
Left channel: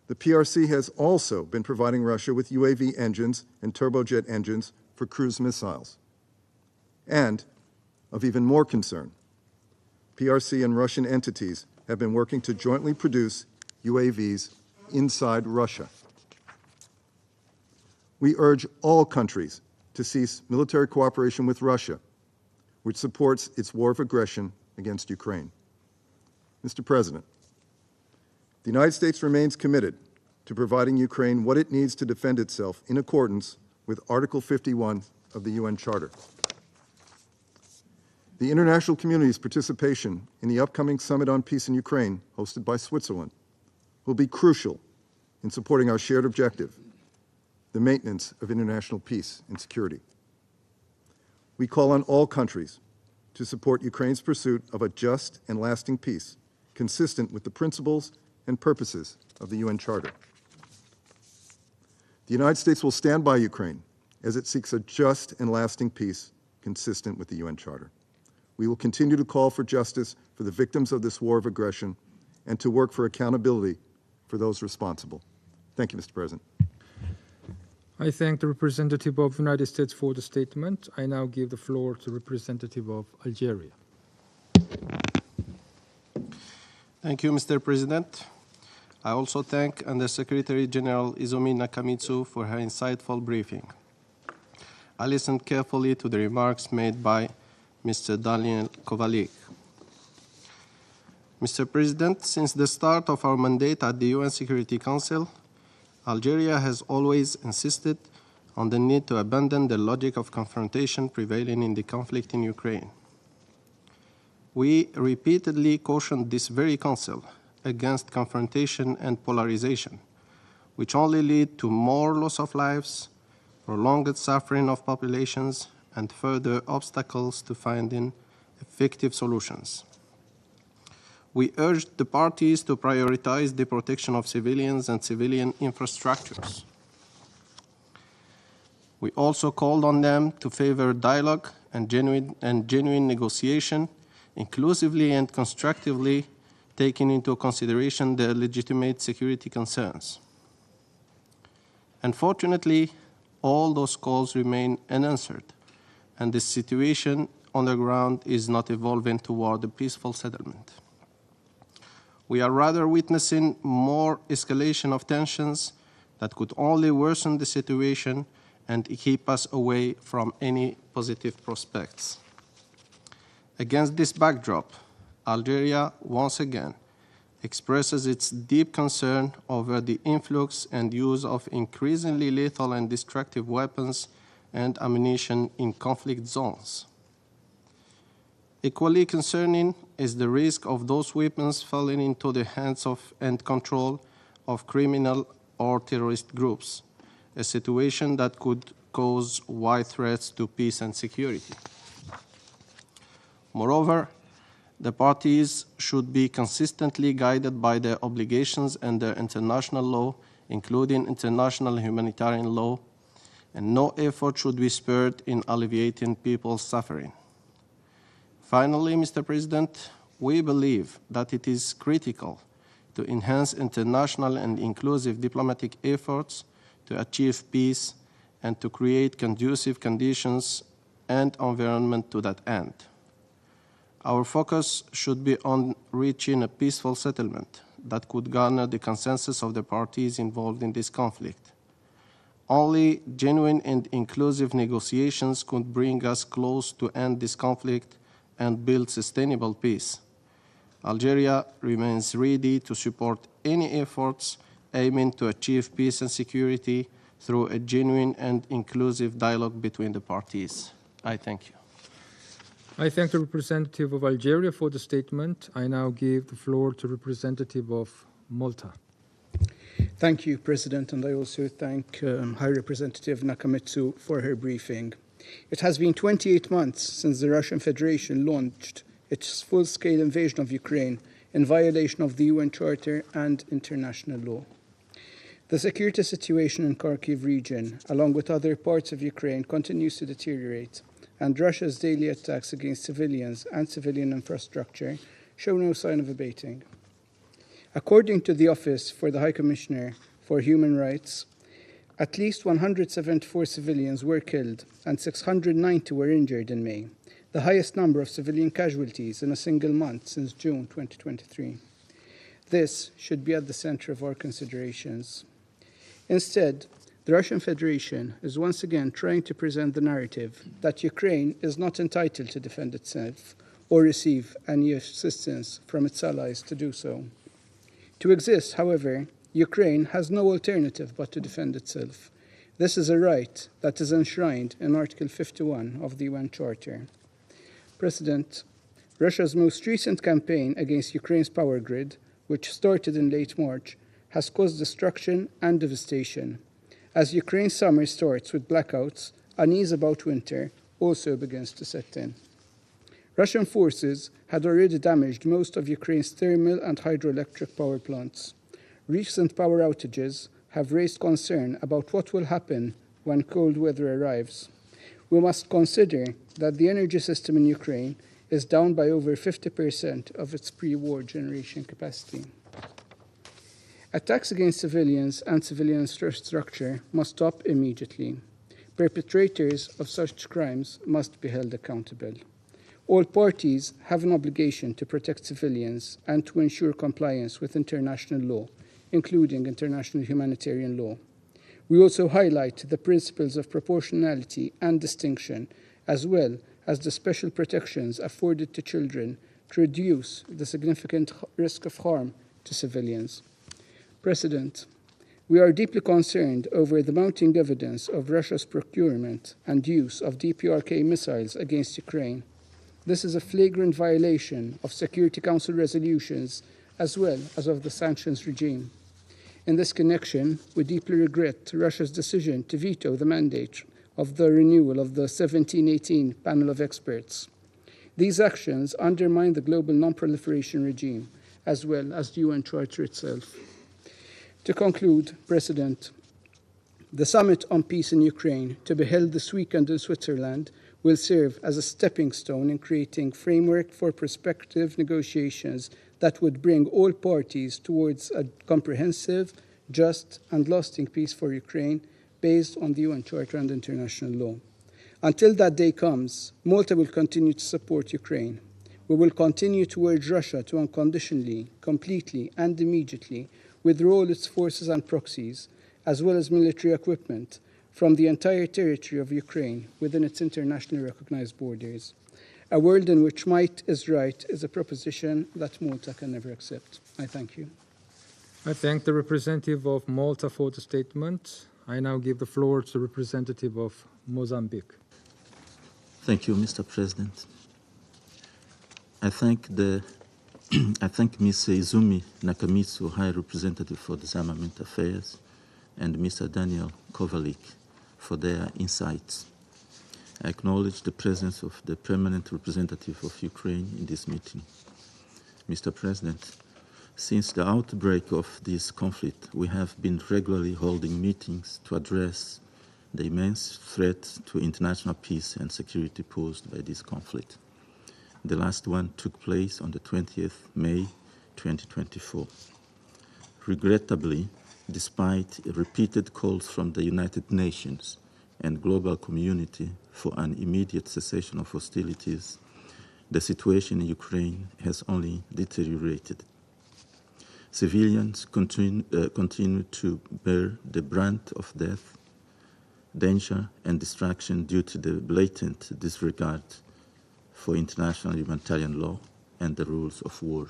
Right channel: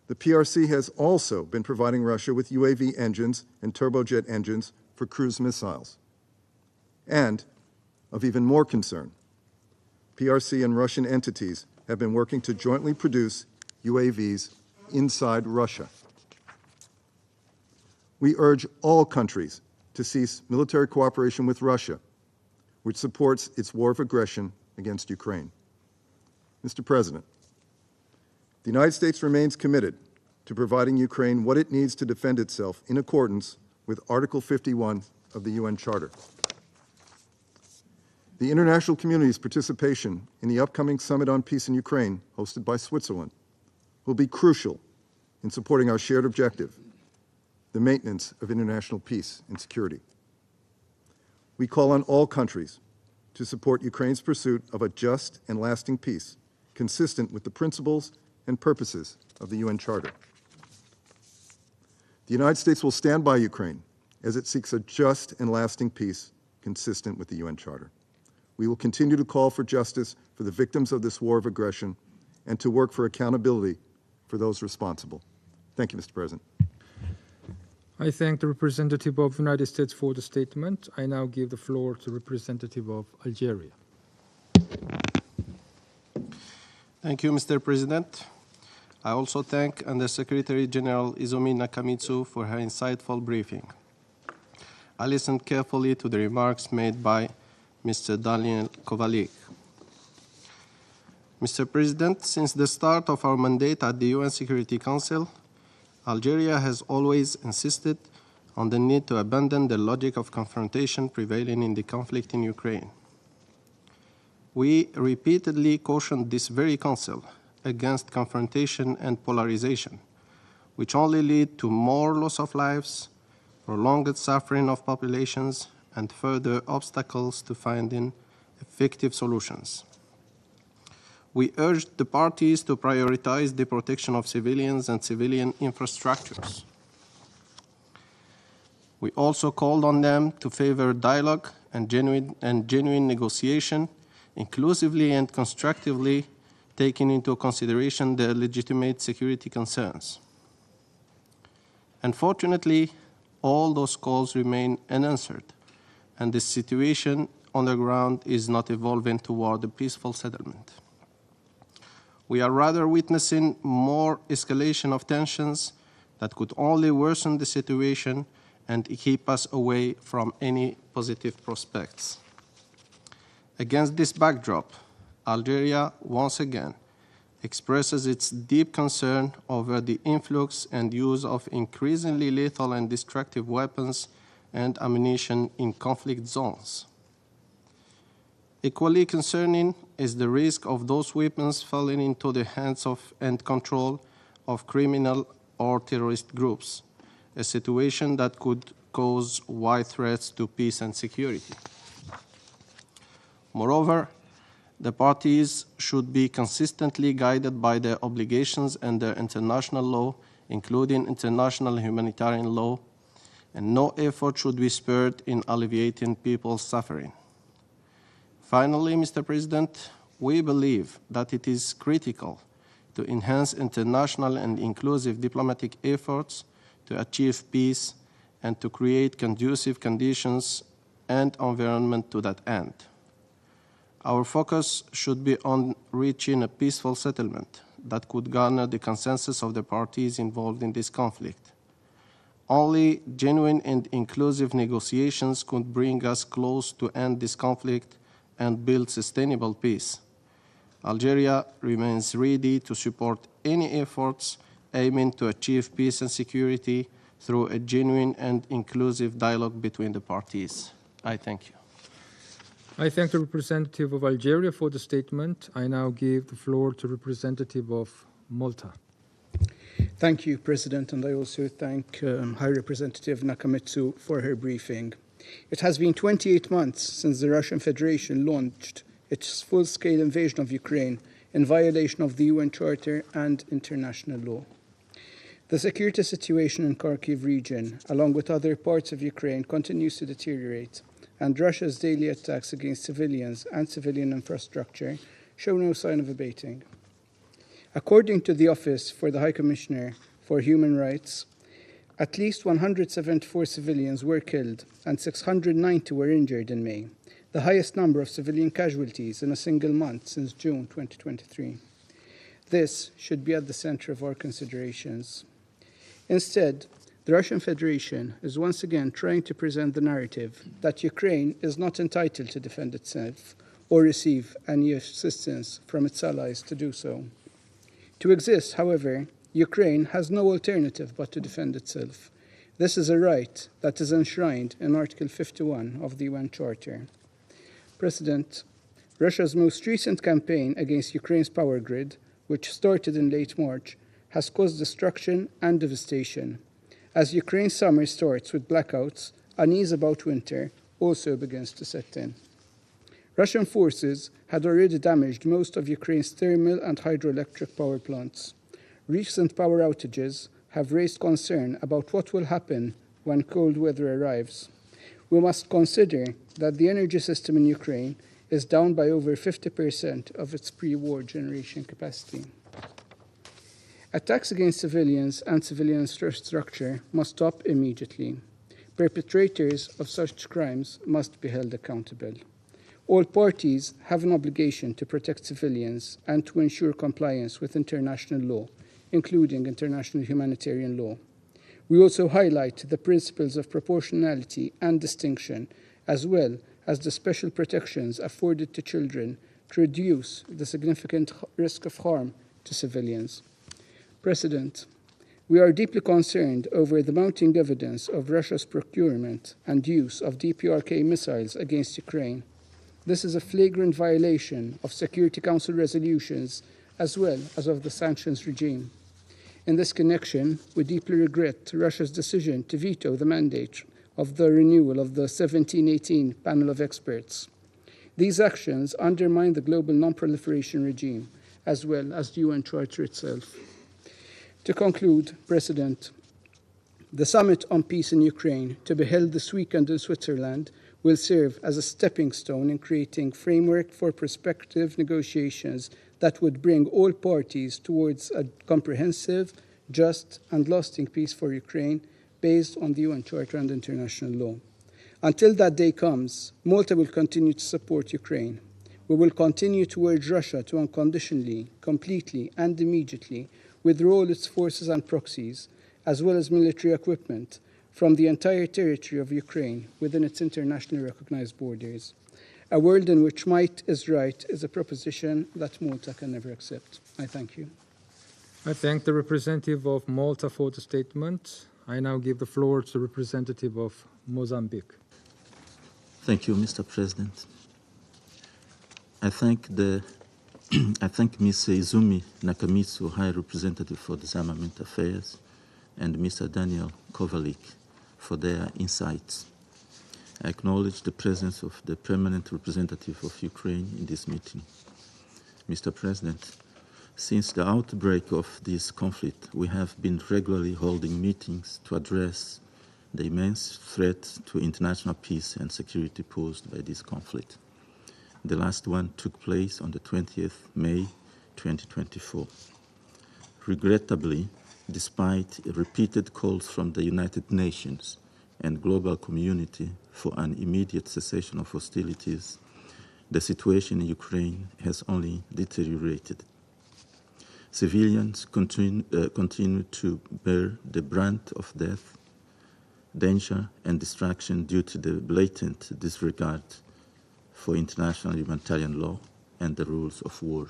The PRC has also been providing Russia with UAV engines and turbojet engines for cruise missiles. And, of even more concern, PRC and Russian entities have been working to jointly produce UAVs inside Russia. We urge all countries to cease military cooperation with Russia, which supports its war of aggression against Ukraine. Mr. President, the United States remains committed to providing Ukraine what it needs to defend itself in accordance with Article 51 of the UN Charter. The international community's participation in the upcoming Summit on Peace in Ukraine, hosted by Switzerland, will be crucial in supporting our shared objective, the maintenance of international peace and security. We call on all countries to support Ukraine's pursuit of a just and lasting peace, consistent with the principles and purposes of the UN Charter. The United States will stand by Ukraine as it seeks a just and lasting peace consistent with the UN Charter. We will continue to call for justice for the victims of this war of aggression and to work for accountability for those responsible. Thank you, Mr. President. I thank the representative of the United States for the statement. I now give the floor to the representative of Algeria. Thank you, Mr. President. I also thank Undersecretary General Izumi Nakamitsu for her insightful briefing. I listened carefully to the remarks made by Mr. Daniel Kovalik. Mr. President, since the start of our mandate at the UN Security Council, Algeria has always insisted on the need to abandon the logic of confrontation prevailing in the conflict in Ukraine. We repeatedly cautioned this very Council against confrontation and polarization, which only lead to more loss of lives, prolonged suffering of populations, and further obstacles to finding effective solutions. We urged the parties to prioritize the protection of civilians and civilian infrastructures. We also called on them to favor dialogue and genuine negotiation, inclusively and constructively, taking into consideration their legitimate security concerns. Unfortunately, all those calls remain unanswered, and the situation on the ground is not evolving toward a peaceful settlement. We are rather witnessing more escalation of tensions that could only worsen the situation and keep us away from any positive prospects. Against this backdrop, Algeria once again expresses its deep concern over the influx and use of increasingly lethal and destructive weapons and ammunition in conflict zones. Equally concerning is the risk of those weapons falling into the hands of and control of criminal or terrorist groups, a situation that could cause wide threats to peace and security. Moreover, the parties should be consistently guided by their obligations under international law, including international humanitarian law, and no effort should be spared in alleviating people's suffering. Finally, Mr. President, we believe that it is critical to enhance international and inclusive diplomatic efforts to achieve peace and to create conducive conditions and environment to that end. Our focus should be on reaching a peaceful settlement that could garner the consensus of the parties involved in this conflict. Only genuine and inclusive negotiations could bring us close to end this conflict and build sustainable peace. Algeria remains ready to support any efforts aiming to achieve peace and security through a genuine and inclusive dialogue between the parties. I thank you. I thank the representative of Algeria for the statement. I now give the floor to representative of Malta. Thank you, President, and I also thank High Representative Nakamitsu for her briefing. It has been 28 months since the Russian Federation launched its full-scale invasion of Ukraine in violation of the UN Charter and international law. The security situation in Kharkiv region, along with other parts of Ukraine, continues to deteriorate, and Russia's daily attacks against civilians and civilian infrastructure show no sign of abating. According to the Office for the High Commissioner for Human Rights, at least 174 civilians were killed and 690 were injured in May, the highest number of civilian casualties in a single month since June 2023. This should be at the center of our considerations. Instead, the Russian Federation is once again trying to present the narrative that Ukraine is not entitled to defend itself or receive any assistance from its allies to do so. To exist, however, Ukraine has no alternative but to defend itself. This is a right that is enshrined in Article 51 of the UN Charter. President, Russia's most recent campaign against Ukraine's power grid, which started in late March, has caused destruction and devastation. As Ukraine's summer starts with blackouts, unease about winter also begins to set in. Russian forces had already damaged most of Ukraine's thermal and hydroelectric power plants. Recent power outages have raised concern about what will happen when cold weather arrives. We must consider that the energy system in Ukraine is down by over 50% of its pre-war generation capacity. Attacks against civilians and civilian infrastructure must stop immediately. Perpetrators of such crimes must be held accountable. All parties have an obligation to protect civilians and to ensure compliance with international law, including international humanitarian law. We also highlight the principles of proportionality and distinction, as well as the special protections afforded to children to reduce the significant risk of harm to civilians. President, we are deeply concerned over the mounting evidence of Russia's procurement and use of DPRK missiles against Ukraine. This is a flagrant violation of Security Council resolutions as well as of the sanctions regime. In this connection, we deeply regret Russia's decision to veto the mandate of the renewal of the 1718 panel of experts. These actions undermine the global non-proliferation regime as well as the UN Charter itself. To conclude, President, The summit on peace in Ukraine, to be held this weekend in Switzerland, will serve as a stepping stone in creating framework for prospective negotiations that would bring all parties towards a comprehensive, just, and lasting peace for Ukraine based on the UN Charter and international law. Until that day comes, Malta will continue to support Ukraine. We will continue to urge Russia to unconditionally, completely, and immediately withdraw all its forces and proxies, as well as military equipment, from the entire territory of Ukraine within its internationally recognized borders. A world in which might is right is a proposition that Malta can never accept. I thank you. I thank the representative of Malta for the statement. I now give the floor to the representative of Mozambique. Thank you, Mr. President. I thank Ms. Izumi Nakamitsu, High Representative for Disarmament Affairs, and Mr. Daniel Kovalik for their insights. I acknowledge the presence of the permanent representative of Ukraine in this meeting. Mr. President, since the outbreak of this conflict, we have been regularly holding meetings to address the immense threat to international peace and security posed by this conflict. The last one took place on the 20th May 2024. Regrettably, despite repeated calls from the United Nations and global community for an immediate cessation of hostilities, the situation in Ukraine has only deteriorated. Civilians continue to bear the brunt of death, danger, and destruction due to the blatant disregard for international humanitarian law and the rules of war.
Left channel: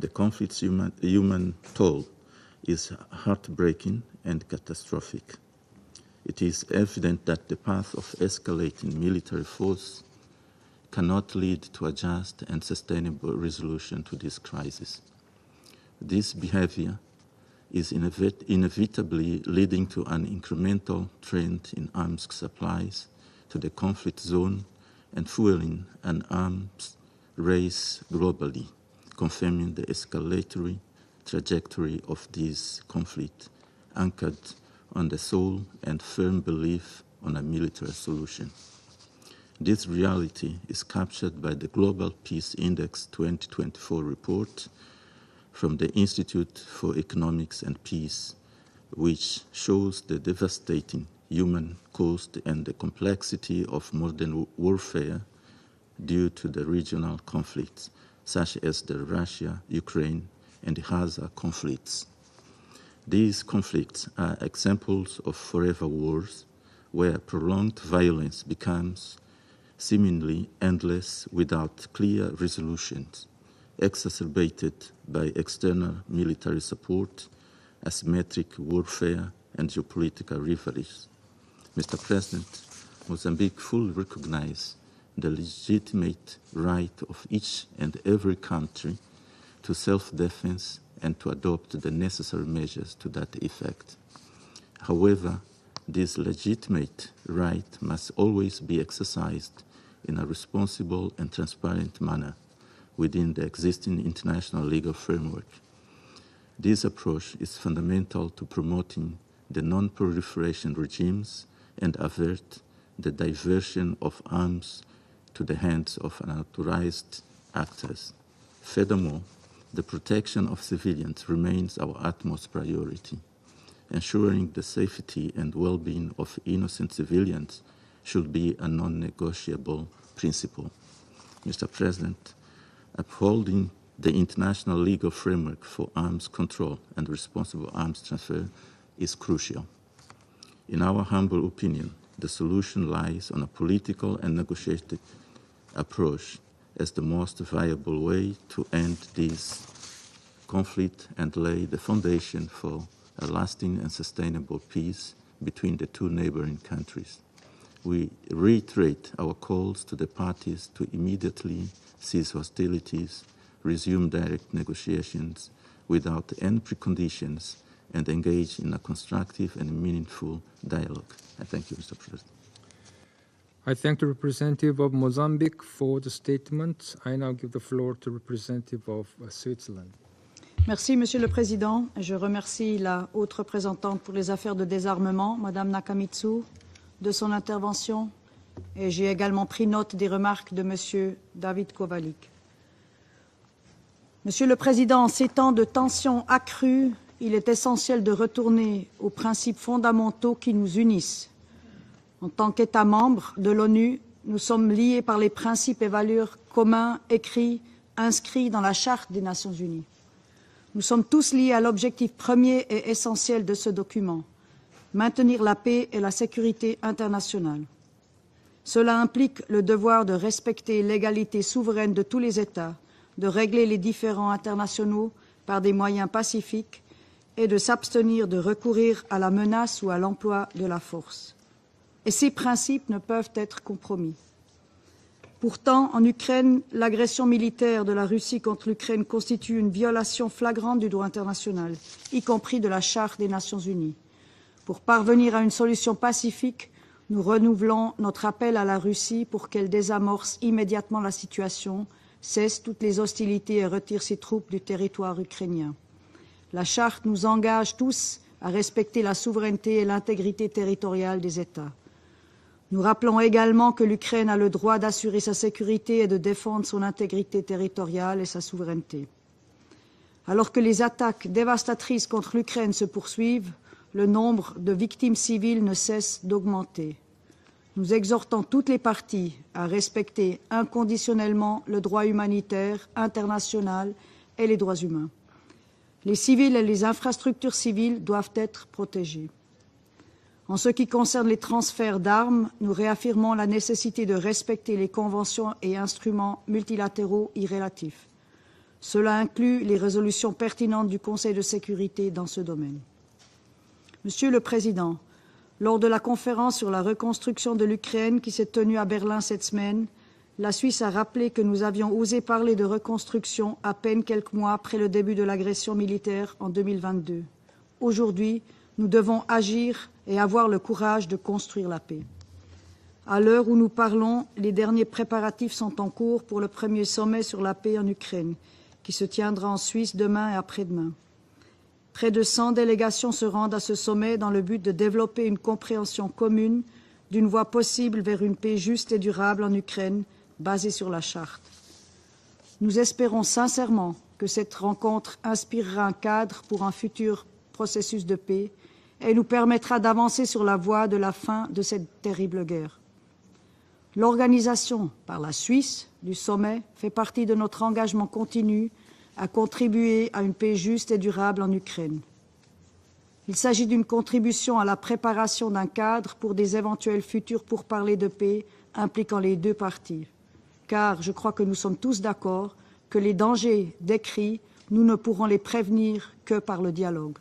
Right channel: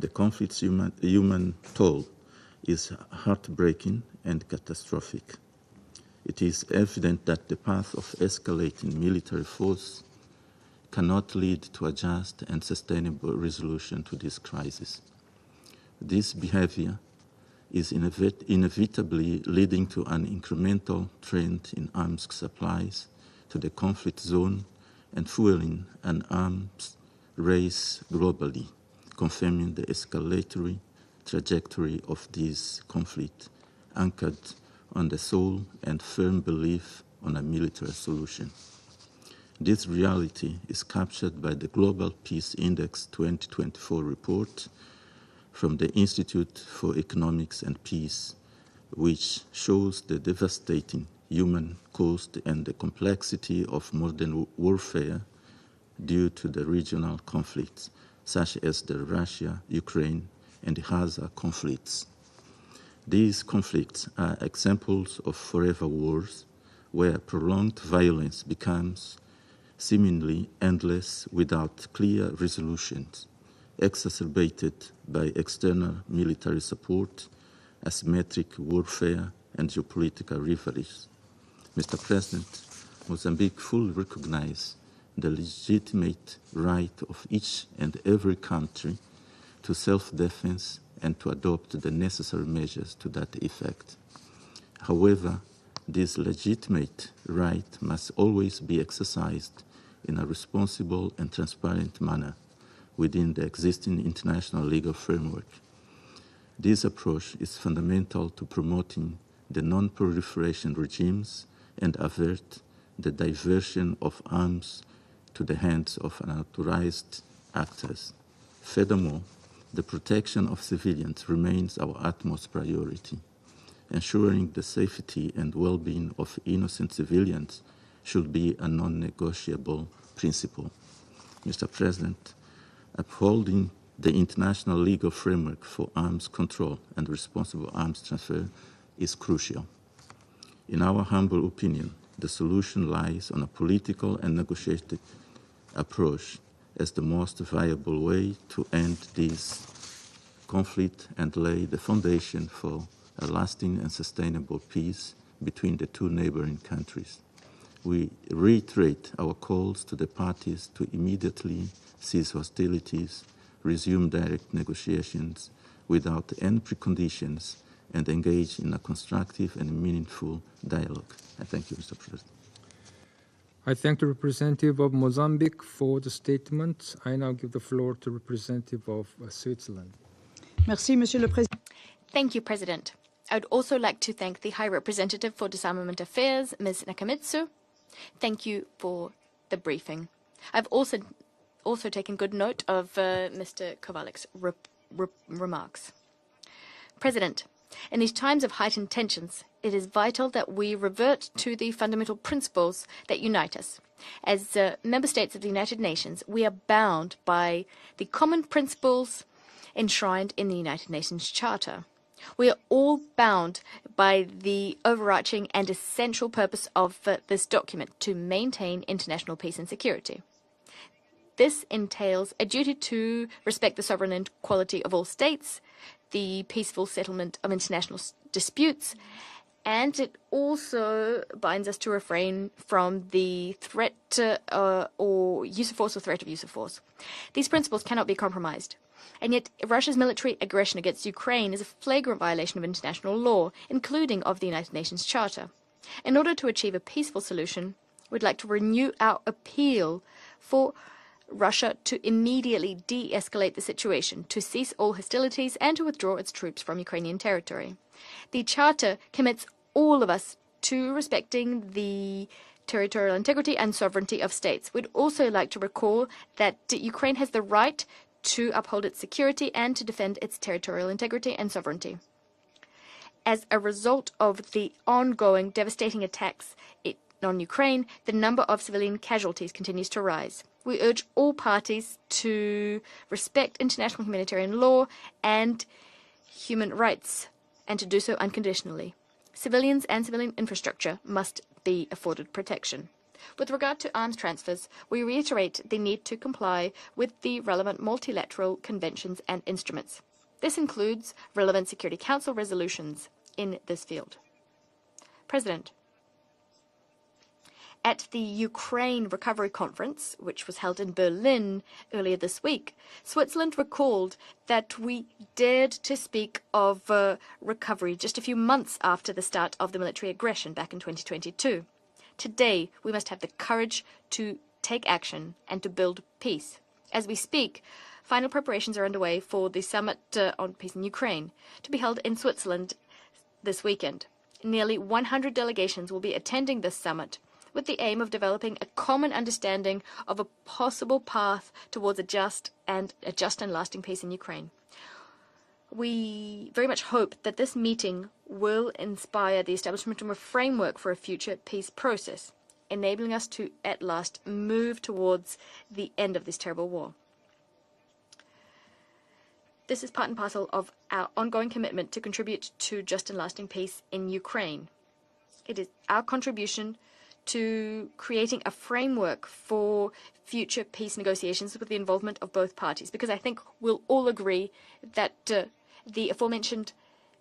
The conflict's human toll is heartbreaking and catastrophic. It is evident that the path of escalating military force cannot lead to a just and sustainable resolution to this crisis. This behavior is inevitably leading to an incremental trend in arms supplies to the conflict zone and fueling an arms race globally, confirming the escalatory trajectory of this conflict, anchored on the sole and firm belief on a military solution. This reality is captured by the Global Peace Index 2024 report from the Institute for Economics and Peace, which shows the devastating human cost and the complexity of modern warfare due to the regional conflicts, such as the Russia, Ukraine, and the Gaza conflicts. These conflicts are examples of forever wars where prolonged violence becomes seemingly endless without clear resolutions, exacerbated by external military support, asymmetric warfare, and geopolitical rivalries. Mr. President, Mozambique fully recognizes the legitimate right of each and every country to self-defense and to adopt the necessary measures to that effect. However, this legitimate right must always be exercised in a responsible and transparent manner within the existing international legal framework. This approach is fundamental to promoting the non-proliferation regimes and avert the diversion of arms to the hands of unauthorized actors. Furthermore, the protection of civilians remains our utmost priority. Ensuring the safety and well-being of innocent civilians should be a non-negotiable principle. Mr. President, upholding the international legal framework for arms control and responsible arms transfer is crucial. In our humble opinion, the solution lies on a political and negotiated approach as the most viable way to end this conflict and lay the foundation for a lasting and sustainable peace between the two neighboring countries. We reiterate our calls to the parties to immediately cease hostilities, resume direct negotiations without any preconditions, and engage in a constructive and meaningful dialogue. I thank you, Mr. President. I thank the representative of Mozambique for the statement. I now give the floor to the representative of Switzerland. Merci, Monsieur le Président. Je Thank you, remercie President. la haute I would also like représentante to pour les thank the affaires High de Representative désarmement, for Madame Disarmament Nakamitsu, Affairs, Ms. de son Nakamitsu. intervention. Thank you Et for j'ai également the pris note briefing. des remarques de I've Monsieur David also taken Kovalik. good note of Mr. Kovalik's Monsieur le Président, en ces temps de remarks. tensions accrues, President, il est essentiel in de these times of retourner heightened aux tensions, principes it is vital fondamentaux that qui nous we unissent. revert to the fundamental En tant principles qu'État that membre unite de us. l'ONU, nous As sommes liés member par les states of the United principes et Nations, valeurs we are communs bound by écrits, the inscrits common dans la Charte principles des Nations Unies. enshrined in the United Nous sommes Nations tous liés à Charter. l'objectif We premier are et all essentiel de bound ce document, by the maintenir overarching la and paix et la essential purpose sécurité of this internationale. document to maintain Cela international implique peace le and devoir de security. respecter l'égalité This souveraine de tous les entails a États, duty to de régler les respect the sovereign différends equality of all internationaux states, par des moyens the pacifiques peaceful settlement et of de international s'abstenir de disputes, recourir à la menace ou à and it l'emploi de la also force. binds us to Et ces refrain principes ne from peuvent the être compromis. threat or use of Pourtant, force or en threat to use of Ukraine, force. l'agression These militaire principles de la cannot be Russie contre compromised. l'Ukraine And yet, constitue une Russia's violation military aggression flagrante du droit against Ukraine is a international, flagrant y compris violation de of la Charte international des law, Nations Unies. including of the United Pour Nations parvenir à Charter. une solution In order to pacifique, achieve a peaceful nous solution, renouvelons we'd notre like to appel à la renew Russie our pour qu'elle appeal désamorce for immédiatement la Russia situation, to cesse immediately toutes les hostilités de-escalate et the retire ses situation, to troupes du cease all territoire hostilities ukrainien. and to withdraw its troops La from Charte Ukrainian nous engage territory. tous The à Charter respecter la commits souveraineté et all of us l'intégrité to territoriale des respecting États. the Nous rappelons territorial integrity également and que sovereignty l'Ukraine of a le states. droit We'd d'assurer also sa like to sécurité et recall de défendre that son Ukraine has intégrité the right territoriale et sa to uphold its souveraineté. security and to defend its Alors que les territorial attaques integrity and sovereignty. dévastatrices contre l'Ukraine se As poursuivent, a le result nombre of de the victimes ongoing civiles ne devastating cesse attacks d'augmenter. on Ukraine, Nous the exhortons number of toutes les civilian parties casualties à continues to respecter rise. We urge all inconditionnellement le parties droit humanitaire to respect international international et humanitarian les droits law humains. and Les civils et human les rights, infrastructures and to do civiles so doivent être unconditionally. protégées. Civilians and civilian En ce qui infrastructure concerne les must be transferts afforded d'armes, nous protection. réaffirmons la With regard to nécessité arms de transfers, respecter les we conventions reiterate et the need to instruments comply with multilatéraux the y relevant relatifs. multilateral conventions Cela and inclut les instruments. résolutions This pertinentes du includes Conseil de relevant sécurité Security dans Council ce domaine. resolutions in this field. Monsieur le Président, President, lors de la conférence sur la reconstruction de l'Ukraine qui s'est tenue à Berlin cette semaine, la Suisse a rappelé que nous avions osé parler de reconstruction à peine quelques mois après le début de l'agression militaire en 2022. Aujourd'hui, nous devons agir et avoir le courage de construire la paix. À l'heure où nous parlons, les derniers préparatifs sont en cours pour le premier sommet sur la paix en Ukraine, qui se tiendra en Suisse demain et après-demain. Près de 100 délégations se rendent à ce sommet dans le but de développer une compréhension commune d'une voie possible vers une paix juste et durable en Ukraine, basée sur la Charte. Nous espérons sincèrement que cette rencontre inspirera un cadre pour un futur processus de paix et nous permettra d'avancer sur la voie de la fin de cette terrible guerre. L'organisation par la Suisse du sommet fait partie de notre engagement continu à contribuer à une paix juste et durable en Ukraine. Il s'agit d'une contribution à la préparation d'un cadre pour des éventuels futurs pourparlers de paix impliquant les deux parties. Car je crois que nous sommes tous d'accord que les dangers décrits, nous ne pourrons les prévenir que par le dialogue.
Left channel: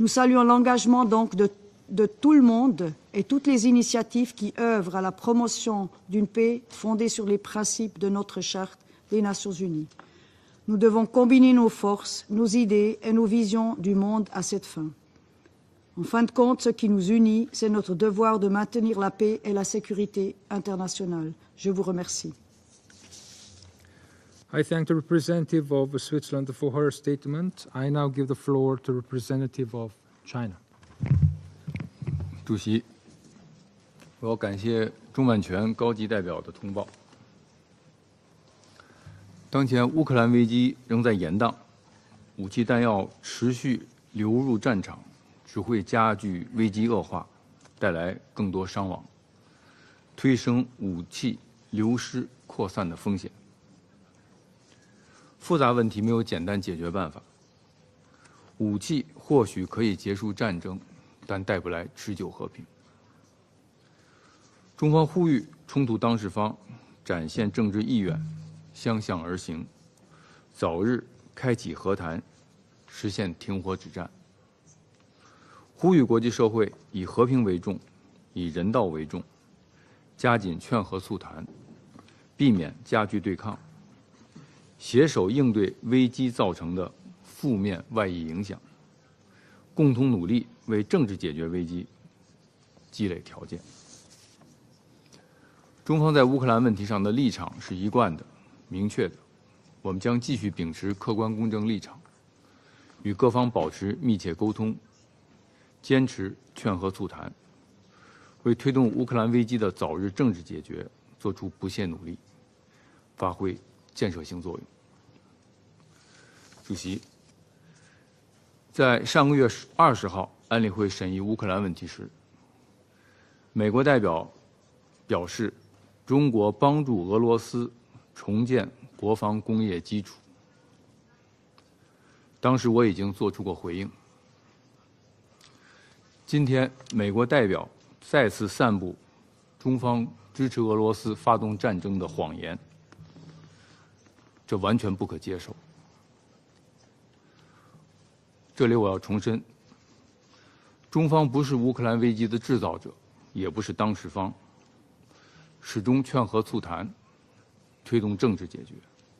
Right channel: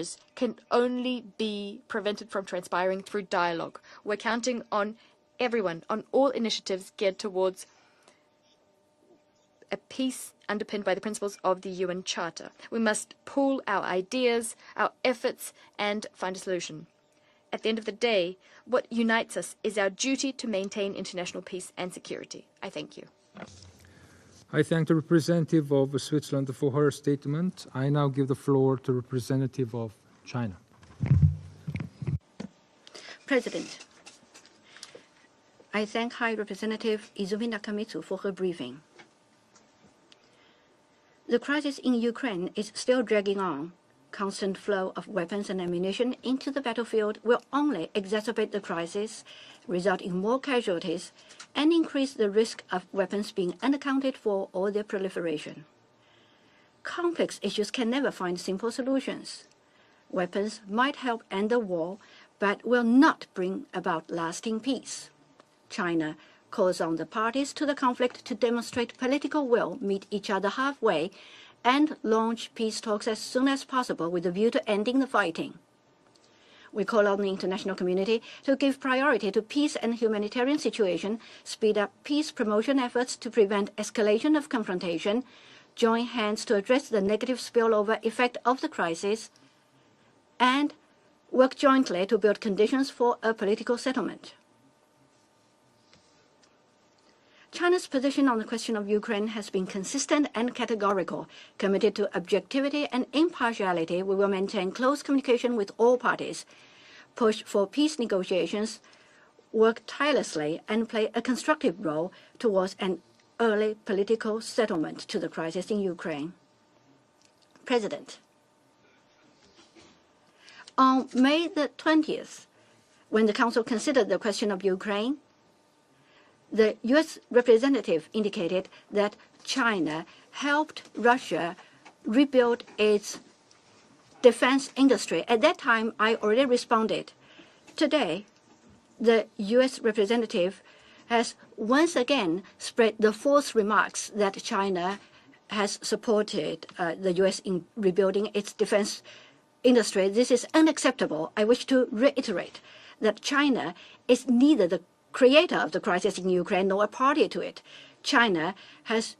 Nous saluons l'engagement donc de tout le monde et toutes les initiatives qui œuvrent à la promotion d'une paix fondée sur les principes de notre Charte des Nations Unies. Nous devons combiner nos forces, nos idées et nos visions du monde à cette fin. En fin de compte, ce qui nous unit, c'est notre devoir de maintenir la paix et la sécurité internationale. Je vous remercie. I thank the representative of Switzerland for her statement. I now give the floor to the representative of China. 主席， President, 我感谢钟万全 I 高级 thank 代 High 表的通报。 Representative Izumi Nakamitsu for her briefing. 当前乌克兰危机仍在延 The 宕， crisis in Ukraine 武器 is 弹 still 药 dragging 持 on. 续流入 Constant 战 flow 场 of，weapons 只 and 会加 ammunition 剧 into the 危机恶 battlefield 化， will only 带来 exacerbate 更 the 多伤亡， crisis, result in 推 more 升武 casualties, 器 and 流 increase 失 the risk 扩 of 散的风 weapons 险。 being unaccounted for or their proliferation. 复杂问题没有简单解决办法， Complex issues can never find simple 武器 solutions. 或许可以结束 Weapons 战争， might help 但 end 带 the 不来 war, 持久和 but 平。 will not bring about lasting peace. 中方呼吁冲突 China 当事方 calls on the 展现 parties to 政 the 治意 conflict 愿， to demonstrate 相向而 political 行， will, meet each other 早日 halfway, 开启 and 和谈， launch peace talks 实 as 现 soon 停 as 火止 possible 战。 with a view to ending the fighting. 呼吁国际社会 We 以 call on 和 the 平为 international 重， community 以 to 人 give 道为 priority 重， to peace and 加 humanitarian 紧劝和促 situation, 谈， speed up peace 避免 promotion 加 efforts 剧 to 对抗， prevent escalation of 携手 confrontation, 应对危 join 机 hands 造 to 成 address the 的 negative 负面 spillover 外溢 effect 影 of 响， the crisis, 共同努力 and 为政治解决 work 危机 jointly to build conditions for 积累条 a 件。 political settlement. 中方在乌克兰问题上的立场是 China's 一贯 position on the question of 明确的， Ukraine has been 我们将 consistent 继续 and 秉持客 categorical. 观公正立 Committed 场， to objectivity and 与各方保持 impartiality, 密 we 切 will 沟 maintain 通， close communication with all 坚持 parties, 劝和促谈， push for peace 为推 negotiations, 动乌克兰危机的 work 早日政治 tirelessly 解 and 决 play a 做出不 constructive 懈努 role 力。 towards an 发挥 early 建设性 political 作用。 settlement to the crisis in Ukraine. 主席， President, 在上个月20号，安理会 on 审议乌 May 克兰 the 问题时， 20th, when the Council 美国代 considered the 表 question of Ukraine, 表示，中国 the 帮助 U.S. 俄罗斯 representative 重 indicated 建 that 国防工业基 China 础。 helped Russia 当 rebuild 时我已经 its 做出过回应。 defense industry. At that time, I 今 already 天， responded. 美国代表 Today, 再次散布 The 中 U.S. 方支 representative 持俄罗斯 has 发动战 once 争的谎 again 言， spread the false remarks that 这完全 China 不可接受。 has supported the U.S. in rebuilding its 这里我要 defense 重申， industry. This is 中 unacceptable. 方不 I 是 wish 乌 to 克兰危机的 reiterate 制造者， that 也不 China 是当事 is 方， neither the creator of the 始终 crisis 劝 in 和促 Ukraine nor a 谈， party to it. 推动政治 China 解决。 has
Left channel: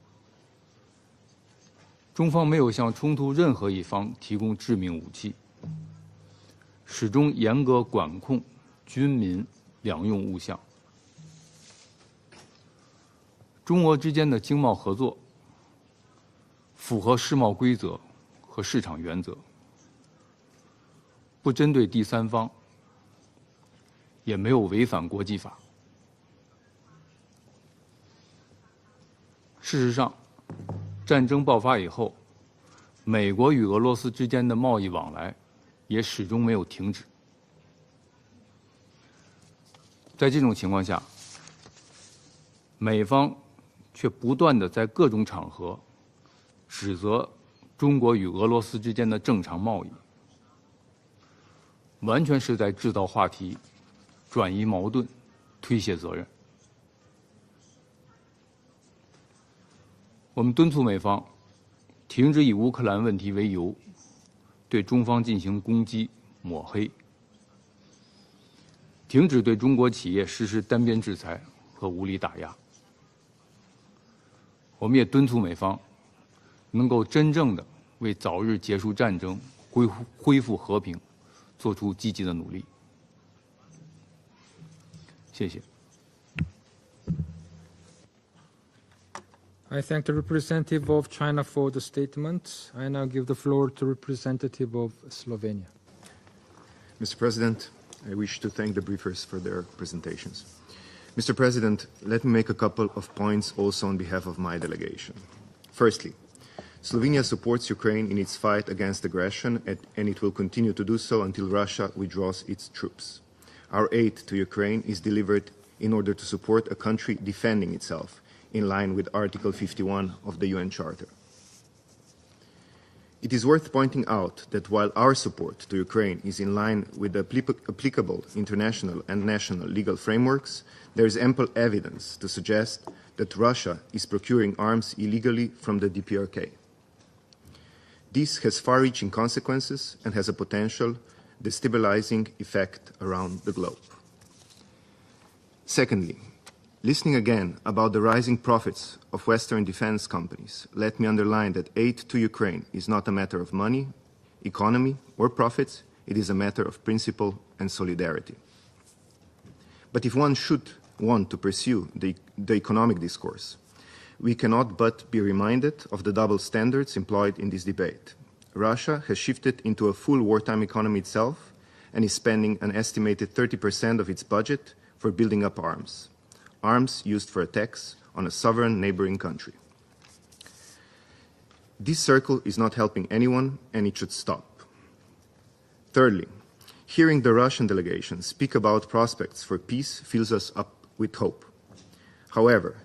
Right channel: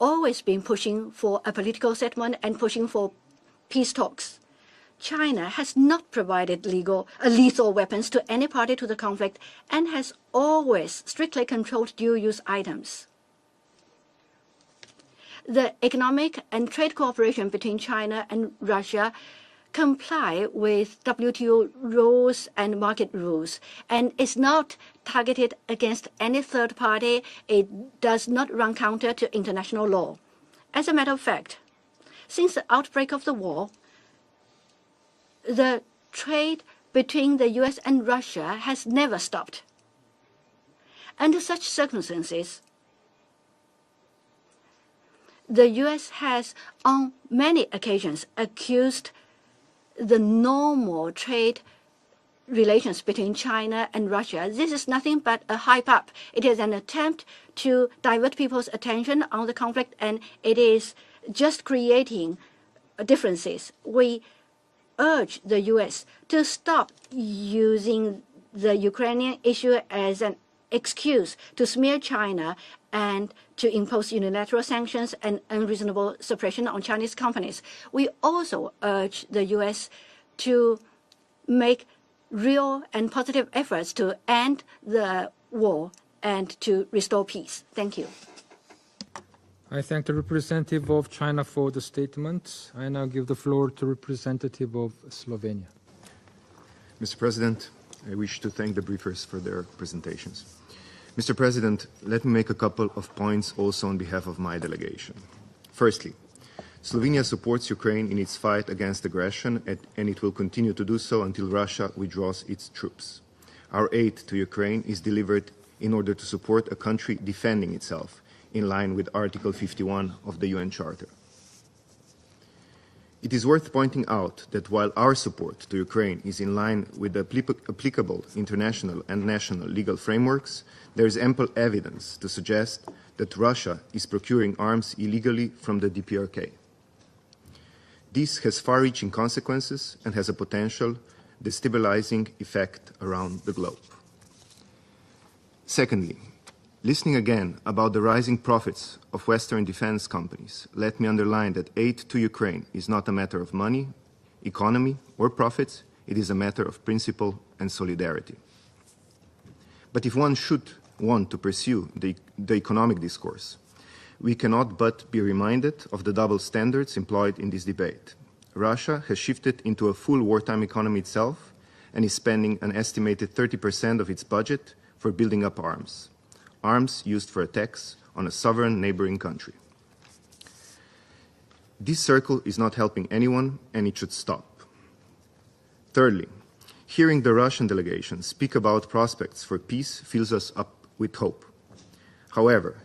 always been pushing for a political 中 settlement 方 and 没有 pushing 向 for 冲突任何一 peace 方 talks. 提供致命武器， China has not provided 始终严 lethal 格 weapons 管 to 控 any party to the 军 conflict 民 and 两 has 用物项。 always strictly controlled dual-use items. 中俄之间的经贸合作 The economic and trade 符合世 cooperation 贸规 between 则 China and 和市场 Russia 原则， comply with 不 WTO 针对第三 rules 方， and market rules, and 也 is 没有 not 违反国际 targeted 法。 against any third party. It does not run counter to 事 international 实 law. 上， As a matter 战 of 争 fact, 爆发以后， since the outbreak of 美 the 国与 war, 俄罗斯之间的贸易往来 the 也始终没有 trade 停止。 between the U.S. and Russia has never stopped. 在这种情况下， Under such circumstances, 美方却不断的在各种场合 the U.S. has 指 on 责 many 中国 occasions 与俄罗斯之 accused 间的正常贸易， the normal trade 完全是在制 relations 造话 between 题， China and Russia. 转移 This is 矛盾， nothing but a 推 hype 卸 up. 责任。 It is an attempt to divert people's attention on the conflict, and 我们 it 敦促 is 美方 just 停 creating 止以乌克兰问题为 differences. 由， We 对中方进 urge 行 the 攻 U.S. 击、 to 抹 stop 黑， using the 停 Ukrainian 止对中 issue 国企业 as 实施 an 单边制 excuse 裁 to 和 smear 武力打 China 压， and to impose unilateral 我们也 sanctions 敦促 and 美方 unreasonable suppression on 能够 Chinese 真正 companies. 的 We 为早日 also 结束战 urge 争、 the U.S. 恢复和 to 平做 make 出积极的努力。 real and positive efforts to end the 谢谢。 war and to restore peace. Thank you. I thank the representative of China for the statement. I now give the floor to representative of Slovenia. Mr. President, I wish to thank the briefers for their presentations. Mr. President, let me make a couple of points also on behalf of my delegation. Firstly, Slovenia supports Ukraine in its fight against aggression, and it will continue to do so until Russia withdraws its troops. Our aid to Ukraine is delivered in order to support a country defending itself, in line with Article 51 of the UN Charter. It is worth pointing out that while our support to Ukraine is in line with the applicable international and national legal frameworks, there is ample evidence to suggest that Russia is procuring arms illegally from the DPRK. This has far-reaching consequences and has a potential destabilizing effect around the globe. Secondly, listening again about the rising profits of Western defense companies, let me underline that aid to Ukraine is not a matter of money, economy, or profits. It is a matter of principle and solidarity. But if one should want to pursue the economic discourse, we cannot but be reminded of the double standards employed in this debate. Russia has shifted into a full wartime economy itself and is spending an estimated 30% of its budget for building up arms used for attacks on a sovereign neighboring country. This circle is not helping anyone, and it should stop. Thirdly, hearing the Russian delegation speak about prospects for peace fills us up with hope. However,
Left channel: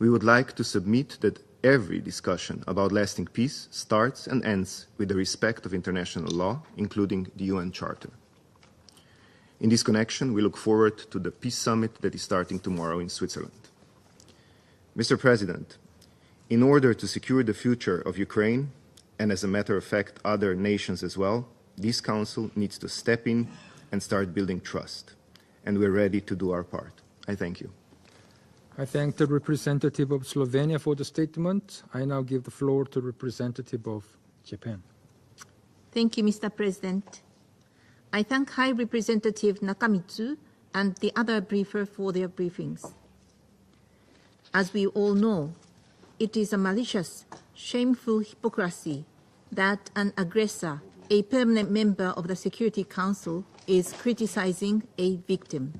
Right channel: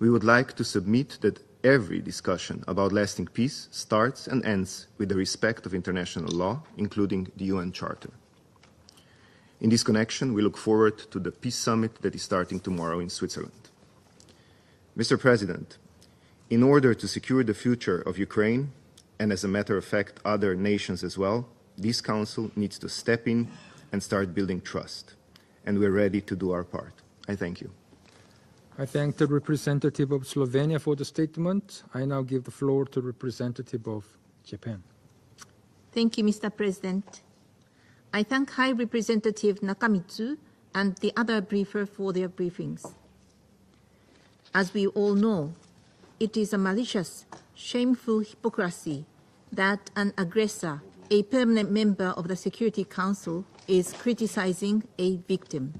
we would like to submit that every discussion about lasting peace starts and ends with the respect of international law, including the UN Charter. In this connection, we look forward to the Peace Summit that is starting tomorrow in Switzerland. Mr. President, in order to secure the future of Ukraine, and as a matter of fact, other nations as well, this Council needs to step in and start building trust. And we're ready to do our part. I thank you. I thank the representative of Slovenia for the statement. I now give the floor to the representative of Japan. Thank you, Mr. President. I thank High Representative Nakamitsu and the other briefer for their briefings. As we all know, it is a malicious, shameful hypocrisy that an aggressor, a permanent member of the Security Council, is criticizing a victim.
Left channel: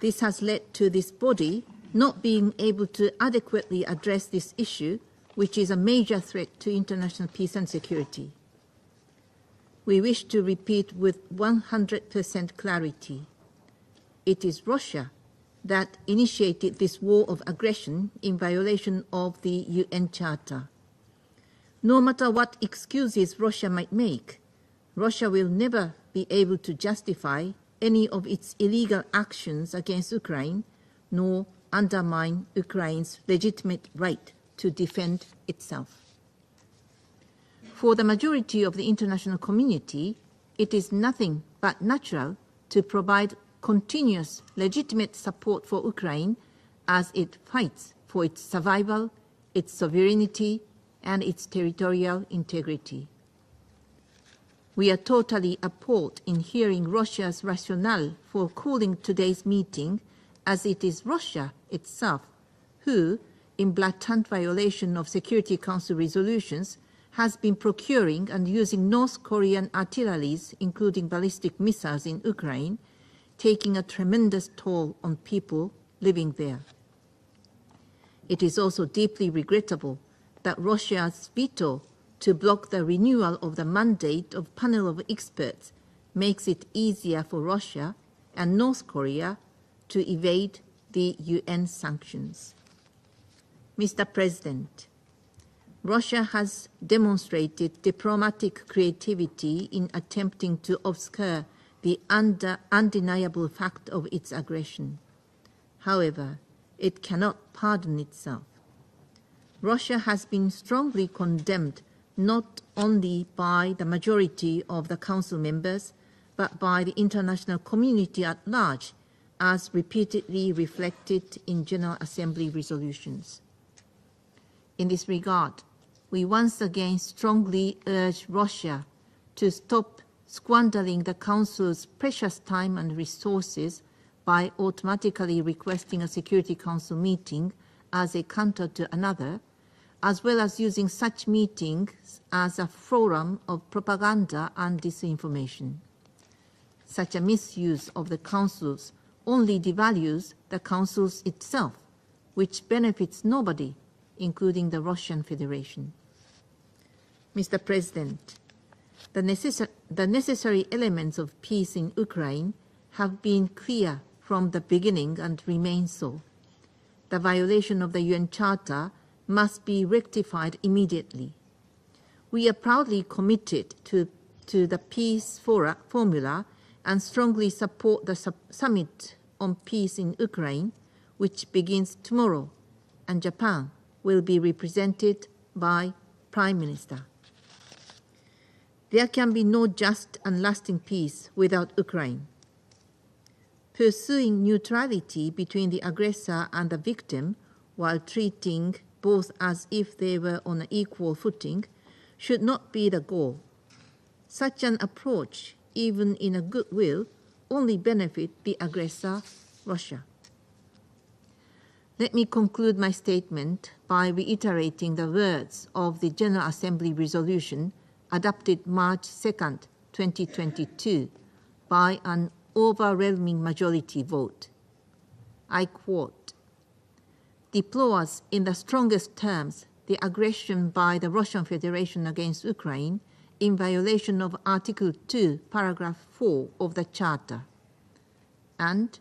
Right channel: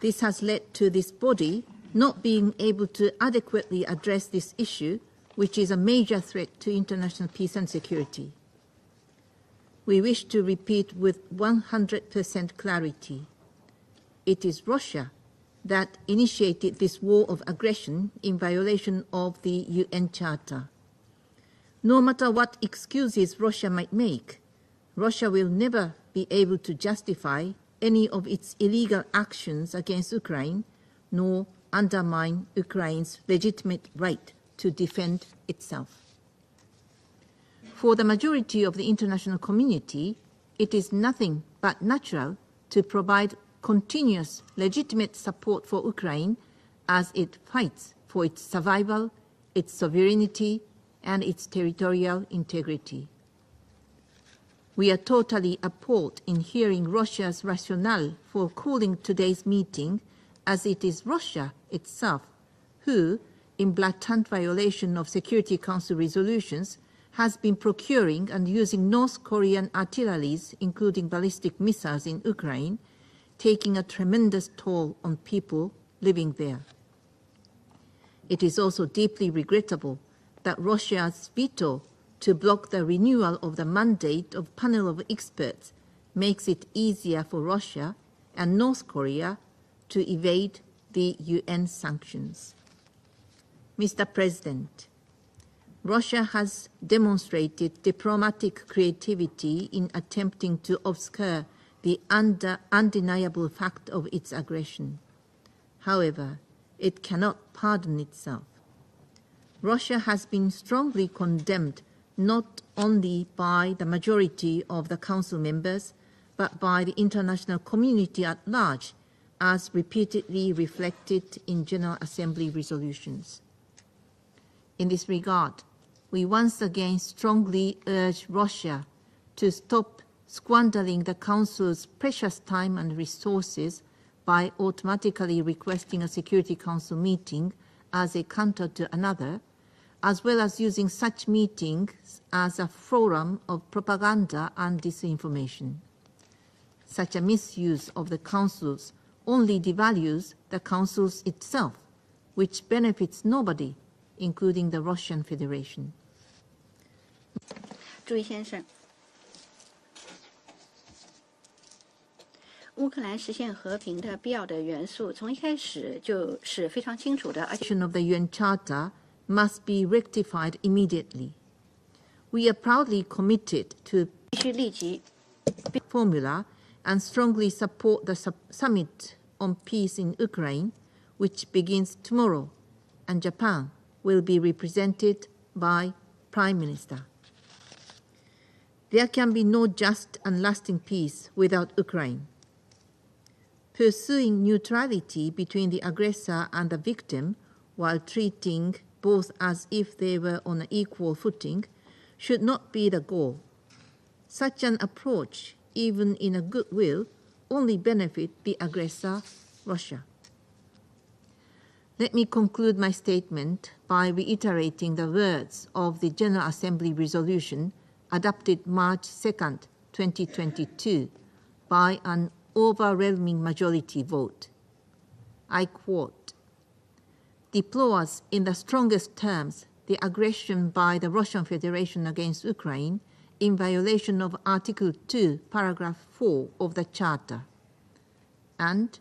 This has led to this body not being able to adequately address this issue, which is a major threat to international peace and security. We wish to repeat with 100% clarity. It is Russia that initiated this war of aggression in violation of the UN Charter. No matter what excuses Russia might make, Russia will never be able to justify any of its illegal actions against Ukraine, nor undermine Ukraine's legitimate right to defend itself. For the majority of the international community, it is nothing but natural to provide continuous legitimate support for Ukraine as it fights for its survival, its sovereignty, and its territorial integrity. We are totally appalled in hearing Russia's rationale for calling today's meeting, as it is Russia itself who, in blatant violation of Security Council resolutions, has been procuring and using North Korean artilleries, including ballistic missiles in Ukraine, taking a tremendous toll on people living there. It is also deeply regrettable that Russia's veto to block the renewal of the mandate of panel of experts makes it easier for Russia and North Korea to evade the UN sanctions. Mr. President, Russia has demonstrated diplomatic creativity in attempting to obscure the undeniable fact of its aggression. However, it cannot pardon itself. Russia has been strongly condemned not only by the majority of the Council members, but by the international community at large, as repeatedly reflected in General Assembly resolutions. In this regard, we once again strongly urge Russia to stop squandering the Council's precious time and resources by automatically requesting a Security Council meeting as a counter to another, as well as using such meetings as a forum of propaganda and disinformation. Such a misuse of the Councils only devalues the Councils itself, which benefits nobody, including the Russian Federation. Mr. President, the necessary elements of peace in Ukraine have been clear from the beginning and remain so. The violation of the UN Charter must be rectified immediately. We are proudly committed to the peace formula and strongly support the summit on peace in Ukraine, which begins tomorrow, and Japan will be represented by Prime Minister. There can be no just and lasting peace without Ukraine. Pursuing neutrality between the aggressor and the victim while treating both as if they were on an equal footing should not be the goal. Such an approach, even in a goodwill, only benefit the aggressor, Russia. Let me conclude my statement by reiterating the words of the General Assembly resolution adopted March 2nd, 2022, by an overwhelming majority vote. I quote, "Deplores in the strongest terms the aggression by the Russian Federation against Ukraine in violation of Article 2, Paragraph 4 of the Charter, and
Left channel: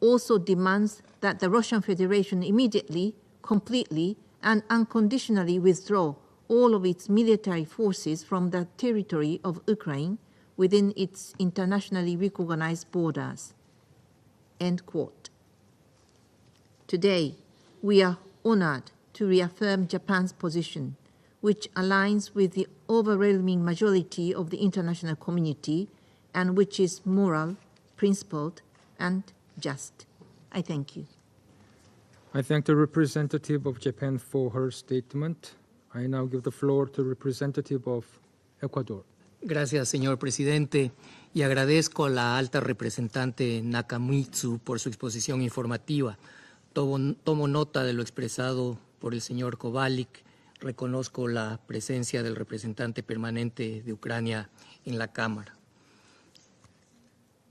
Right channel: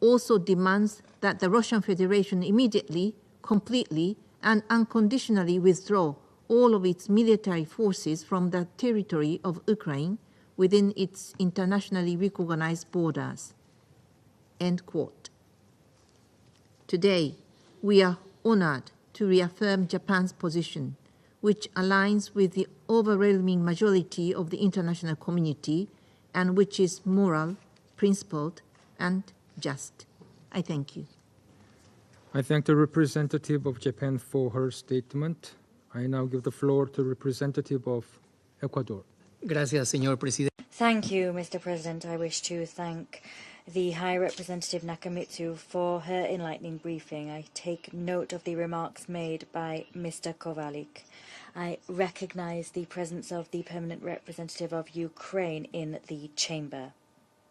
also demands that the Russian Federation immediately, completely, and unconditionally withdraw all of its military forces from the territory of Ukraine within its internationally recognized borders." End quote. Today, we are honored to reaffirm Japan's position, which aligns with the overwhelming majority of the international community and which is moral, principled, and just. I thank you. I thank the representative of Japan for her statement. I now give the floor to the representative of Ecuador. Gracias, señor presidente. Thank you, Y Mr. agradezco a President. I la wish alta to representante thank the High Nakamitsu por Representative su exposición Nakamitsu for informativa. her enlightening Tomo briefing. nota I de lo take note of the expresado remarks por el made señor by Kovalik. Mr. Kovalik. Reconozco la I presencia del recognize the representante presence of the permanente de permanent Ucrania representative of en la Cámara. Ukraine in the chamber.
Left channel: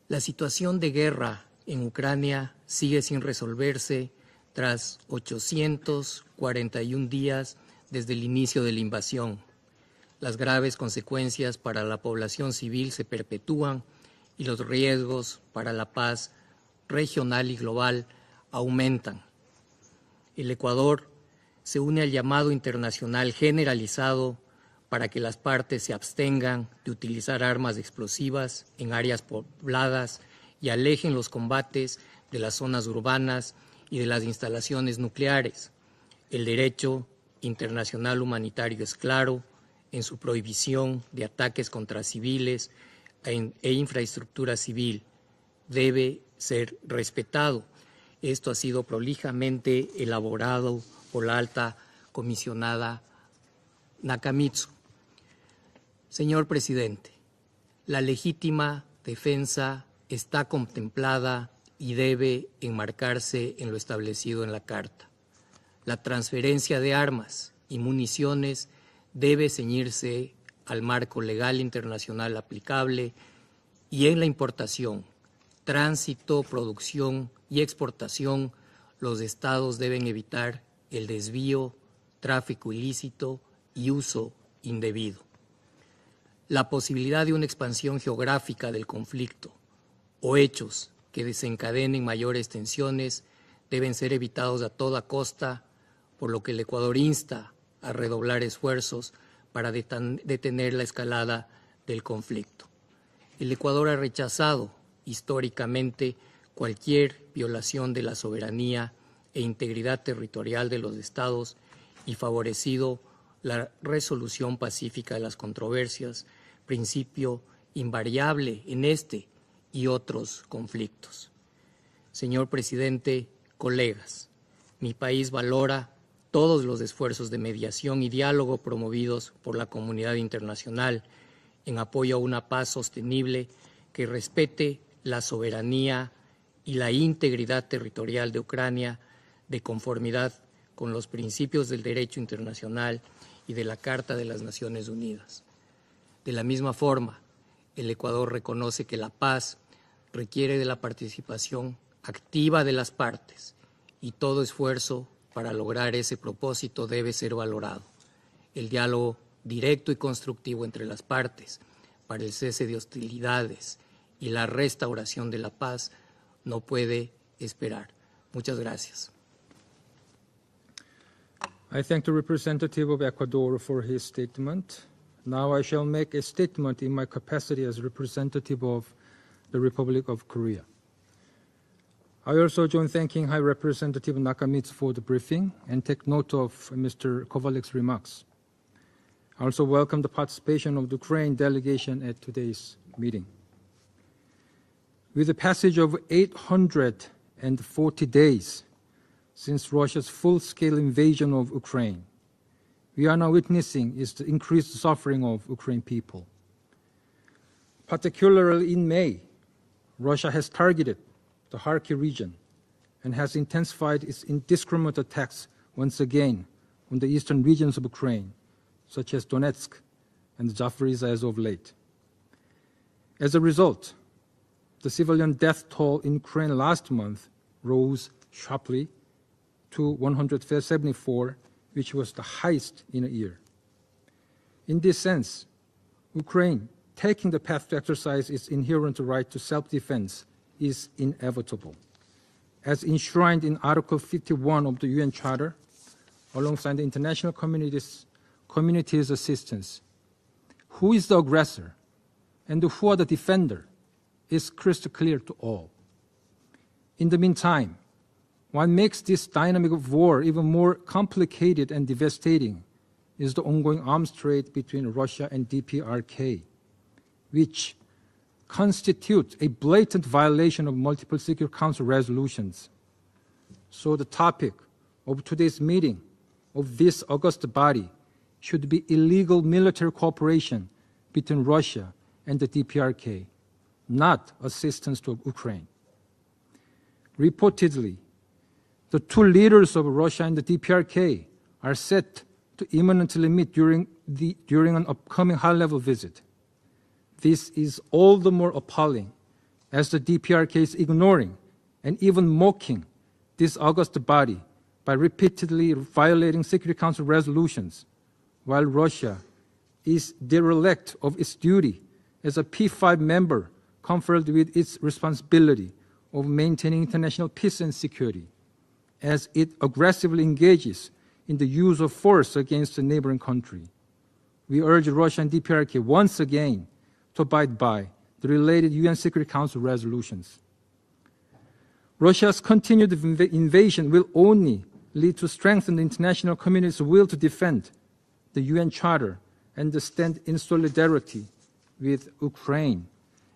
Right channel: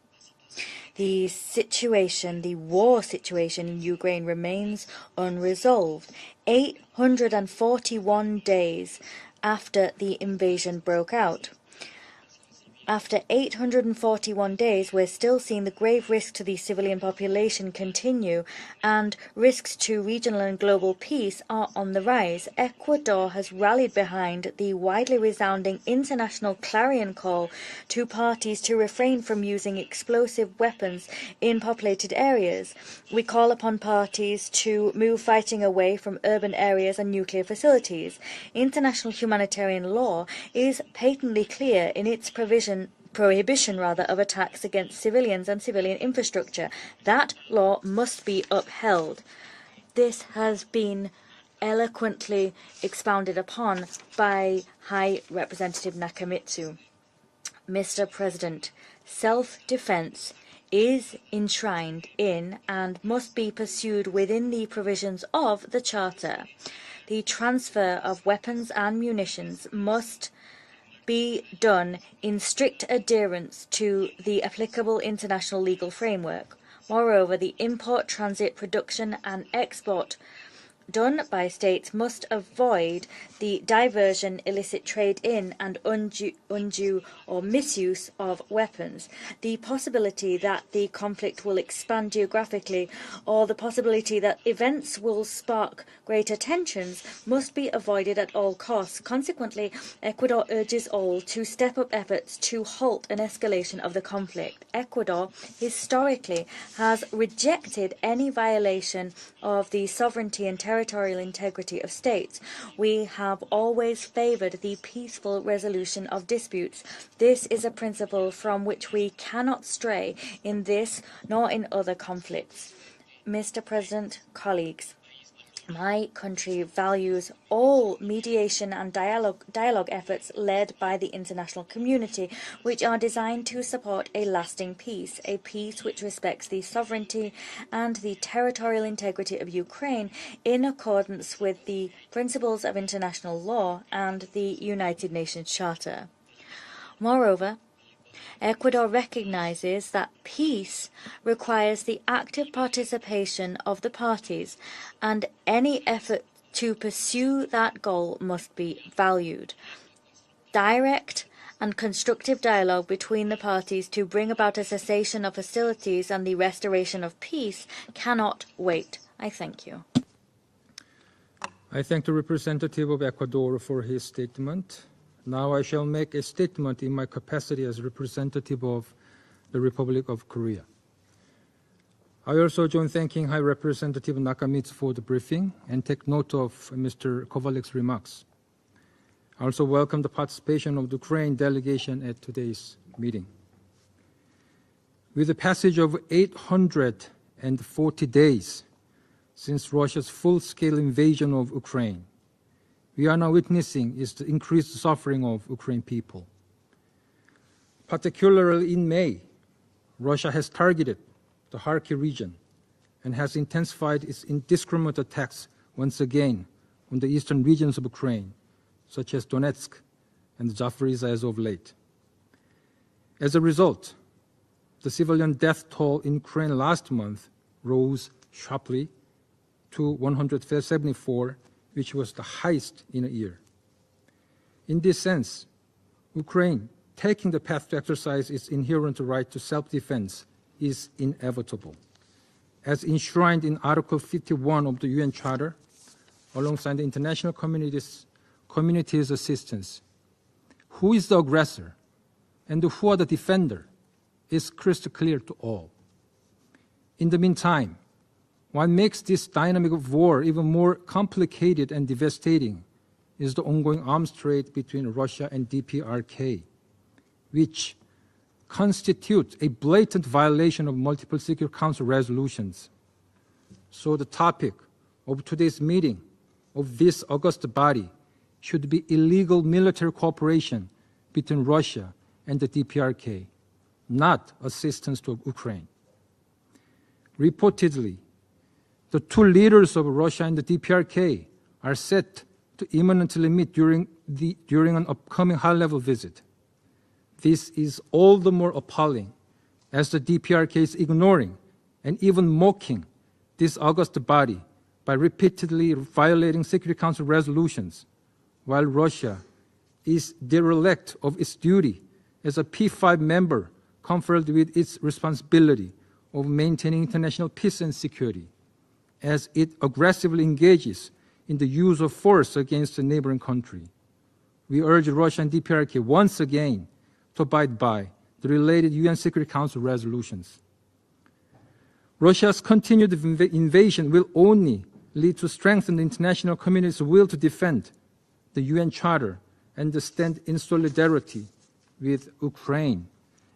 La situación de The guerra en situation, Ucrania the sigue war sin situation in resolverse Ukraine remains tras unresolved. 841 días desde el 841 inicio de la days invasión. after the Las graves invasion broke out. consecuencias para la población civil se After perpetúan y 841 los days, we're riesgos still seeing para the la grave paz risk to the civilian regional y population global continue, aumentan. and risks to regional El and global Ecuador peace are se on une the al rise. llamado Ecuador internacional has rallied generalizado behind the para widely que las resounding partes se international abstengan de clarion utilizar call armas to parties explosivas to en refrain áreas from using pobladas explosive y weapons alejen los in combates populated de las areas. zonas We urbanas call upon y de las parties to instalaciones move nucleares. fighting away from El urban areas derecho and nuclear facilities. internacional humanitario es International claro humanitarian en su law is prohibición de patently ataques clear contra in its civiles prohibition e of infraestructura attacks civil. against civilians and civilian Debe infrastructure. ser That respetado. law must be Esto ha sido upheld. prolijamente This has elaborado been por la alta eloquently comisionada expounded upon by Nakamitsu. High Representative Señor Nakamitsu. presidente, la Mr. legítima President, defensa self-defense está is contemplada y enshrined debe in and must enmarcarse be en lo pursued establecido within en la the Carta. provisions of the La Charter. transferencia de The armas y transfer of municiones weapons and debe munitions ceñirse must al marco be legal done internacional in strict aplicable adherence y to en la the applicable importación, international legal tránsito, framework. producción Moreover, the y import, exportación, transit, production, los and estados deben export evitar el done by desvío, states must tráfico avoid ilícito the y uso diversion, illicit indebido. trade in, and La undue posibilidad de or una expansión misuse of geográfica del weapons. conflicto The possibility o that hechos the que conflict will desencadenen expand mayores geographically, tensiones or the deben ser possibility that evitados a events toda will costa, spark por greater lo que el Ecuador tensions insta must be a avoided at redoblar all costs. esfuerzos Consequently, para Ecuador detener la urges all escalada to step up del efforts conflicto. to halt an El escalation Ecuador of ha the rechazado conflict. Ecuador históricamente historically has cualquier violación rejected de la any soberanía violation e of the integridad sovereignty and territorial de los territorial estados integrity of y states. favorecido We have la always resolución favored the pacífica de las peaceful resolution controversias, of disputes. principio This is a principle invariable from en which we este cannot y stray otros in this conflictos. nor in other Señor conflicts. presidente, Mr. colegas, President, colleagues, mi país valora my country todos los values esfuerzos de all mediación y diálogo mediation and promovidos por la dialogue comunidad efforts led by internacional the international en apoyo a community, una paz which are sostenible designed to support que a lasting respete peace, la a peace which soberanía respects the y la sovereignty integridad and the territorial de territorial Ucrania integrity of de Ukraine conformidad in con los accordance with principios del the derecho principles of internacional international y de la law Carta de and las the Naciones United Unidas. Nations Charter. De la misma forma, Moreover, el Ecuador reconoce Ecuador que la paz recognizes that requiere de la peace participación requires the active activa de las partes participation of the y todo parties, esfuerzo and para any lograr ese effort to propósito debe ser pursue valorado. that goal must El be diálogo valued. directo y constructivo entre las Direct partes and para constructive el cese de dialogue between the hostilidades parties to y bring la about a cessation restauración of de la paz hostilities and the no restoration puede of peace esperar. cannot Muchas wait. gracias. I thank you. I thank the representative of Ecuador for his statement. Now I shall make a statement in my capacity as representative of the Republic of Korea. I also join thanking High Representative Nakamitsu for the briefing and take note of Mr. Kovalik's remarks. I also welcome the participation of the Ukraine delegation at today's meeting. With the passage of 840 days since Russia's full-scale invasion of Ukraine, we are now witnessing is the increased suffering of Ukrainian people. Particularly in May, Russia has targeted the Kharkiv region and has intensified its indiscriminate attacks once again on the eastern regions of Ukraine, such as Donetsk and Zaporizhzhia as of late. As a result, the civilian death toll in Ukraine last month rose sharply to 174, which was the highest in a year. In this sense, Ukraine taking the path to exercise its inherent right to self-defense is inevitable. As enshrined in Article 51 of the UN Charter, alongside the international community's assistance, who is the aggressor and who are the defender is crystal clear to all. In the meantime, what makes this dynamic of war even more complicated and devastating is the ongoing arms trade between Russia and DPRK, which constitute a blatant violation of multiple Security Council resolutions. So the topic of today's meeting of this august body should be illegal military cooperation between Russia and the DPRK, not assistance to Ukraine. Reportedly, the two leaders of Russia and the DPRK are set to imminently meet during an upcoming high-level visit. This is all the more appalling as the DPRK is ignoring and even mocking this august body by repeatedly violating Security Council resolutions, while Russia is derelict of its duty as a P5 member conferred with its responsibility of maintaining international peace and security, as it aggressively engages in the use of force against a neighboring country. We urge Russia and DPRK once again to abide by the related UN Security Council resolutions. Russia's continued invasion will only lead to strengthen the international community's will to defend the UN Charter and to stand in solidarity with Ukraine.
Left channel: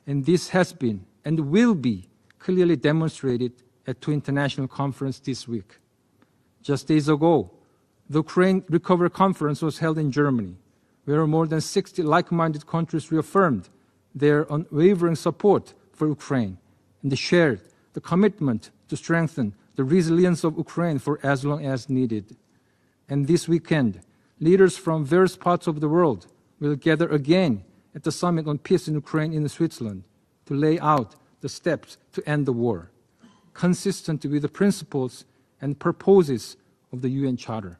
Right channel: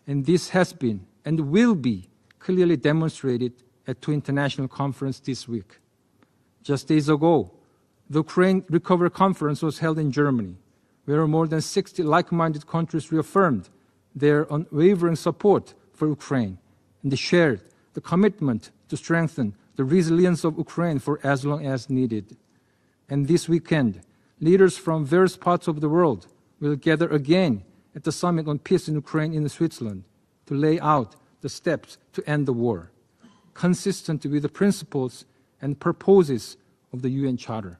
And this has been and will be clearly demonstrated at two international conferences this week. Just days ago, the Ukraine Recovery Conference was held in Germany, where more than 60 like-minded countries reaffirmed their unwavering support for Ukraine and shared the commitment to strengthen the resilience of Ukraine for as long as needed. And this weekend, leaders from various parts of the world will gather again at the Summit on Peace in Ukraine in Switzerland to lay out the steps to end the war, consistent with the principles and purposes of the UN Charter.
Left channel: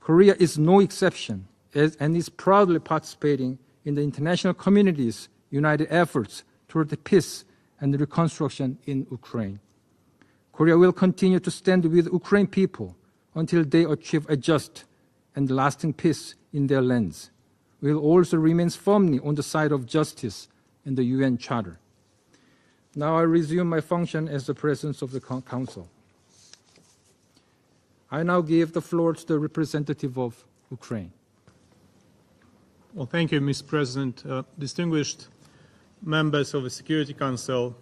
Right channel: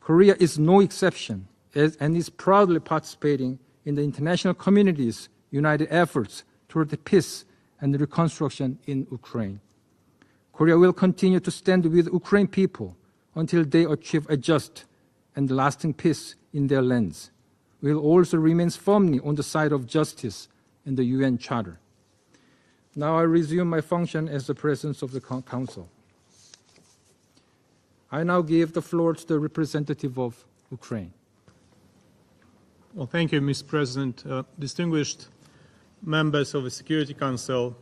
Korea is no exception and is proudly participating in the international community's united efforts toward the peace and reconstruction in Ukraine. Korea will continue to stand with Ukrainian people until they achieve a just and lasting peace in their lands. We will also remain firmly on the side of justice and the UN Charter. Now I resume my function as the President of the Council. I now give the floor to the representative of Ukraine. Well, thank you, Mr. President. Distinguished members of the Security Council,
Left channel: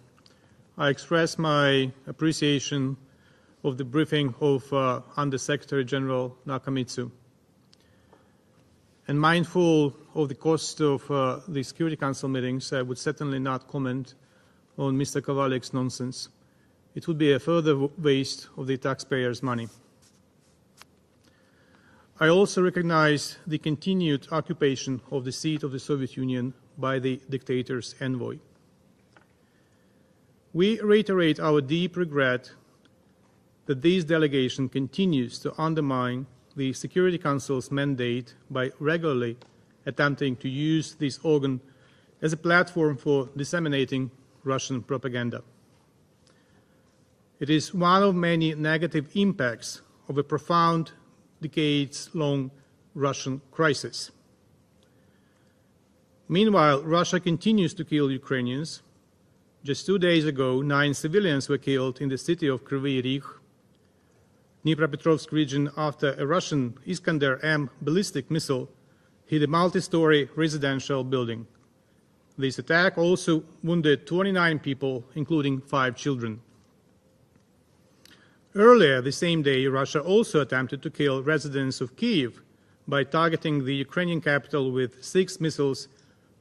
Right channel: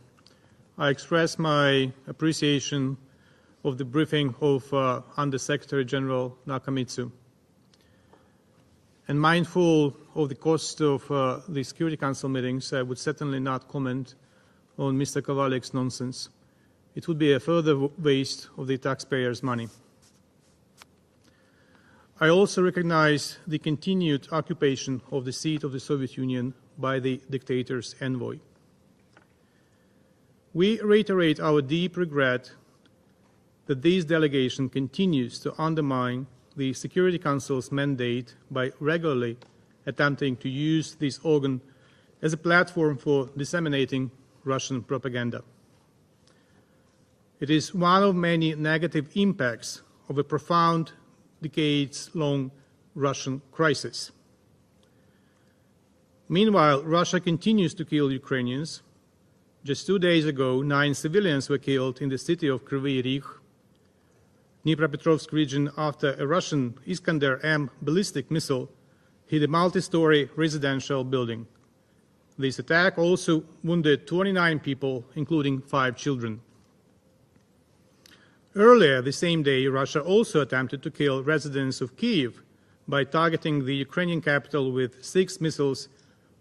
I express my appreciation of the briefing of Under-Secretary General Nakamitsu. And mindful of the cost of the Security Council meetings, I would certainly not comment on Mr. Kovalek's nonsense. It would be a further waste of the taxpayers' money. I also recognize the continued occupation of the seat of the Soviet Union by the dictator's envoy. We reiterate our deep regret that this delegation continues to undermine the Security Council's mandate by regularly attempting to use this organ as a platform for disseminating Russian propaganda. It is one of many negative impacts of a profound, decades-long Russian crisis. Meanwhile, Russia continues to kill Ukrainians. Just 2 days ago, 9 civilians were killed in the city of Kryvyi Rih, Dnipropetrovsk region, after a Russian Iskander-M ballistic missile hit a multi-story residential building. This attack also wounded 29 people, including 5 children. Earlier the same day, Russia also attempted to kill residents of Kyiv by targeting the Ukrainian capital with 6 missiles,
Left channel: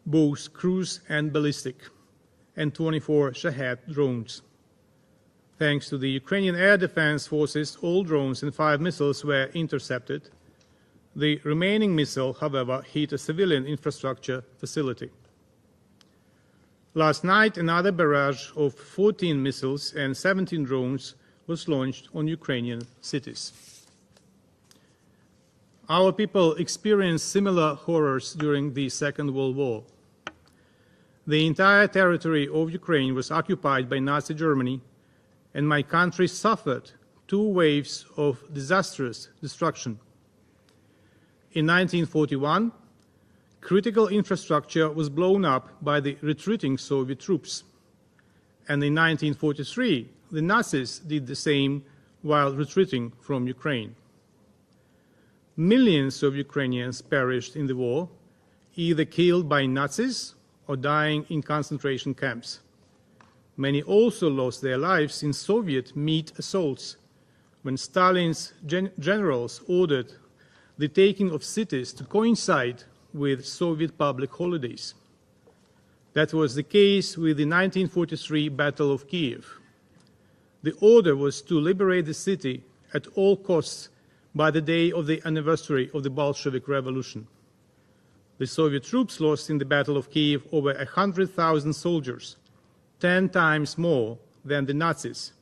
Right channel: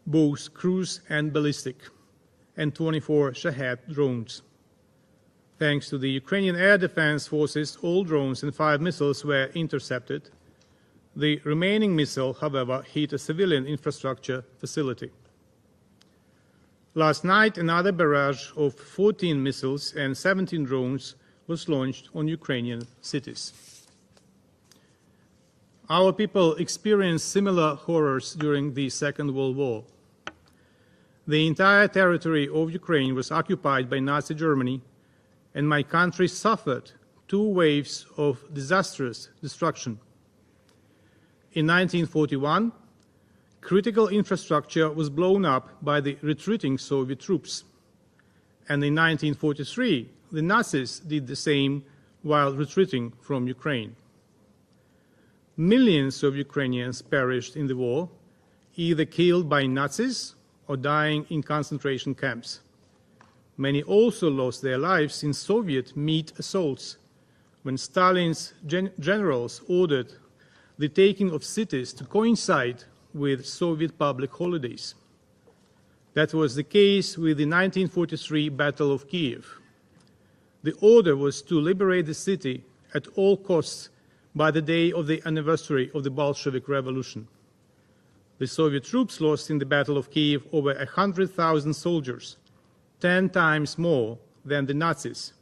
both cruise and ballistic, and 24 Shahed drones. Thanks to the Ukrainian Air Defense Forces, all drones and 5 missiles were intercepted. The remaining missile, however, hit a civilian infrastructure facility. Last night, another barrage of 14 missiles and 17 drones was launched on Ukrainian cities. Our people experienced similar horrors during the Second World War. The entire territory of Ukraine was occupied by Nazi Germany, and my country suffered 2 waves of disastrous destruction. In 1941, critical infrastructure was blown up by the retreating Soviet troops, and in 1943, the Nazis did the same while retreating from Ukraine. Millions of Ukrainians perished in the war, either killed by Nazis or dying in concentration camps. Many also lost their lives in Soviet meat assaults, when Stalin's generals ordered the taking of cities to coincide with Soviet public holidays. That was the case with the 1943 Battle of Kiev. The order was to liberate the city at all costs by the day of the anniversary of the Bolshevik Revolution. The Soviet troops lost in the Battle of Kiev over 100,000 soldiers, 10 times more than the Nazis.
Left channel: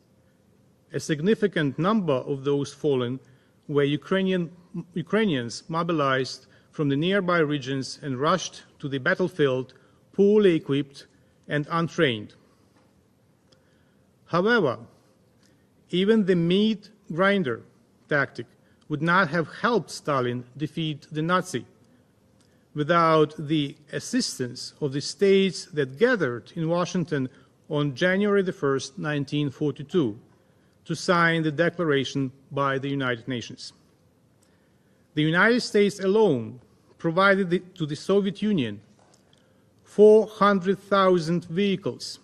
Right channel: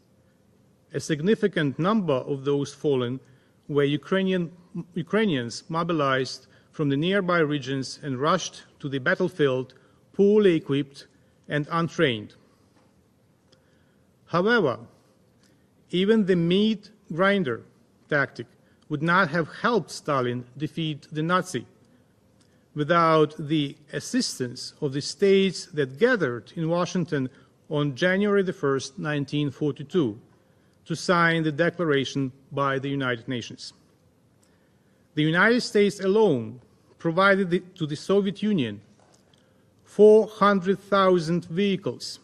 A significant number of those fallen were Ukrainians mobilized from the nearby regions and rushed to the battlefield poorly equipped and untrained. However, even the meat grinder tactic would not have helped Stalin defeat the Nazi without the assistance of the states that gathered in Washington on January the 1st, 1942, to sign the declaration by the United Nations. The United States alone provided to the Soviet Union 400,000 vehicles,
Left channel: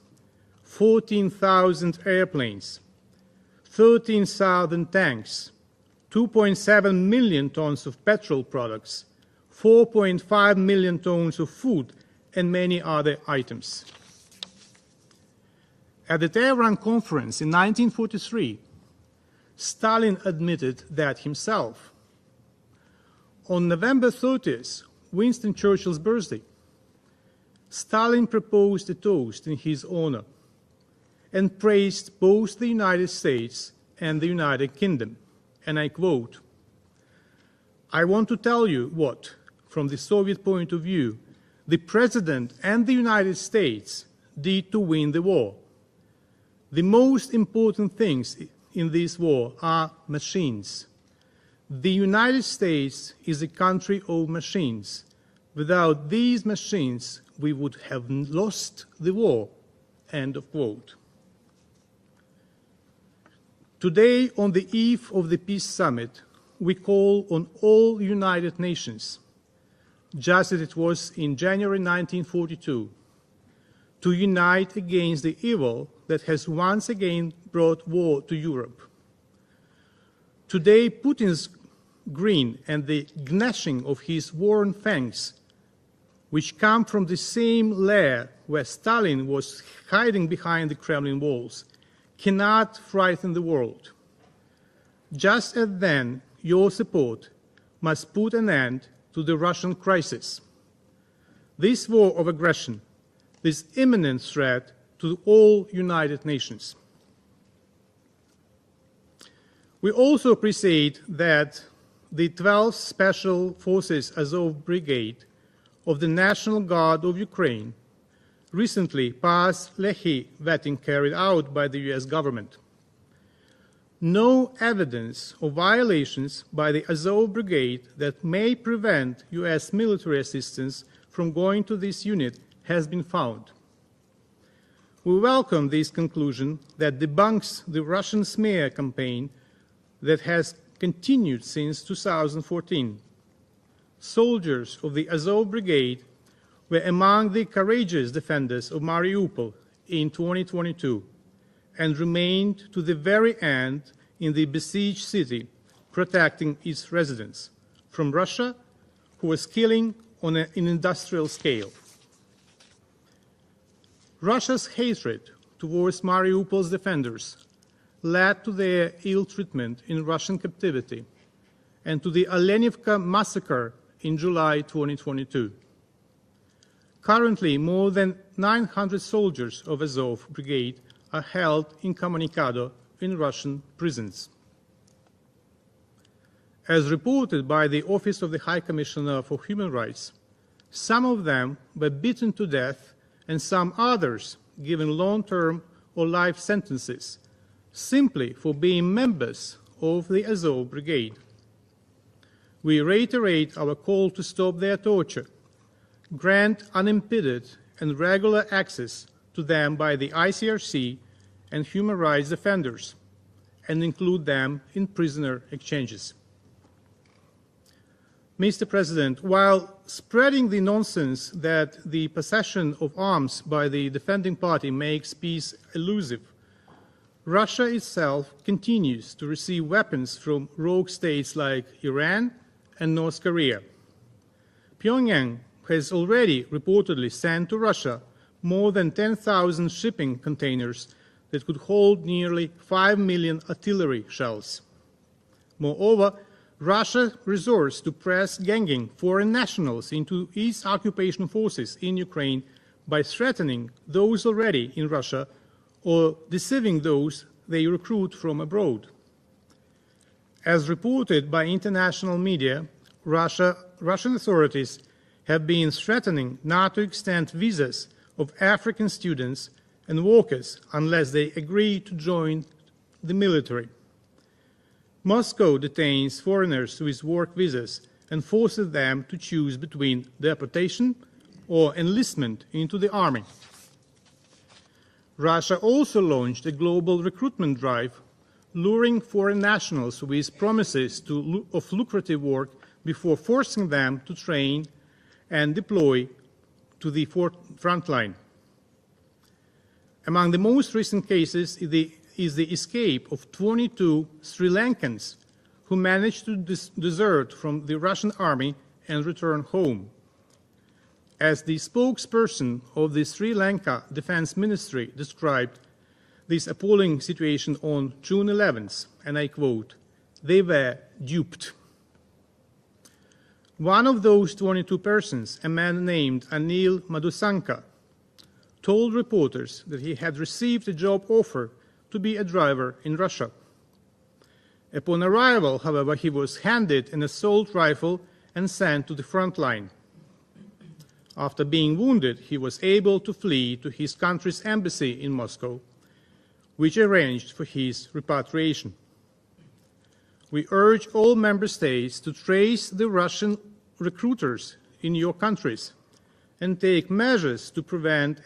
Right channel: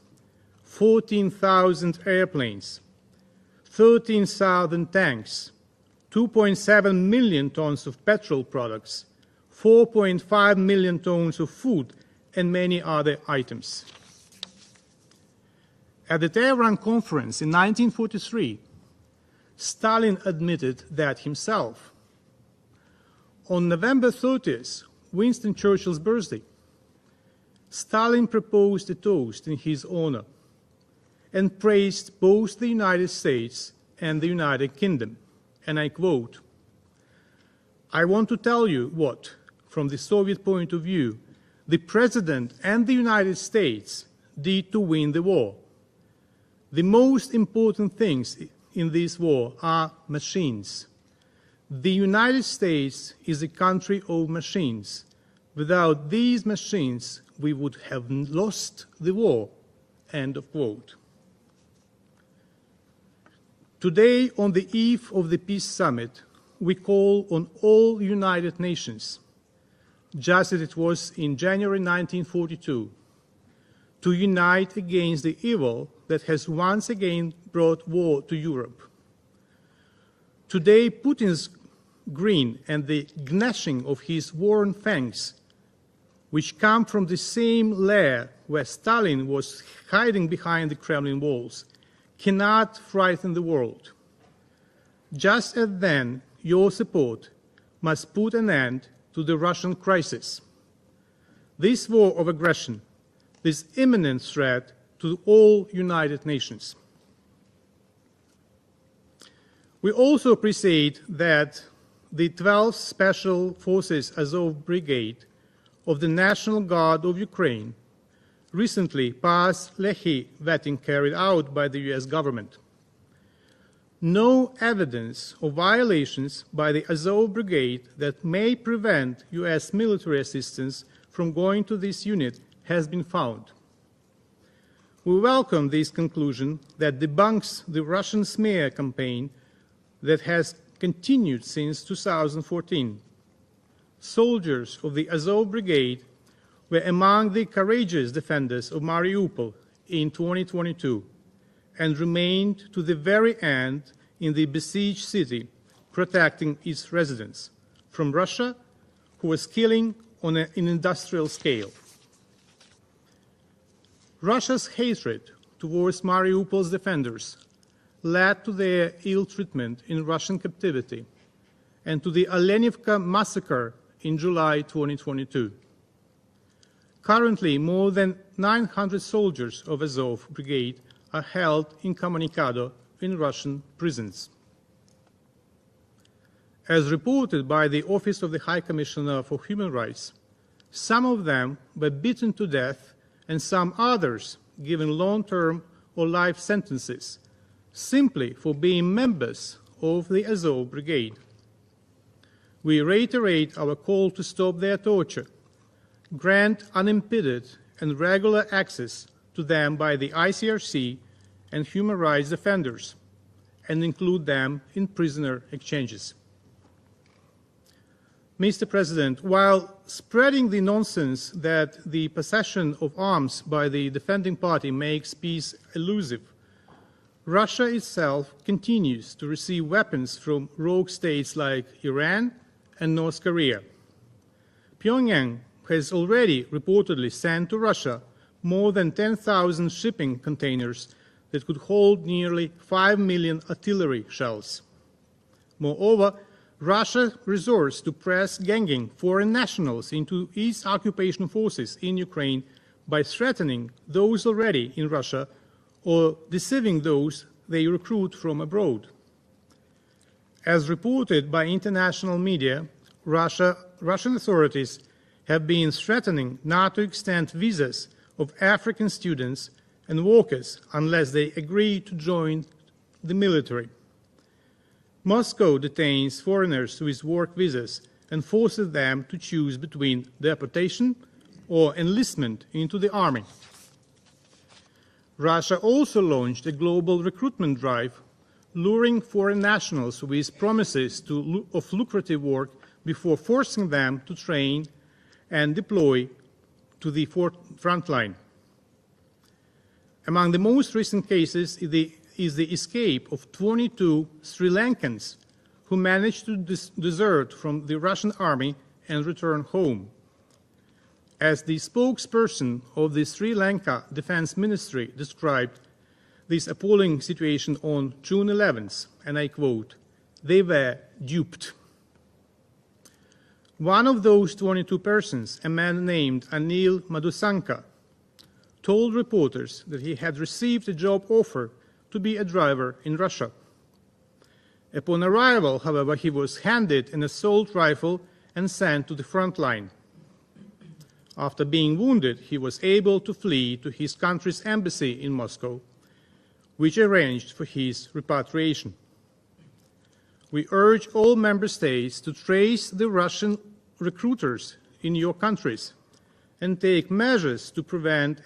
14,000 airplanes, 13,000 tanks, 2.7 million tons of petrol products, 4.5 million tons of food, and many other items. At the Tehran Conference in 1943, Stalin admitted that himself. On November 30th, Winston Churchill's birthday, Stalin proposed a toast in his honor and praised both the United States and the United Kingdom. And I quote, "I want to tell you what, from the Soviet point of view, the President and the United States did to win the war. The most important things in this war are machines. The United States is a country of machines. Without these machines, we would have lost the war." End of quote. Today, on the eve of the Peace Summit, we call on all United Nations, just as it was in January 1942, to unite against the evil that has once again brought war to Europe. Today, Putin's grin and the gnashing of his worn fangs, which come from the same lair where Stalin was hiding behind the Kremlin walls, cannot frighten the world. Just as then, your support must put an end to the Russian crisis. This war of aggression, this imminent threat to all United Nations. We also appreciate that the 12th Special Forces Azov Brigade of the National Guard of Ukraine recently passed Lehi vetting carried out by the US government. No evidence of violations by the Azov Brigade that may prevent US military assistance from going to this unit has been found. We welcome this conclusion that debunks the Russian smear campaign that has continued since 2014. Soldiers of the Azov Brigade were among the courageous defenders of Mariupol in 2022 and remained to the very end in the besieged city, protecting its residents from Russia, who was killing on an industrial scale. Russia's hatred towards Mariupol's defenders led to their ill treatment in Russian captivity and to the Alenivka massacre in July 2022. Currently, more than 900 soldiers of Azov Brigade are held incommunicado in Russian prisons. As reported by the Office of the High Commissioner for Human Rights, some of them were beaten to death and some others given long-term or life sentences simply for being members of the Azov Brigade. We reiterate our call to stop their torture, grant unimpeded and regular access to them by the ICRC and human rights defenders, and include them in prisoner exchanges. Mr. President, while spreading the nonsense that the possession of arms by the defending party makes peace elusive, Russia itself continues to receive weapons from rogue states like Iran and North Korea. Pyongyang has already reportedly sent to Russia more than 10,000 shipping containers that could hold nearly 5 million artillery shells. Moreover, Russia resorts to press ganging foreign nationals into its occupation forces in Ukraine by threatening those already in Russia or deceiving those they recruit from abroad. As reported by international media, Russian authorities have been threatening not to extend visas of African students and workers unless they agree to join the military. Moscow detains foreigners with work visas and forces them to choose between deportation or enlistment into the army. Russia also launched a global recruitment drive, luring foreign nationals with promises of lucrative work before forcing them to train and deploy to the front line. Among the most recent cases is the escape of 22 Sri Lankans who managed to desert from the Russian army and return home. As the spokesperson of the Sri Lanka Defense Ministry described this appalling situation on June 11th, and I quote, "They were duped." One of those 22 persons, a man named Anil Madhusanka, told reporters that he had received a job offer to be a driver in Russia. Upon arrival, however, he was handed an assault rifle and sent to the front line. After being wounded, he was able to flee to his country's embassy in Moscow, which arranged for his repatriation. We urge all member states to trace the Russian recruiters in your countries and take measures to prevent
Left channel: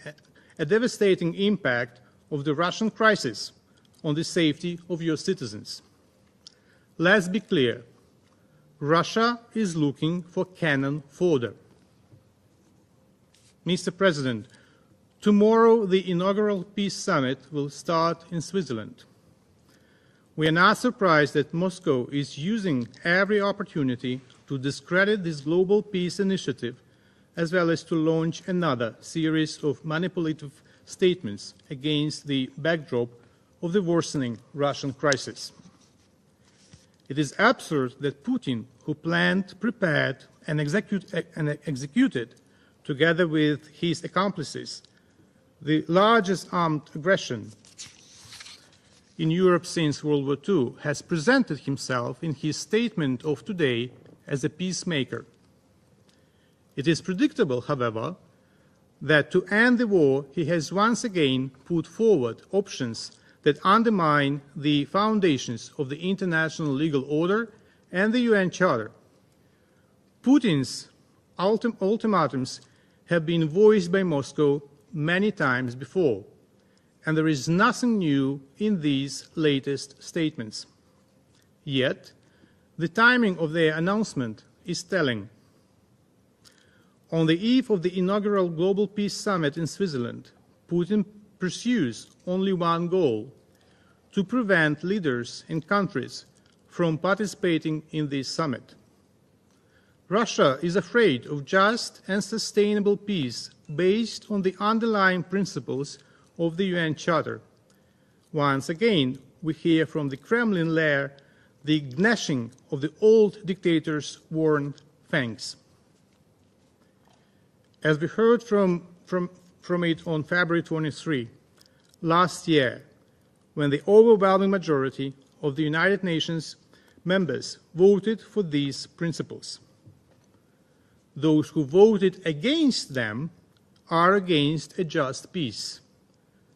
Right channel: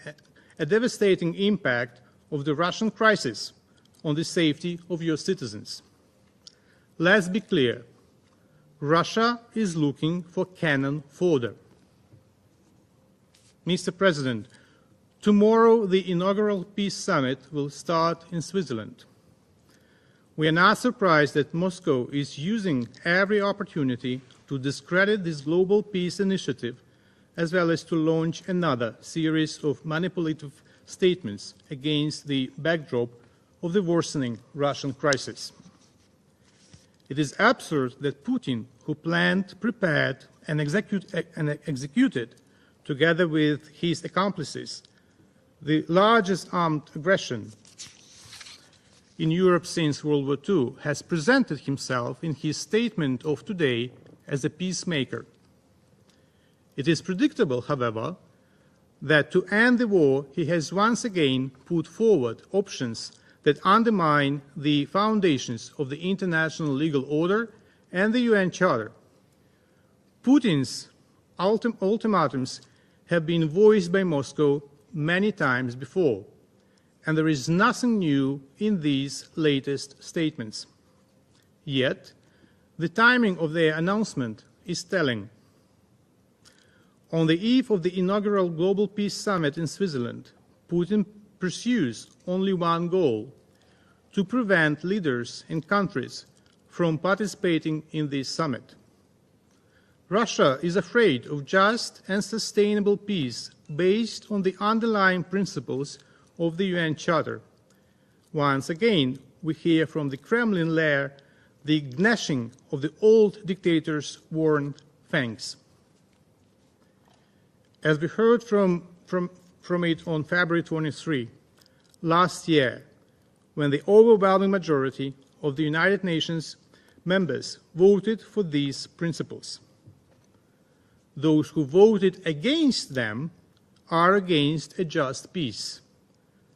a devastating impact of the Russian crisis on the safety of your citizens. Let's be clear. Russia is looking for cannon fodder. Mr. President, tomorrow the inaugural Peace Summit will start in Switzerland. We are not surprised that Moscow is using every opportunity to discredit this global peace initiative, as well as to launch another series of manipulative statements against the backdrop of the worsening Russian crisis. It is absurd that Putin, who planned, prepared, and executed, together with his accomplices, the largest armed aggression in Europe since World War II, has presented himself in his statement of today as a peacemaker. It is predictable, however, that to end the war, he has once again put forward options that undermine the foundations of the international legal order and the UN Charter. Putin's ultimatums have been voiced by Moscow many times before, and there is nothing new in these latest statements. Yet, the timing of their announcement is telling. On the eve of the inaugural Global Peace Summit in Switzerland, Putin pursues only one goal: to prevent leaders and countries from participating in this summit. Russia is afraid of just and sustainable peace based on the underlying principles of the UN Charter. Once again, we hear from the Kremlin lair the gnashing of the old dictator's worn fangs. As we heard from it on February 23 last year, when the overwhelming majority of the United Nations members voted for these principles. Those who voted against them are against a just peace.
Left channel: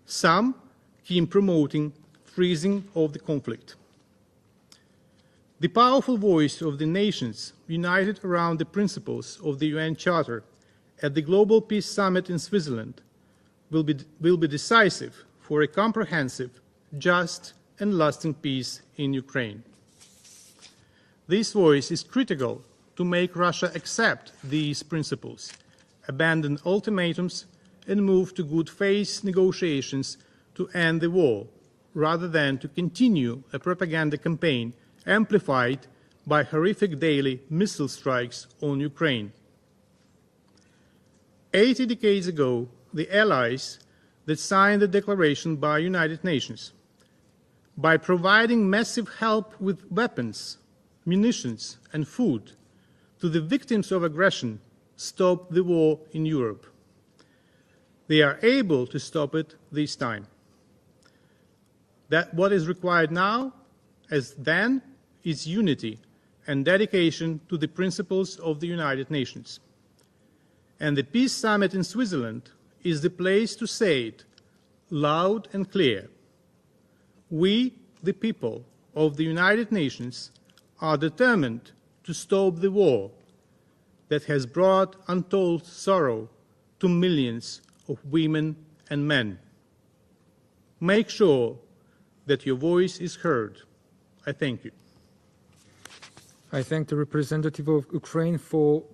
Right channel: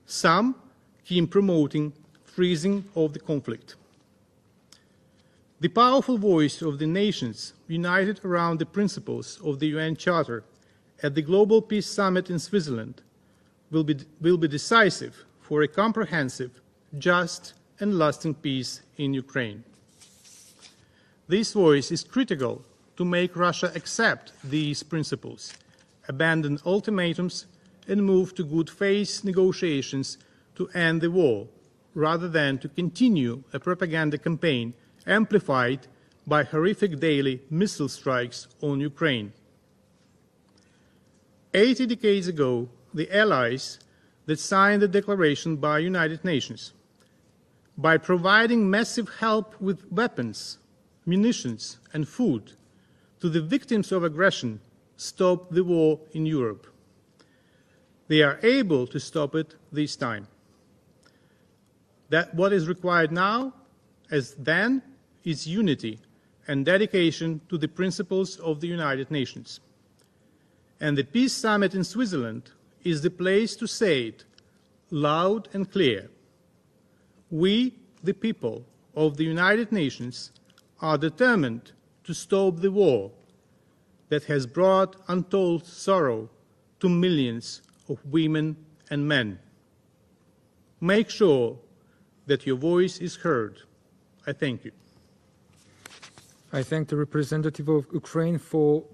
Some keep promoting freezing of the conflict. The powerful voice of the nations united around the principles of the UN Charter at the Global Peace Summit in Switzerland will be decisive for a comprehensive, just and lasting peace in Ukraine. This voice is critical to make Russia accept these principles, abandon ultimatums, and move to good faith negotiations to end the war, rather than to continue a propaganda campaign amplified by horrific daily missile strikes on Ukraine. 80 decades ago, the Allies that signed the Declaration by United Nations, by providing massive help with weapons, munitions, and food to the victims of aggression, stopped the war in Europe. They are able to stop it this time. That what is required now, as then, is unity and dedication to the principles of the United Nations. And the Peace Summit in Switzerland is the place to say it loud and clear. We, the people of the United Nations, are determined to stop the war that has brought untold sorrow to millions of women and men. Make sure that your voice is heard. I thank you. I thank the representative of Ukraine for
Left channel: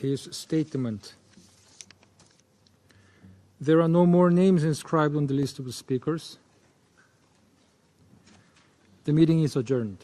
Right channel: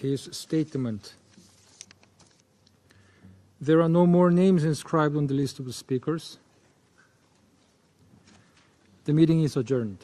his statement. There are no more names inscribed on the list of the speakers. The meeting is adjourned.